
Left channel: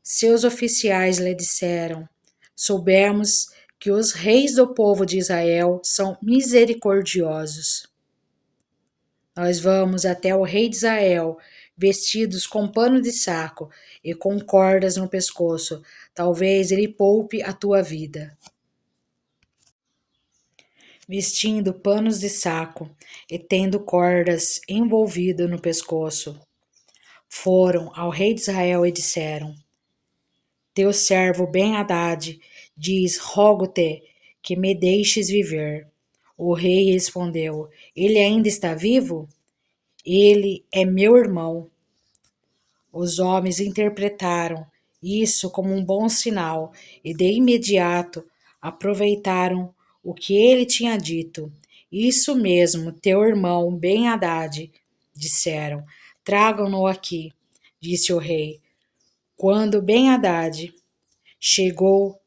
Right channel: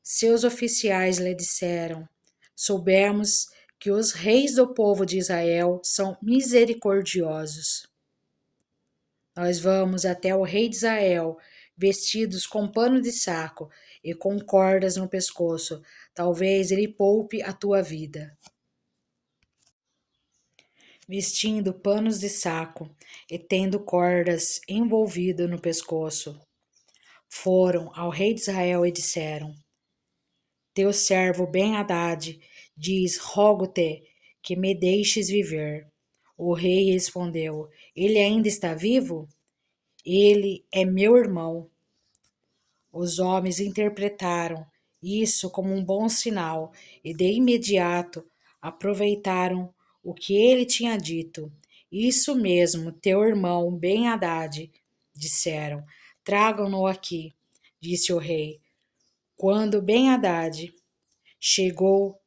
Seus oficiais lhe disseram: Soubemos que os reis do povo de Israel são misericordiosos. Nós vamos até o rei de Israel, vestidos com pano de saco e com cordas no pescoço. Talvez ele poupe a tua vida. Vestindo panos de saco e tendo cordas envolvido no pescoço, foram ao rei de Israel e disseram: Teu servo Ben-Hadad diz: Rogo-te que me deixes viver. O rei respondeu: Ele ainda está vivo? Ele é meu irmão. Os homens interpretaram isso como um bom sinal e de imediato aproveitaram o que ele tinha dito. Isso mesmo, teu irmão Ben-Hadad, disseram. Tragam-no aqui, disse o rei. Quando Ben-Hadad chegou,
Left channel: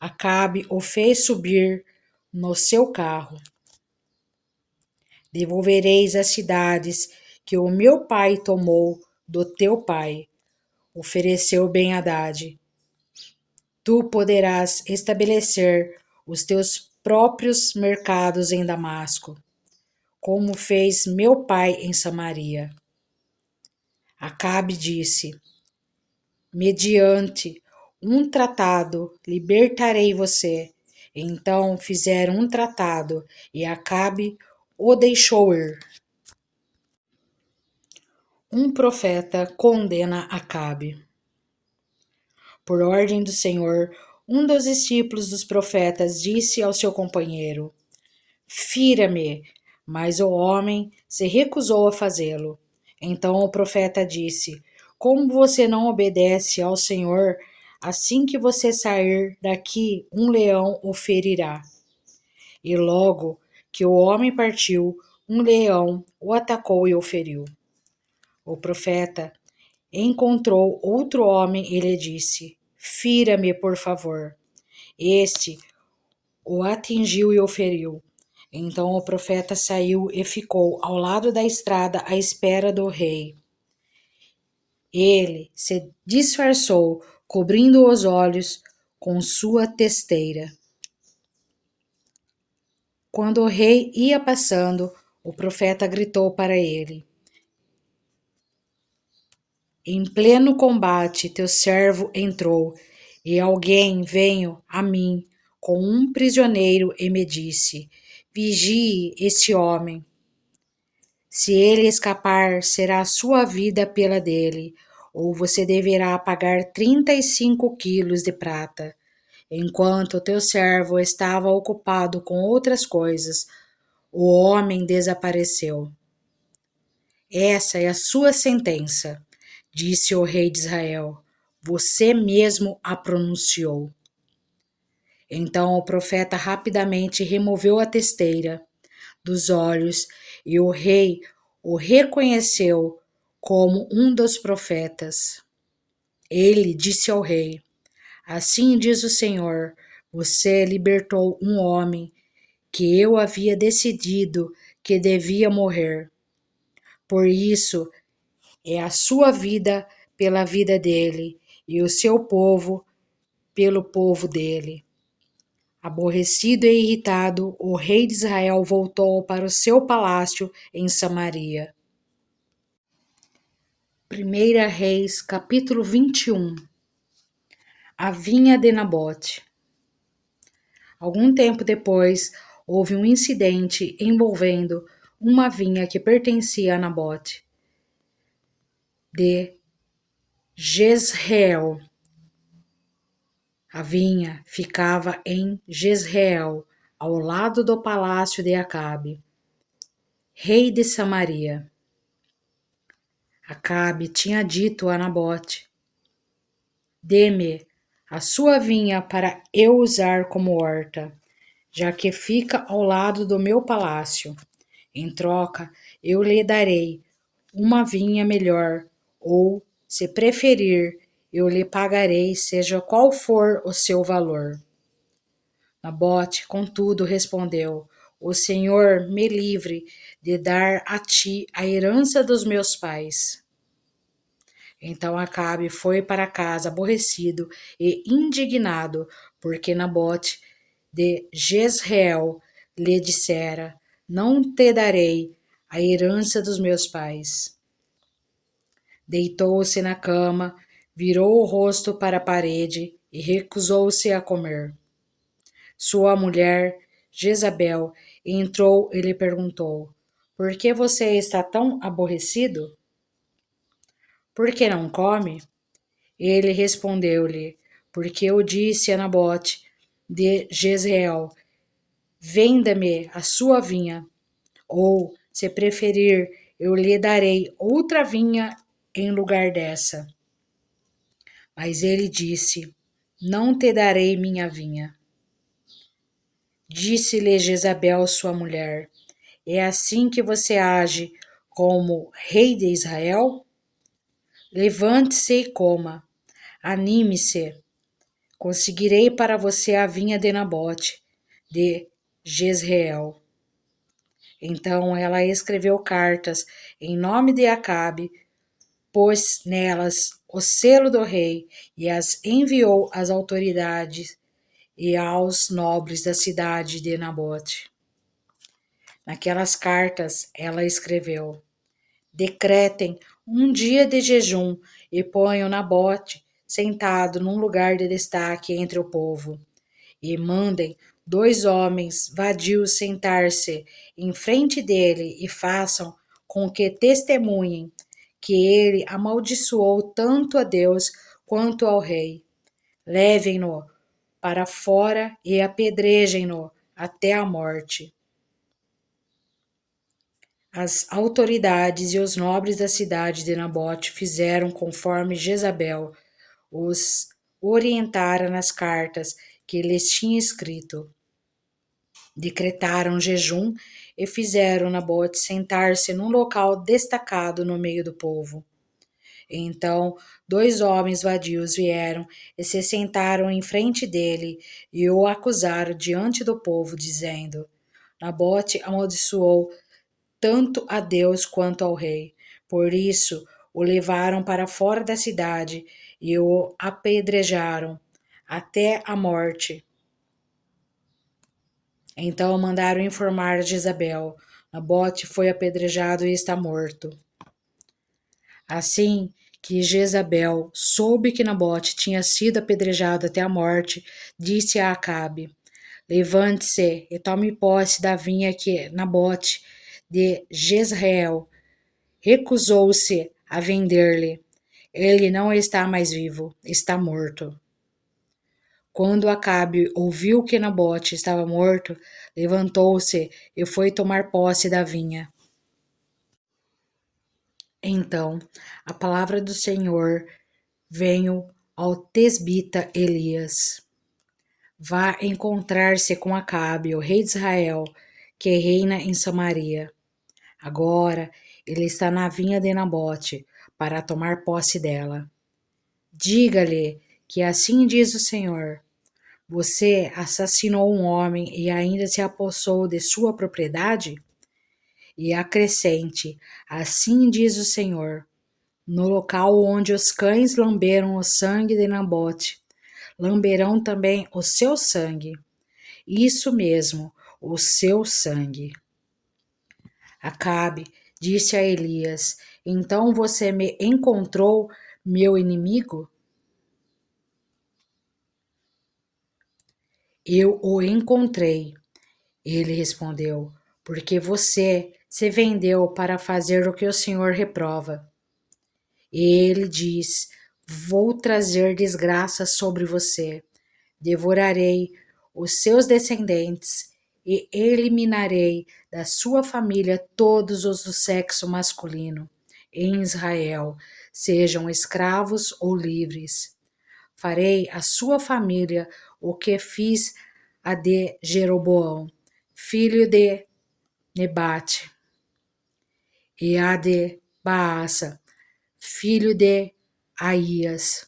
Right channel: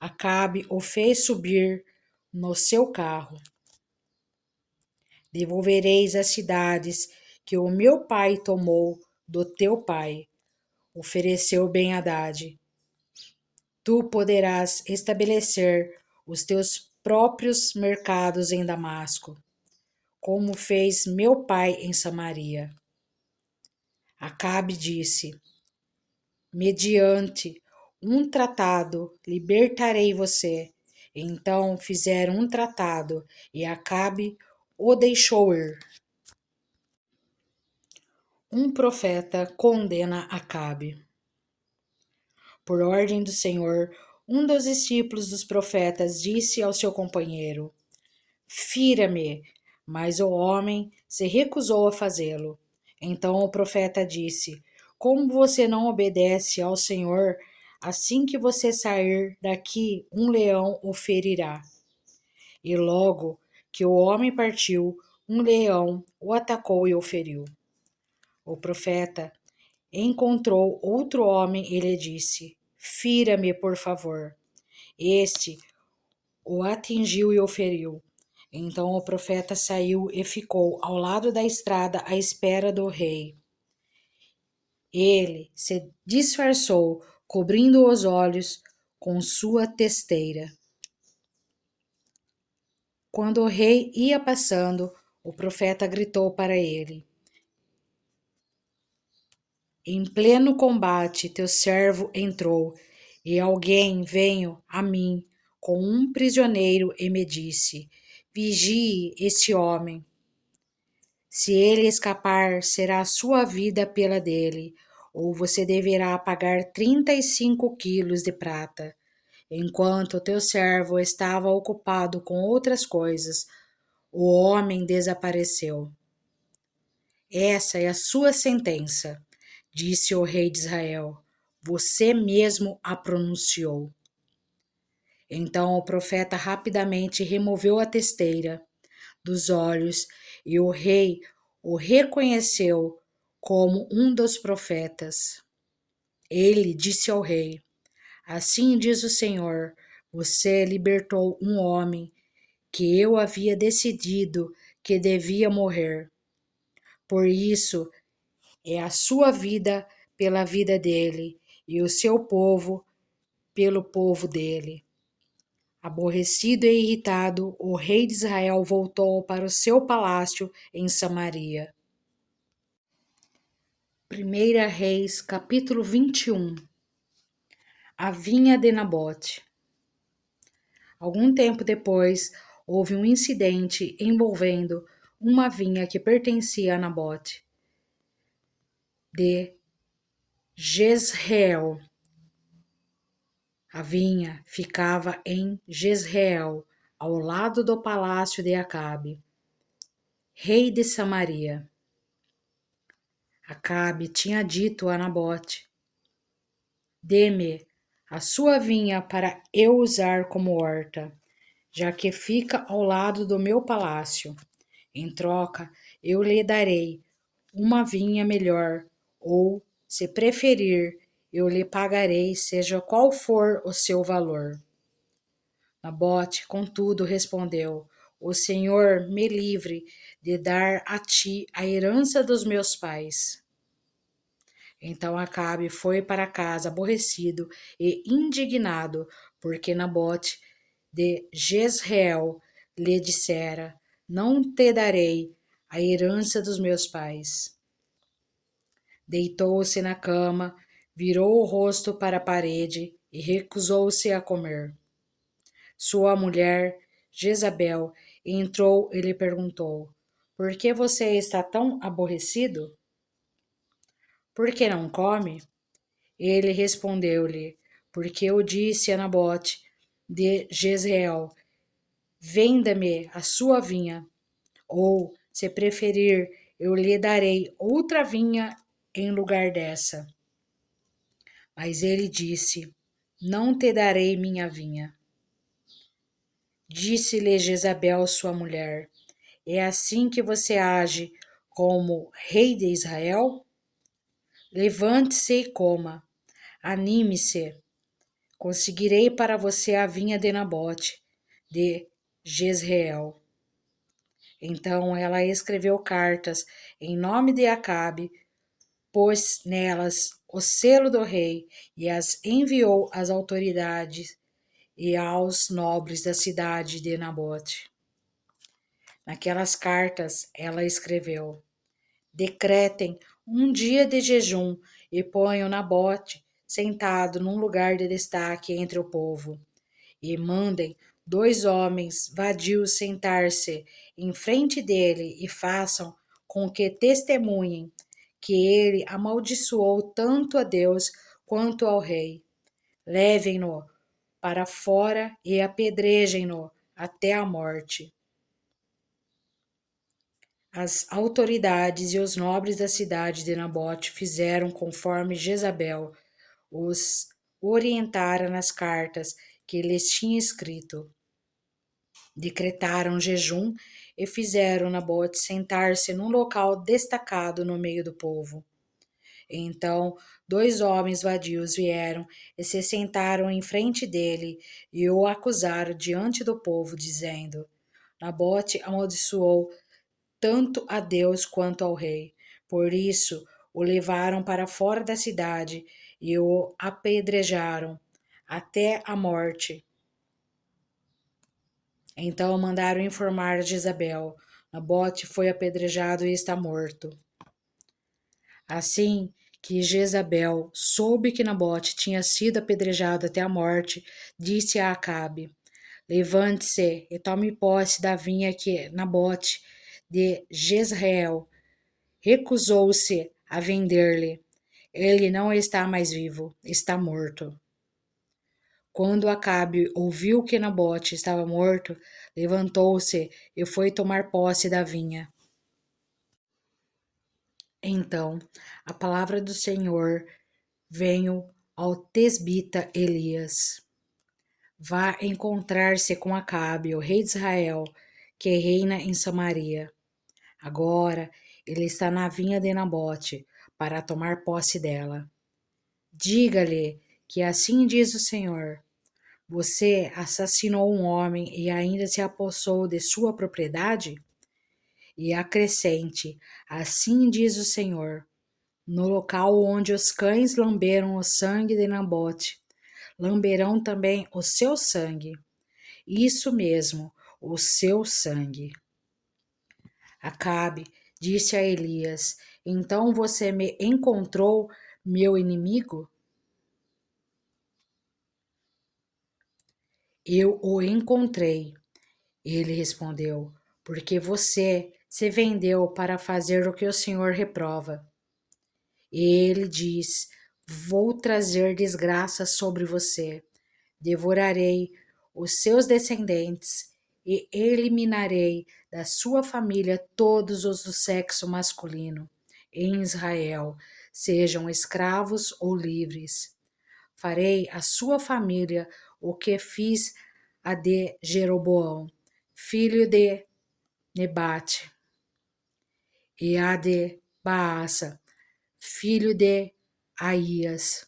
Acabe o fez subir no seu carro. Devolvereis as cidades que o meu pai tomou do teu pai, ofereceu Ben-Hadad. Tu poderás estabelecer os teus próprios mercados em Damasco, como fez meu pai em Samaria. Acabe disse: mediante um tratado libertarei você. Então fizeram um tratado e Acabe o deixou ir. Um profeta condena Acabe. Por ordem do Senhor, um dos discípulos dos profetas disse ao seu companheiro: Fira-me, mas o homem se recusou a fazê-lo. Então o profeta disse: Como você não obedece ao Senhor, assim que você sair daqui, um leão o ferirá. E logo que o homem partiu, um leão o atacou e o feriu. O profeta encontrou outro homem e lhe disse: Fira-me, por favor. Este o atingiu e o feriu. Então o profeta saiu e ficou ao lado da estrada à espera do rei. Ele se disfarçou, cobrindo os olhos com sua testeira. Quando o rei ia passando, o profeta gritou para ele: Em pleno combate, teu servo entrou, e alguém veio a mim com um prisioneiro e me disse: Vigie este homem. Se ele escapar, será a sua vida pela dele, ou você deverá pagar 35 quilos de prata. Enquanto o teu servo estava ocupado com outras coisas, o homem desapareceu. Essa é a sua sentença, disse o rei de Israel. Você mesmo a pronunciou. Então o profeta rapidamente removeu a testeira dos olhos e o rei o reconheceu como um dos profetas. Ele disse ao rei: Assim diz o Senhor, você libertou um homem que eu havia decidido que devia morrer. Por isso, é a sua vida pela vida dele, e o seu povo pelo povo dele. Aborrecido e irritado, o rei de Israel voltou para o seu palácio em Samaria. 1 Reis, capítulo 21. A vinha de Nabote. Algum tempo depois, houve um incidente envolvendo uma vinha que pertencia a Nabote de Jezreel. A vinha ficava em Jezreel, ao lado do palácio de Acabe, rei de Samaria. Acabe tinha dito a Nabote: dê-me a sua vinha para eu usar como horta, já que fica ao lado do meu palácio. Em troca, eu lhe darei uma vinha melhor, ou, se preferir, eu lhe pagarei, seja qual for o seu valor. Nabote, contudo, respondeu: o Senhor me livre de dar a ti a herança dos meus pais. Então Acabe foi para casa aborrecido e indignado, porque Nabote de Jezreel lhe dissera: não te darei a herança dos meus pais. Deitou-se na cama, virou o rosto para a parede e recusou-se a comer. Sua mulher, Jezabel, entrou e lhe perguntou: por que você está tão aborrecido? Por que não come? Ele respondeu-lhe: porque eu disse a Nabote de Jezreel: venda-me a sua vinha, ou, se preferir, eu lhe darei outra vinha em lugar dessa. Mas ele disse: não te darei minha vinha. Disse-lhe Jezabel, sua mulher: é assim que você age como rei de Israel? Levante-se e coma, anime-se. Conseguirei para você a vinha de Nabote, de Jezreel. Então ela escreveu cartas em nome de Acabe, pôs nelas o selo do rei e as enviou às autoridades e aos nobres da cidade de Nabote. Naquelas cartas ela escreveu: decretem um dia de jejum e ponham Nabote sentado num lugar de destaque entre o povo, e mandem 2 homens vadios sentar-se em frente dele e façam com que testemunhem que ele amaldiçoou tanto a Deus quanto ao rei. Levem-no para fora e apedrejem-no até a morte. As autoridades e os nobres da cidade de Nabote fizeram conforme Jezabel os orientara nas cartas que lhes tinha escrito. Decretaram jejum e fizeram Nabote sentar-se num local destacado no meio do povo. Então 2 homens vadios vieram e se sentaram em frente dele e o acusaram diante do povo, dizendo: Nabote amaldiçoou tanto a Deus quanto ao rei. Por isso o levaram para fora da cidade e o apedrejaram até a morte. Então mandaram informar a Jezabel: Nabote foi apedrejado e está morto. Assim que Jezabel soube que Nabote tinha sido apedrejado até a morte, disse a Acabe: levante-se e tome posse da vinha que Nabote de Jezreel recusou-se a vender-lhe. Ele não está mais vivo, está morto. Quando Acabe ouviu que Nabote estava morto, levantou-se e foi tomar posse da vinha. Então a palavra do Senhor veio ao tesbita Elias: vá encontrar-se com Acabe, o rei de Israel, que reina em Samaria. Agora ele está na vinha de Nabote para tomar posse dela. Diga-lhe que assim diz o Senhor: você assassinou um homem e ainda se apossou de sua propriedade? E acrescente: assim diz o Senhor: No local onde os cães lamberam o sangue de Nabote, lamberão também o seu sangue. Isso mesmo, o seu sangue. Acabe disse a Elias: Então você me encontrou, meu inimigo? Eu o encontrei, ele respondeu, porque você se vendeu para fazer o que o Senhor reprova. Ele diz: Vou trazer desgraça sobre você, devorarei os seus descendentes e eliminarei da sua família todos os do sexo masculino em Israel, sejam escravos ou livres. Farei à sua família o que fiz a de Jeroboão, filho de Nebate, e a de Baasa, filho de Aías,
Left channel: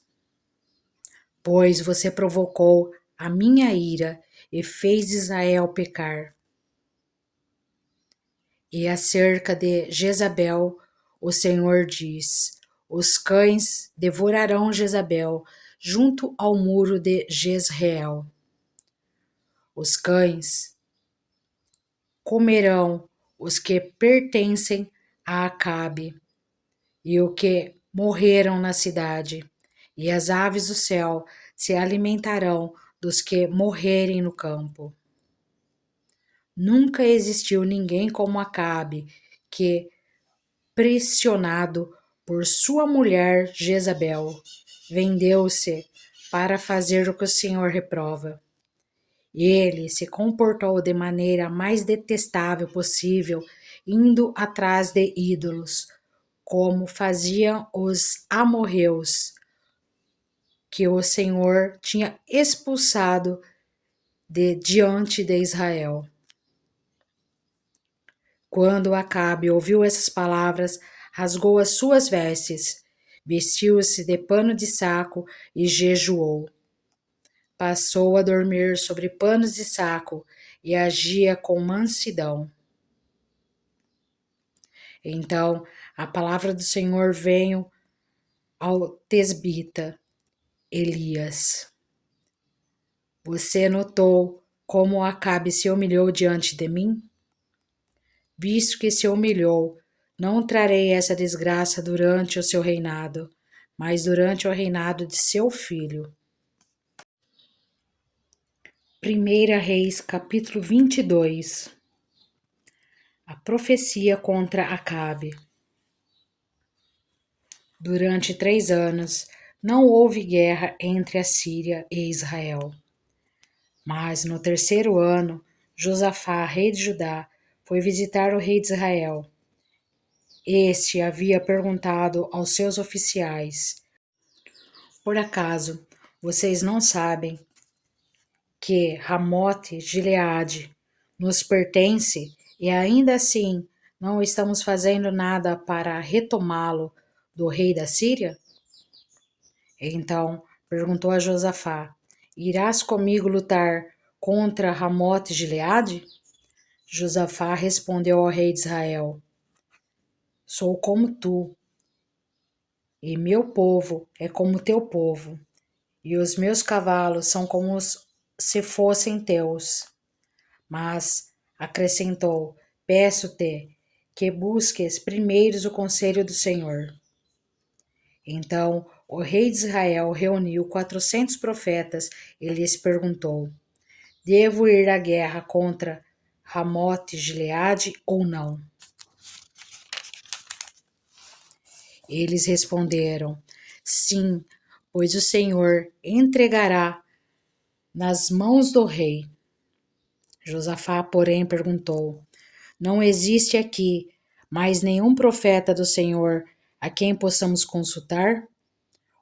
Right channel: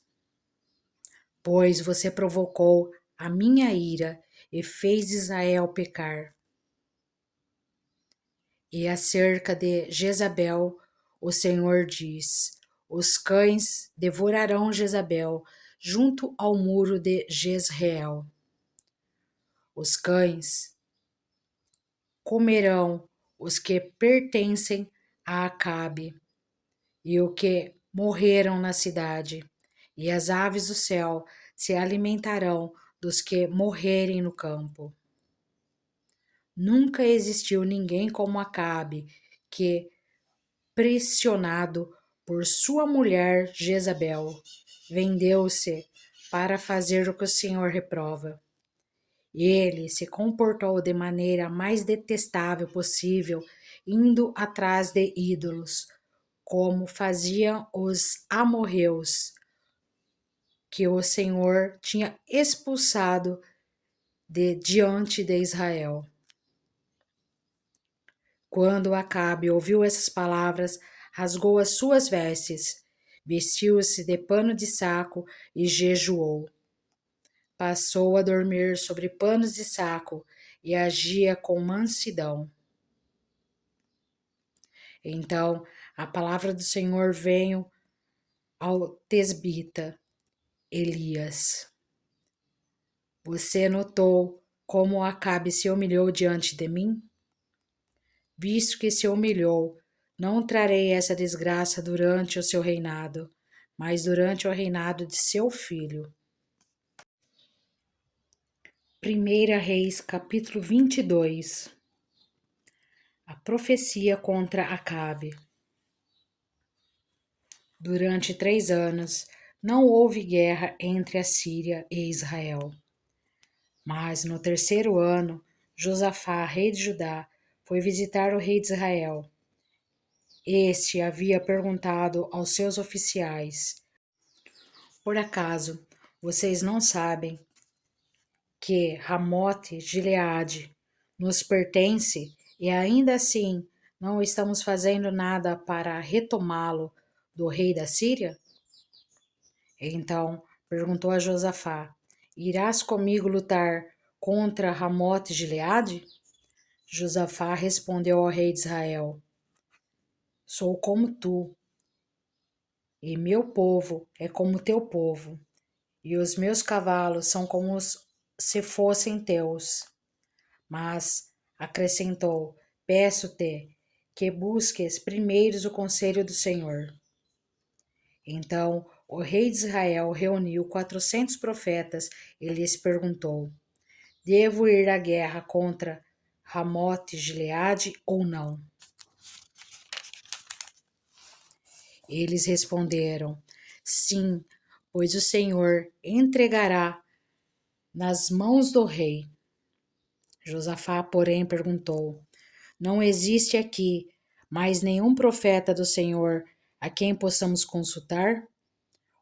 pois você provocou a minha ira e fez Israel pecar. E acerca de Jezabel, o Senhor diz: Os cães devorarão Jezabel junto ao muro de Jezreel. Os cães comerão os que pertencem a Acabe e os que morreram na cidade, e as aves do céu se alimentarão dos que morrerem no campo. Nunca existiu ninguém como Acabe, que, pressionado por sua mulher Jezabel, vendeu-se para fazer o que o Senhor reprova. Ele se comportou de maneira mais detestável possível, indo atrás de ídolos, como faziam os amorreus, que o Senhor tinha expulsado de diante de Israel. Quando Acabe ouviu essas palavras, rasgou as suas vestes, vestiu-se de pano de saco e jejuou. Passou a dormir sobre panos de saco e agia com mansidão. Então a palavra do Senhor veio ao tesbita Elias. Você notou como Acabe se humilhou diante de mim? Visto que se humilhou, não trarei essa desgraça durante o seu reinado, mas durante o reinado de seu filho. 1 Reis, capítulo 22. A profecia contra Acabe. Durante 3 anos, não houve guerra entre a Síria e Israel. Mas no 3º ano, Josafá, rei de Judá, foi visitar o rei de Israel. Este havia perguntado aos seus oficiais: Por acaso vocês não sabem que Ramote Gileade nos pertence e ainda assim não estamos fazendo nada para retomá-lo do rei da Síria? Então perguntou a Josafá: Irás comigo lutar contra Ramote Gileade? Josafá respondeu ao rei de Israel: Sou como tu, e meu povo é como teu povo, e os meus cavalos são como se fossem teus. Mas, acrescentou, peço-te que busques primeiro o conselho do Senhor. Então o rei de Israel reuniu 400 profetas e lhes perguntou: Devo ir à guerra contra Ramote Gileade ou não? Eles responderam: Sim, pois o Senhor entregará nas mãos do rei. Josafá, porém, perguntou: Não existe aqui mais nenhum profeta do Senhor a quem possamos consultar?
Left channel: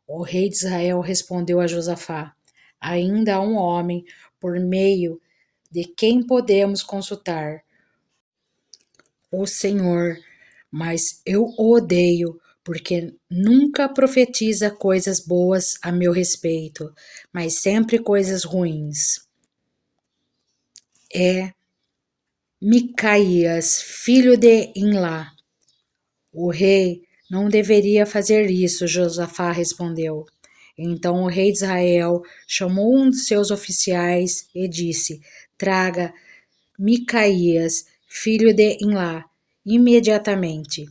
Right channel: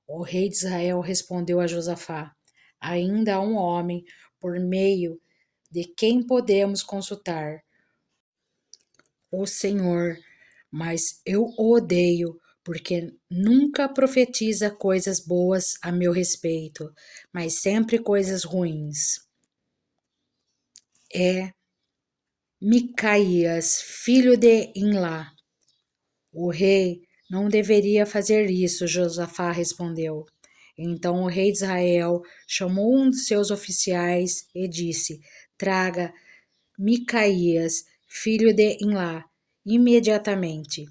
O rei de Israel respondeu a Josafá: Ainda há um homem por meio de quem podemos consultar o Senhor, mas eu o odeio, porque nunca profetiza coisas boas a meu respeito, mas sempre coisas ruins. É Micaías, filho de Imlá. O rei Não deveria fazer isso, Josafá respondeu. Então o rei de Israel chamou um de seus oficiais e disse: Traga Micaías, filho de Imlá, imediatamente.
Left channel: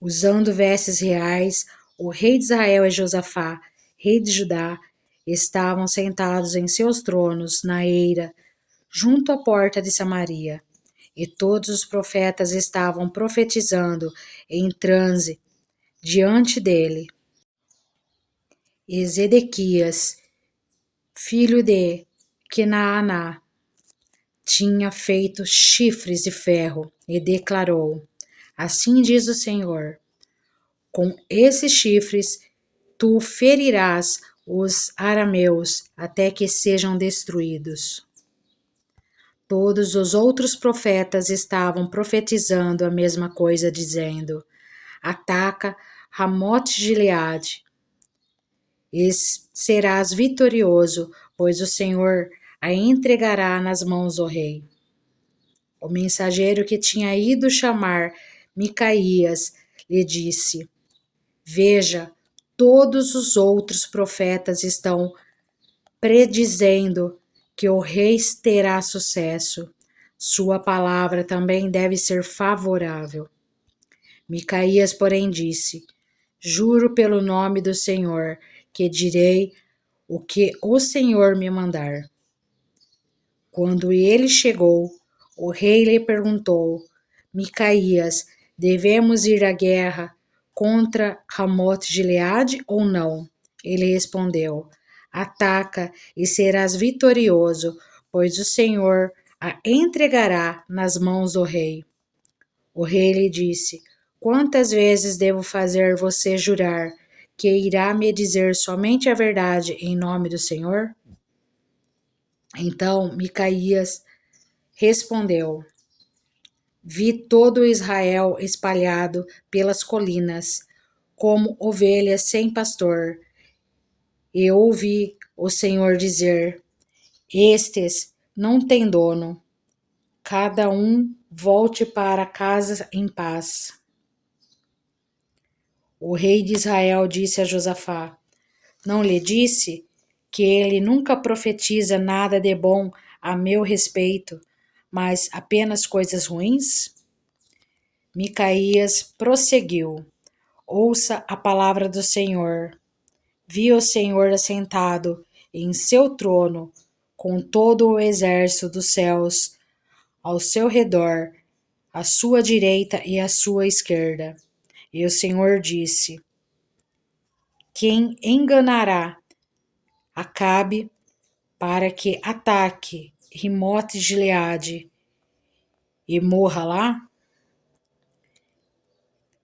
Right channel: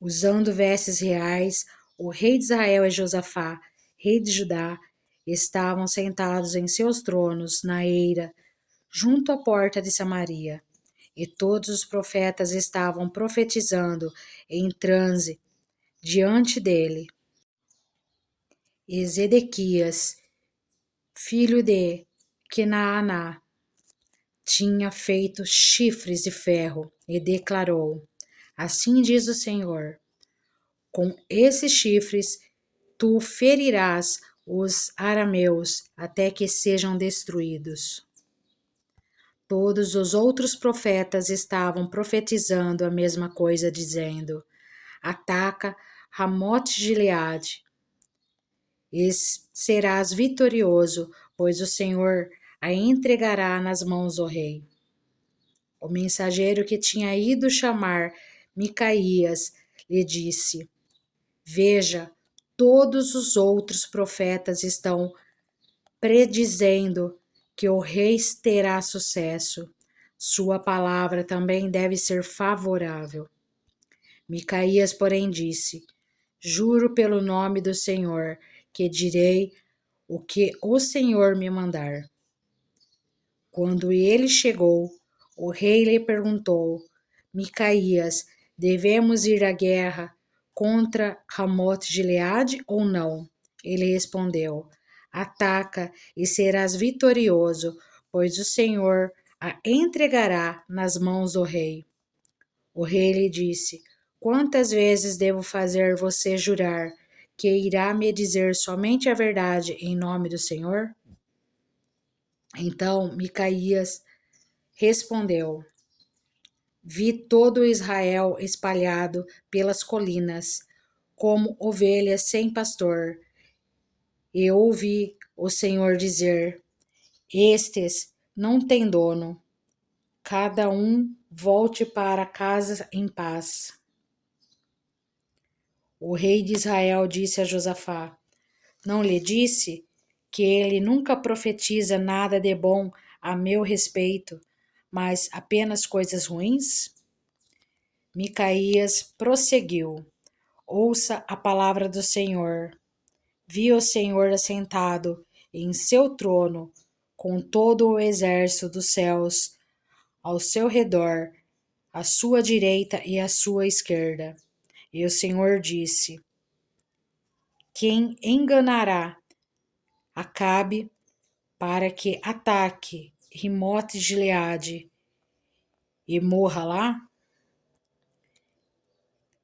Usando vestes reais, o rei de Israel e Josafá, rei de Judá, estavam sentados em seus tronos na eira, junto à porta de Samaria. E todos os profetas estavam profetizando em transe diante dele. E Zedequias, filho de Quenaaná, tinha feito chifres de ferro e declarou: Assim diz o Senhor: com esses chifres tu ferirás os arameus até que sejam destruídos. Todos os outros profetas estavam profetizando a mesma coisa, dizendo: Ataca Ramote-Gileade e serás vitorioso, pois o Senhor a entregará nas mãos do rei. O mensageiro que tinha ido chamar Micaías lhe disse: Veja, todos os outros profetas estão predizendo que o rei terá sucesso. Sua palavra também deve ser favorável. Micaías, porém, disse: Juro pelo nome do Senhor que direi o que o Senhor me mandar. Quando ele chegou, o rei lhe perguntou: Micaías, devemos ir à guerra contra Ramote-Gileade ou não? Ele respondeu: Ataca e serás vitorioso, pois o Senhor a entregará nas mãos do rei. O rei lhe disse: Quantas vezes devo fazer você jurar que irá me dizer somente a verdade em nome do Senhor? Então Micaías respondeu: Vi todo Israel espalhado pelas colinas, como ovelhas sem pastor, e ouvi o Senhor dizer: Estes não têm dono, cada um volte para casa em paz. O rei de Israel disse a Josafá: Não lhe disse que ele nunca profetiza nada de bom a meu respeito, mas apenas coisas ruins? Micaías prosseguiu: Ouça a palavra do Senhor. Vi o Senhor assentado em seu trono, com todo o exército dos céus ao seu redor, à sua direita e à sua esquerda. E o Senhor disse: Quem enganará Acabe para que ataque Rimote-Gileade e morra lá?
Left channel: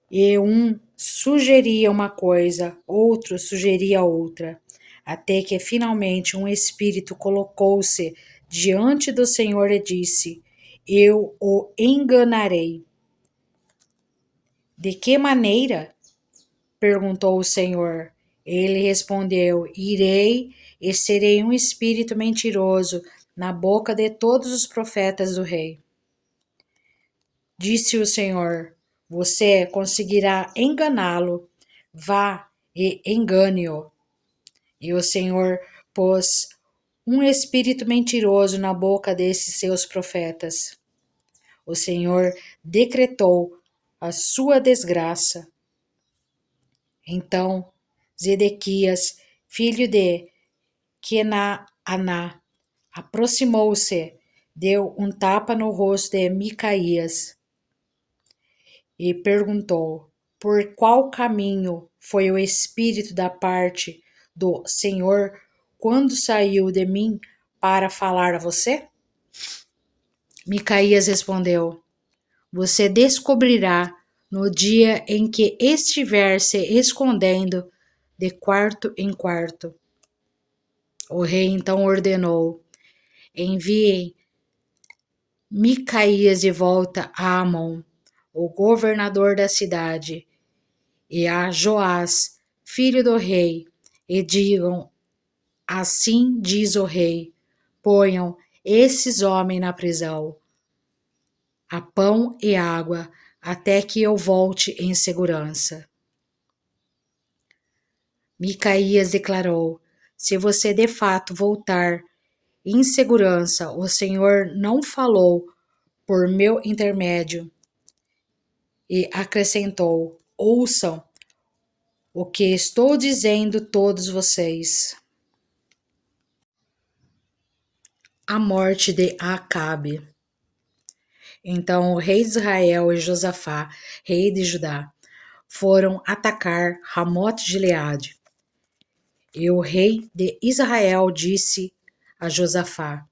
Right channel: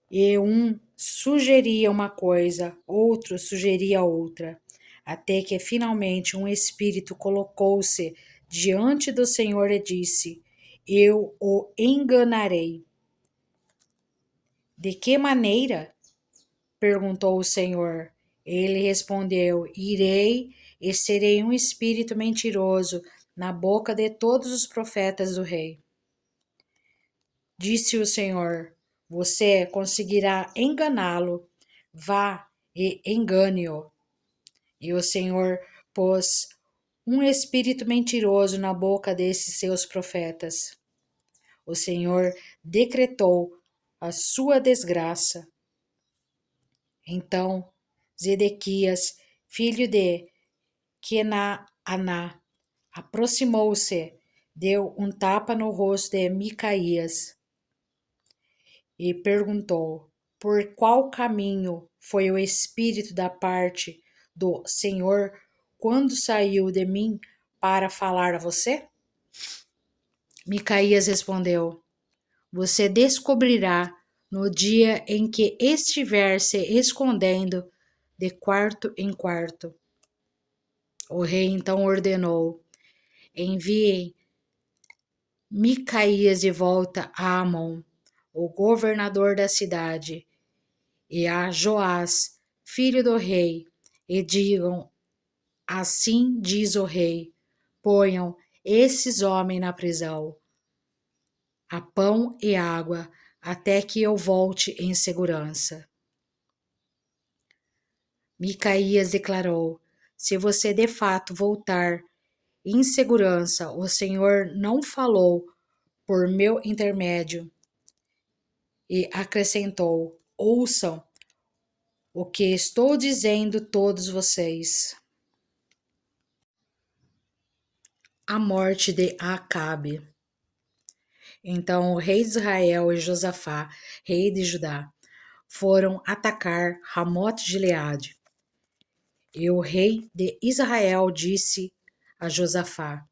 E um sugeria uma coisa, outro sugeria outra, até que finalmente um espírito colocou-se diante do Senhor e disse: Eu o enganarei. De que maneira? Perguntou o Senhor. Ele respondeu: Irei e serei um espírito mentiroso na boca de todos os profetas do rei. Disse o Senhor: Você conseguirá enganá-lo. Vá e engane-o. E o Senhor pôs um espírito mentiroso na boca desses seus profetas. O Senhor decretou a sua desgraça. Então Zedequias, filho de Quenaaná, aproximou-se, deu um tapa no rosto de Micaías e perguntou: Por qual caminho foi o espírito da parte do Senhor quando saiu de mim para falar a você? Micaías respondeu: Você descobrirá no dia em que estiver se escondendo de quarto em quarto. O rei então ordenou: Enviem Micaías de volta a Amon, o governador da cidade, e a Joás, filho do rei, e digam: Assim diz o rei: ponham esses homens na prisão. Há pão e água até que eu volte em segurança. Micaías declarou: se você de fato voltar em segurança, o Senhor não falou por meu intermédio. E acrescentou: ouçam o que estou dizendo todos vocês. A morte de Acabe. Então o rei de Israel e Josafá, rei de Judá, foram atacar Ramote-Gileade. E o rei de Israel disse a Josafá:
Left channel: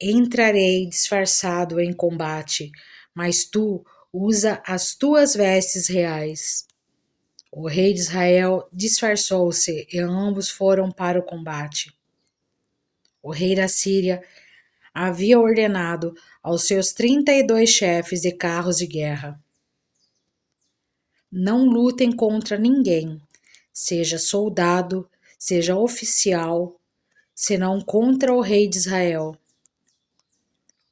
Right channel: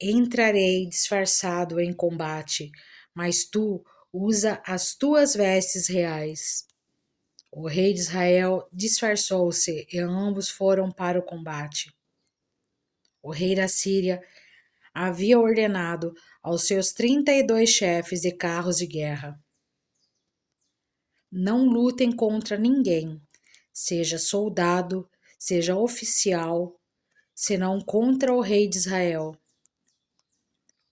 entrarei disfarçado em combate, mas tu usa as tuas vestes reais. O rei de Israel disfarçou-se e ambos foram para o combate. O rei da Síria havia ordenado aos seus 32 chefes de carros de guerra: não lutem contra ninguém, seja soldado, seja oficial, senão contra o rei de Israel.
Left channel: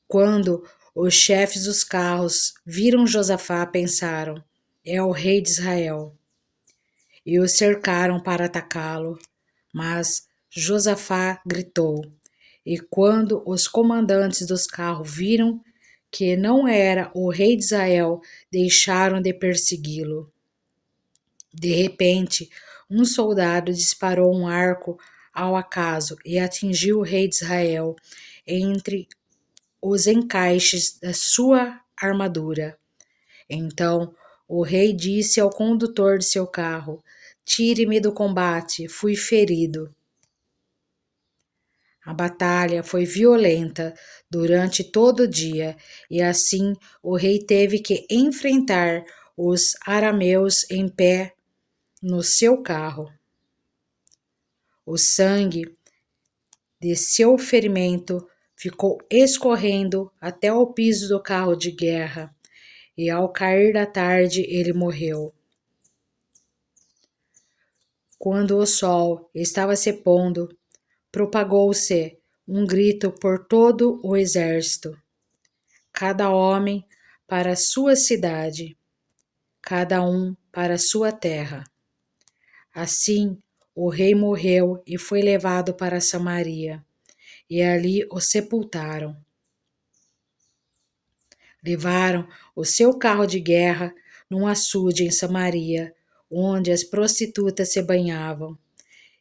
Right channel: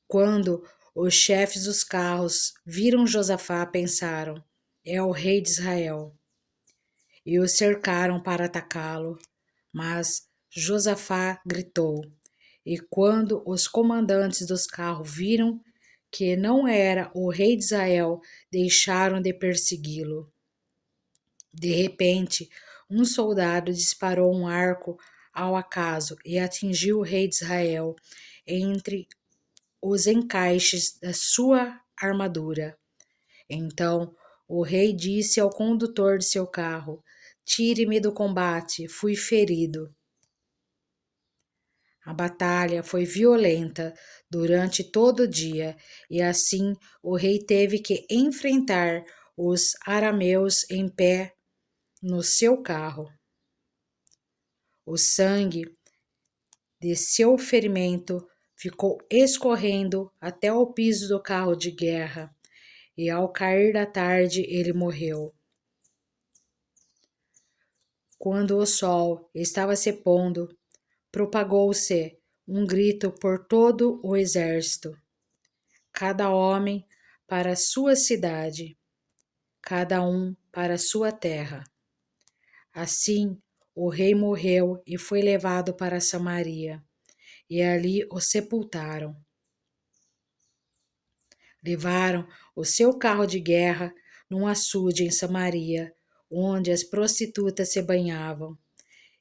Quando os chefes dos carros viram Josafá, pensaram: é o rei de Israel. E o cercaram para atacá-lo. Mas Josafá gritou. E quando os comandantes dos carros viram que não era o rei de Israel, deixaram de persegui-lo. De repente, um soldado disparou um arco ao acaso e atingiu o rei de Israel entre os encaixes da sua armadura. Então o rei disse ao condutor de seu carro: tire-me do combate, fui ferido. A batalha foi violenta durante todo o dia, e assim o rei teve que enfrentar os arameus em pé no seu carro. O sangue de seu ferimento ficou escorrendo até o piso do carro de guerra, e ao cair da tarde ele morreu. Quando o sol estava se pondo, propagou-se um grito por todo o exército: cada homem para sua cidade, cada um para sua terra. Assim, o rei morreu e foi levado para Samaria, e ali o sepultaram. Levaram o seu carro de guerra num açude em Samaria, onde as prostitutas se banhavam.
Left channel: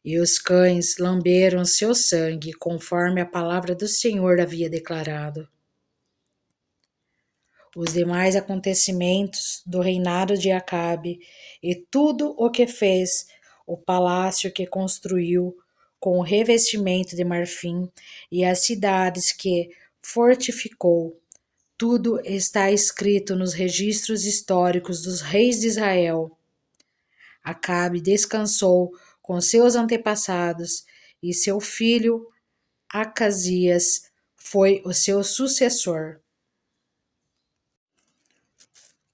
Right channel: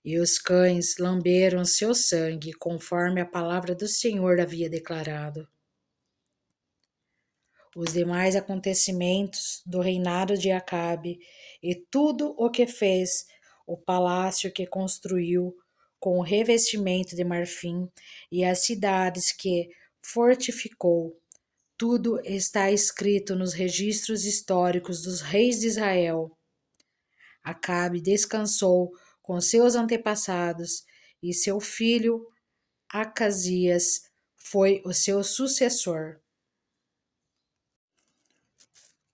E os cães lamberam seu sangue, conforme a palavra do Senhor havia declarado. Os demais acontecimentos do reinado de Acabe e tudo o que fez, o palácio que construiu com o revestimento de marfim e as cidades que fortificou, tudo está escrito nos registros históricos dos reis de Israel. Acabe descansou com seus antepassados e seu filho Acasias foi o seu sucessor.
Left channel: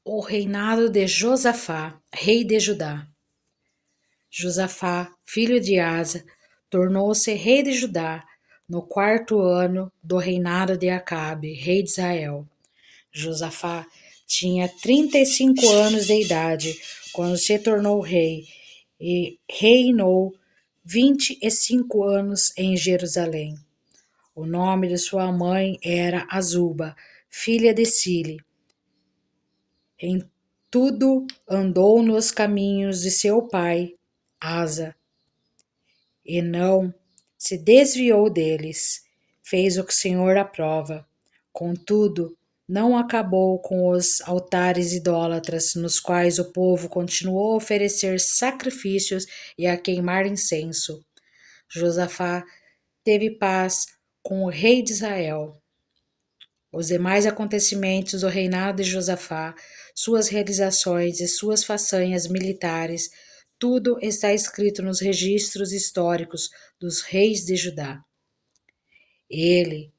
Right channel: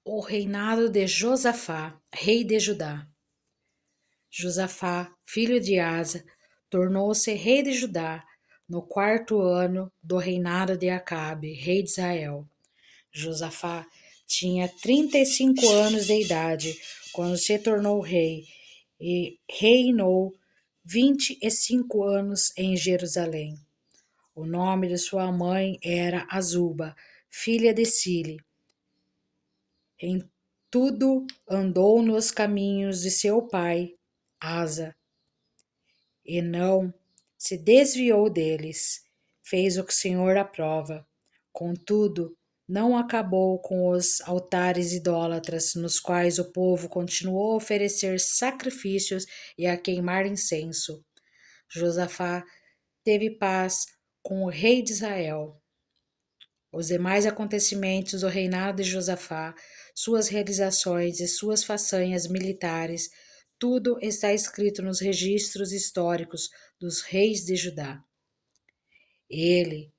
O reinado de Josafá, rei de Judá. Josafá, filho de Asa, tornou-se rei de Judá no 4º ano do reinado de Acabe, rei de Israel. Josafá tinha 35 anos de idade quando se tornou rei e reinou 25 anos em Jerusalém. O nome de sua mãe era Azuba, filha de Sile. Em tudo andou nos caminhos de seu pai, Asa, e não se desviou deles. Fez o que o Senhor aprova. Contudo, não acabou com os altares idólatras, nos quais o povo continuou a oferecer sacrifícios e a queimar incenso. Josafá teve paz com o rei de Israel. Os demais acontecimentos do reinado de Josafá, suas realizações e suas façanhas militares, tudo está escrito nos registros históricos dos reis de Judá. Ele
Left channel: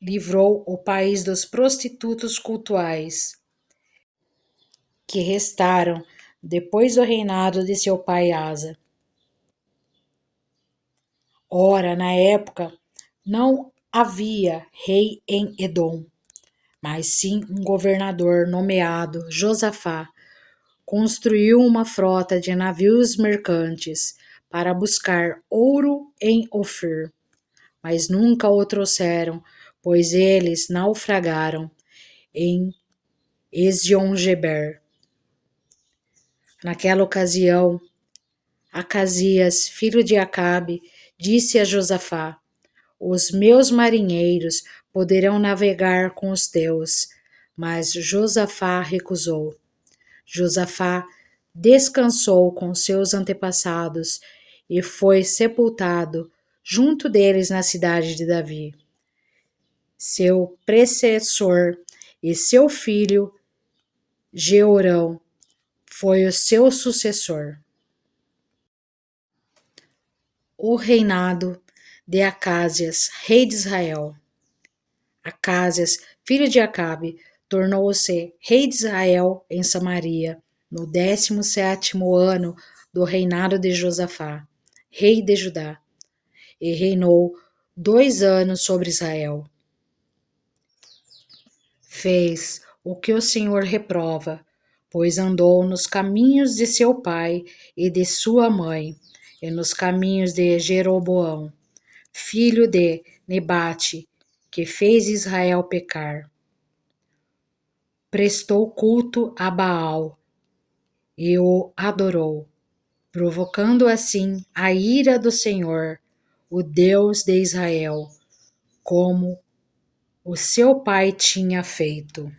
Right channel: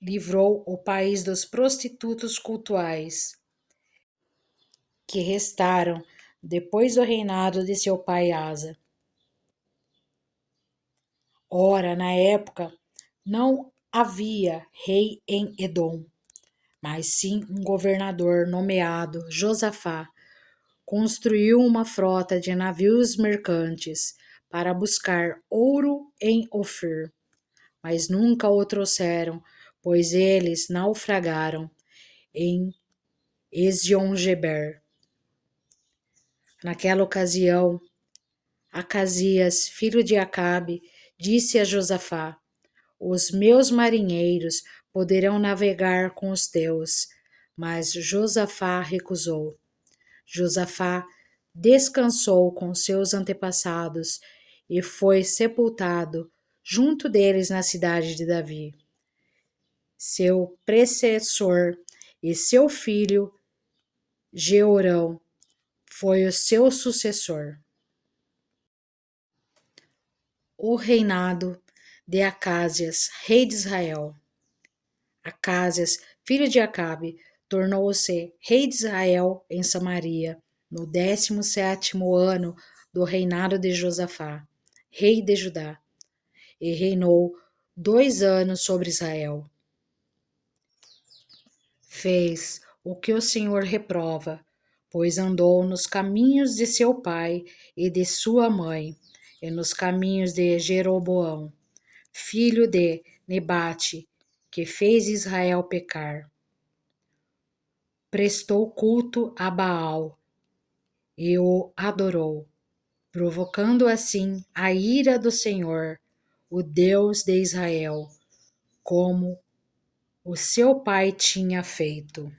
livrou o país dos prostitutos cultuais que restaram depois do reinado de seu pai Asa. Ora, na época, não havia rei em Edom, mas sim um governador nomeado Josafá construiu uma frota de navios mercantes para buscar ouro em Ofir, mas nunca o trouxeram, pois eles naufragaram em Ezion-Geber. Naquela ocasião, Acasias, filho de Acabe, disse a Josafá: os meus marinheiros poderão navegar com os teus. Mas Josafá recusou. Josafá descansou com seus antepassados e foi sepultado junto deles na cidade de Davi. Seu predecessor e seu filho Jeorão foi o seu sucessor. O reinado de Acásias, rei de Israel. Acásias, filho de Acabe, tornou-se rei de Israel em Samaria, no 17º ano do reinado de Josafá, rei de Judá, e reinou 2 anos sobre Israel. Fez o que o Senhor reprova, pois andou nos caminhos de seu pai e de sua mãe, e nos caminhos de Jeroboão, filho de Nebate, que fez Israel pecar. Prestou culto a Baal e o adorou, provocando assim a ira do Senhor, o Deus de Israel, como o seu pai tinha feito.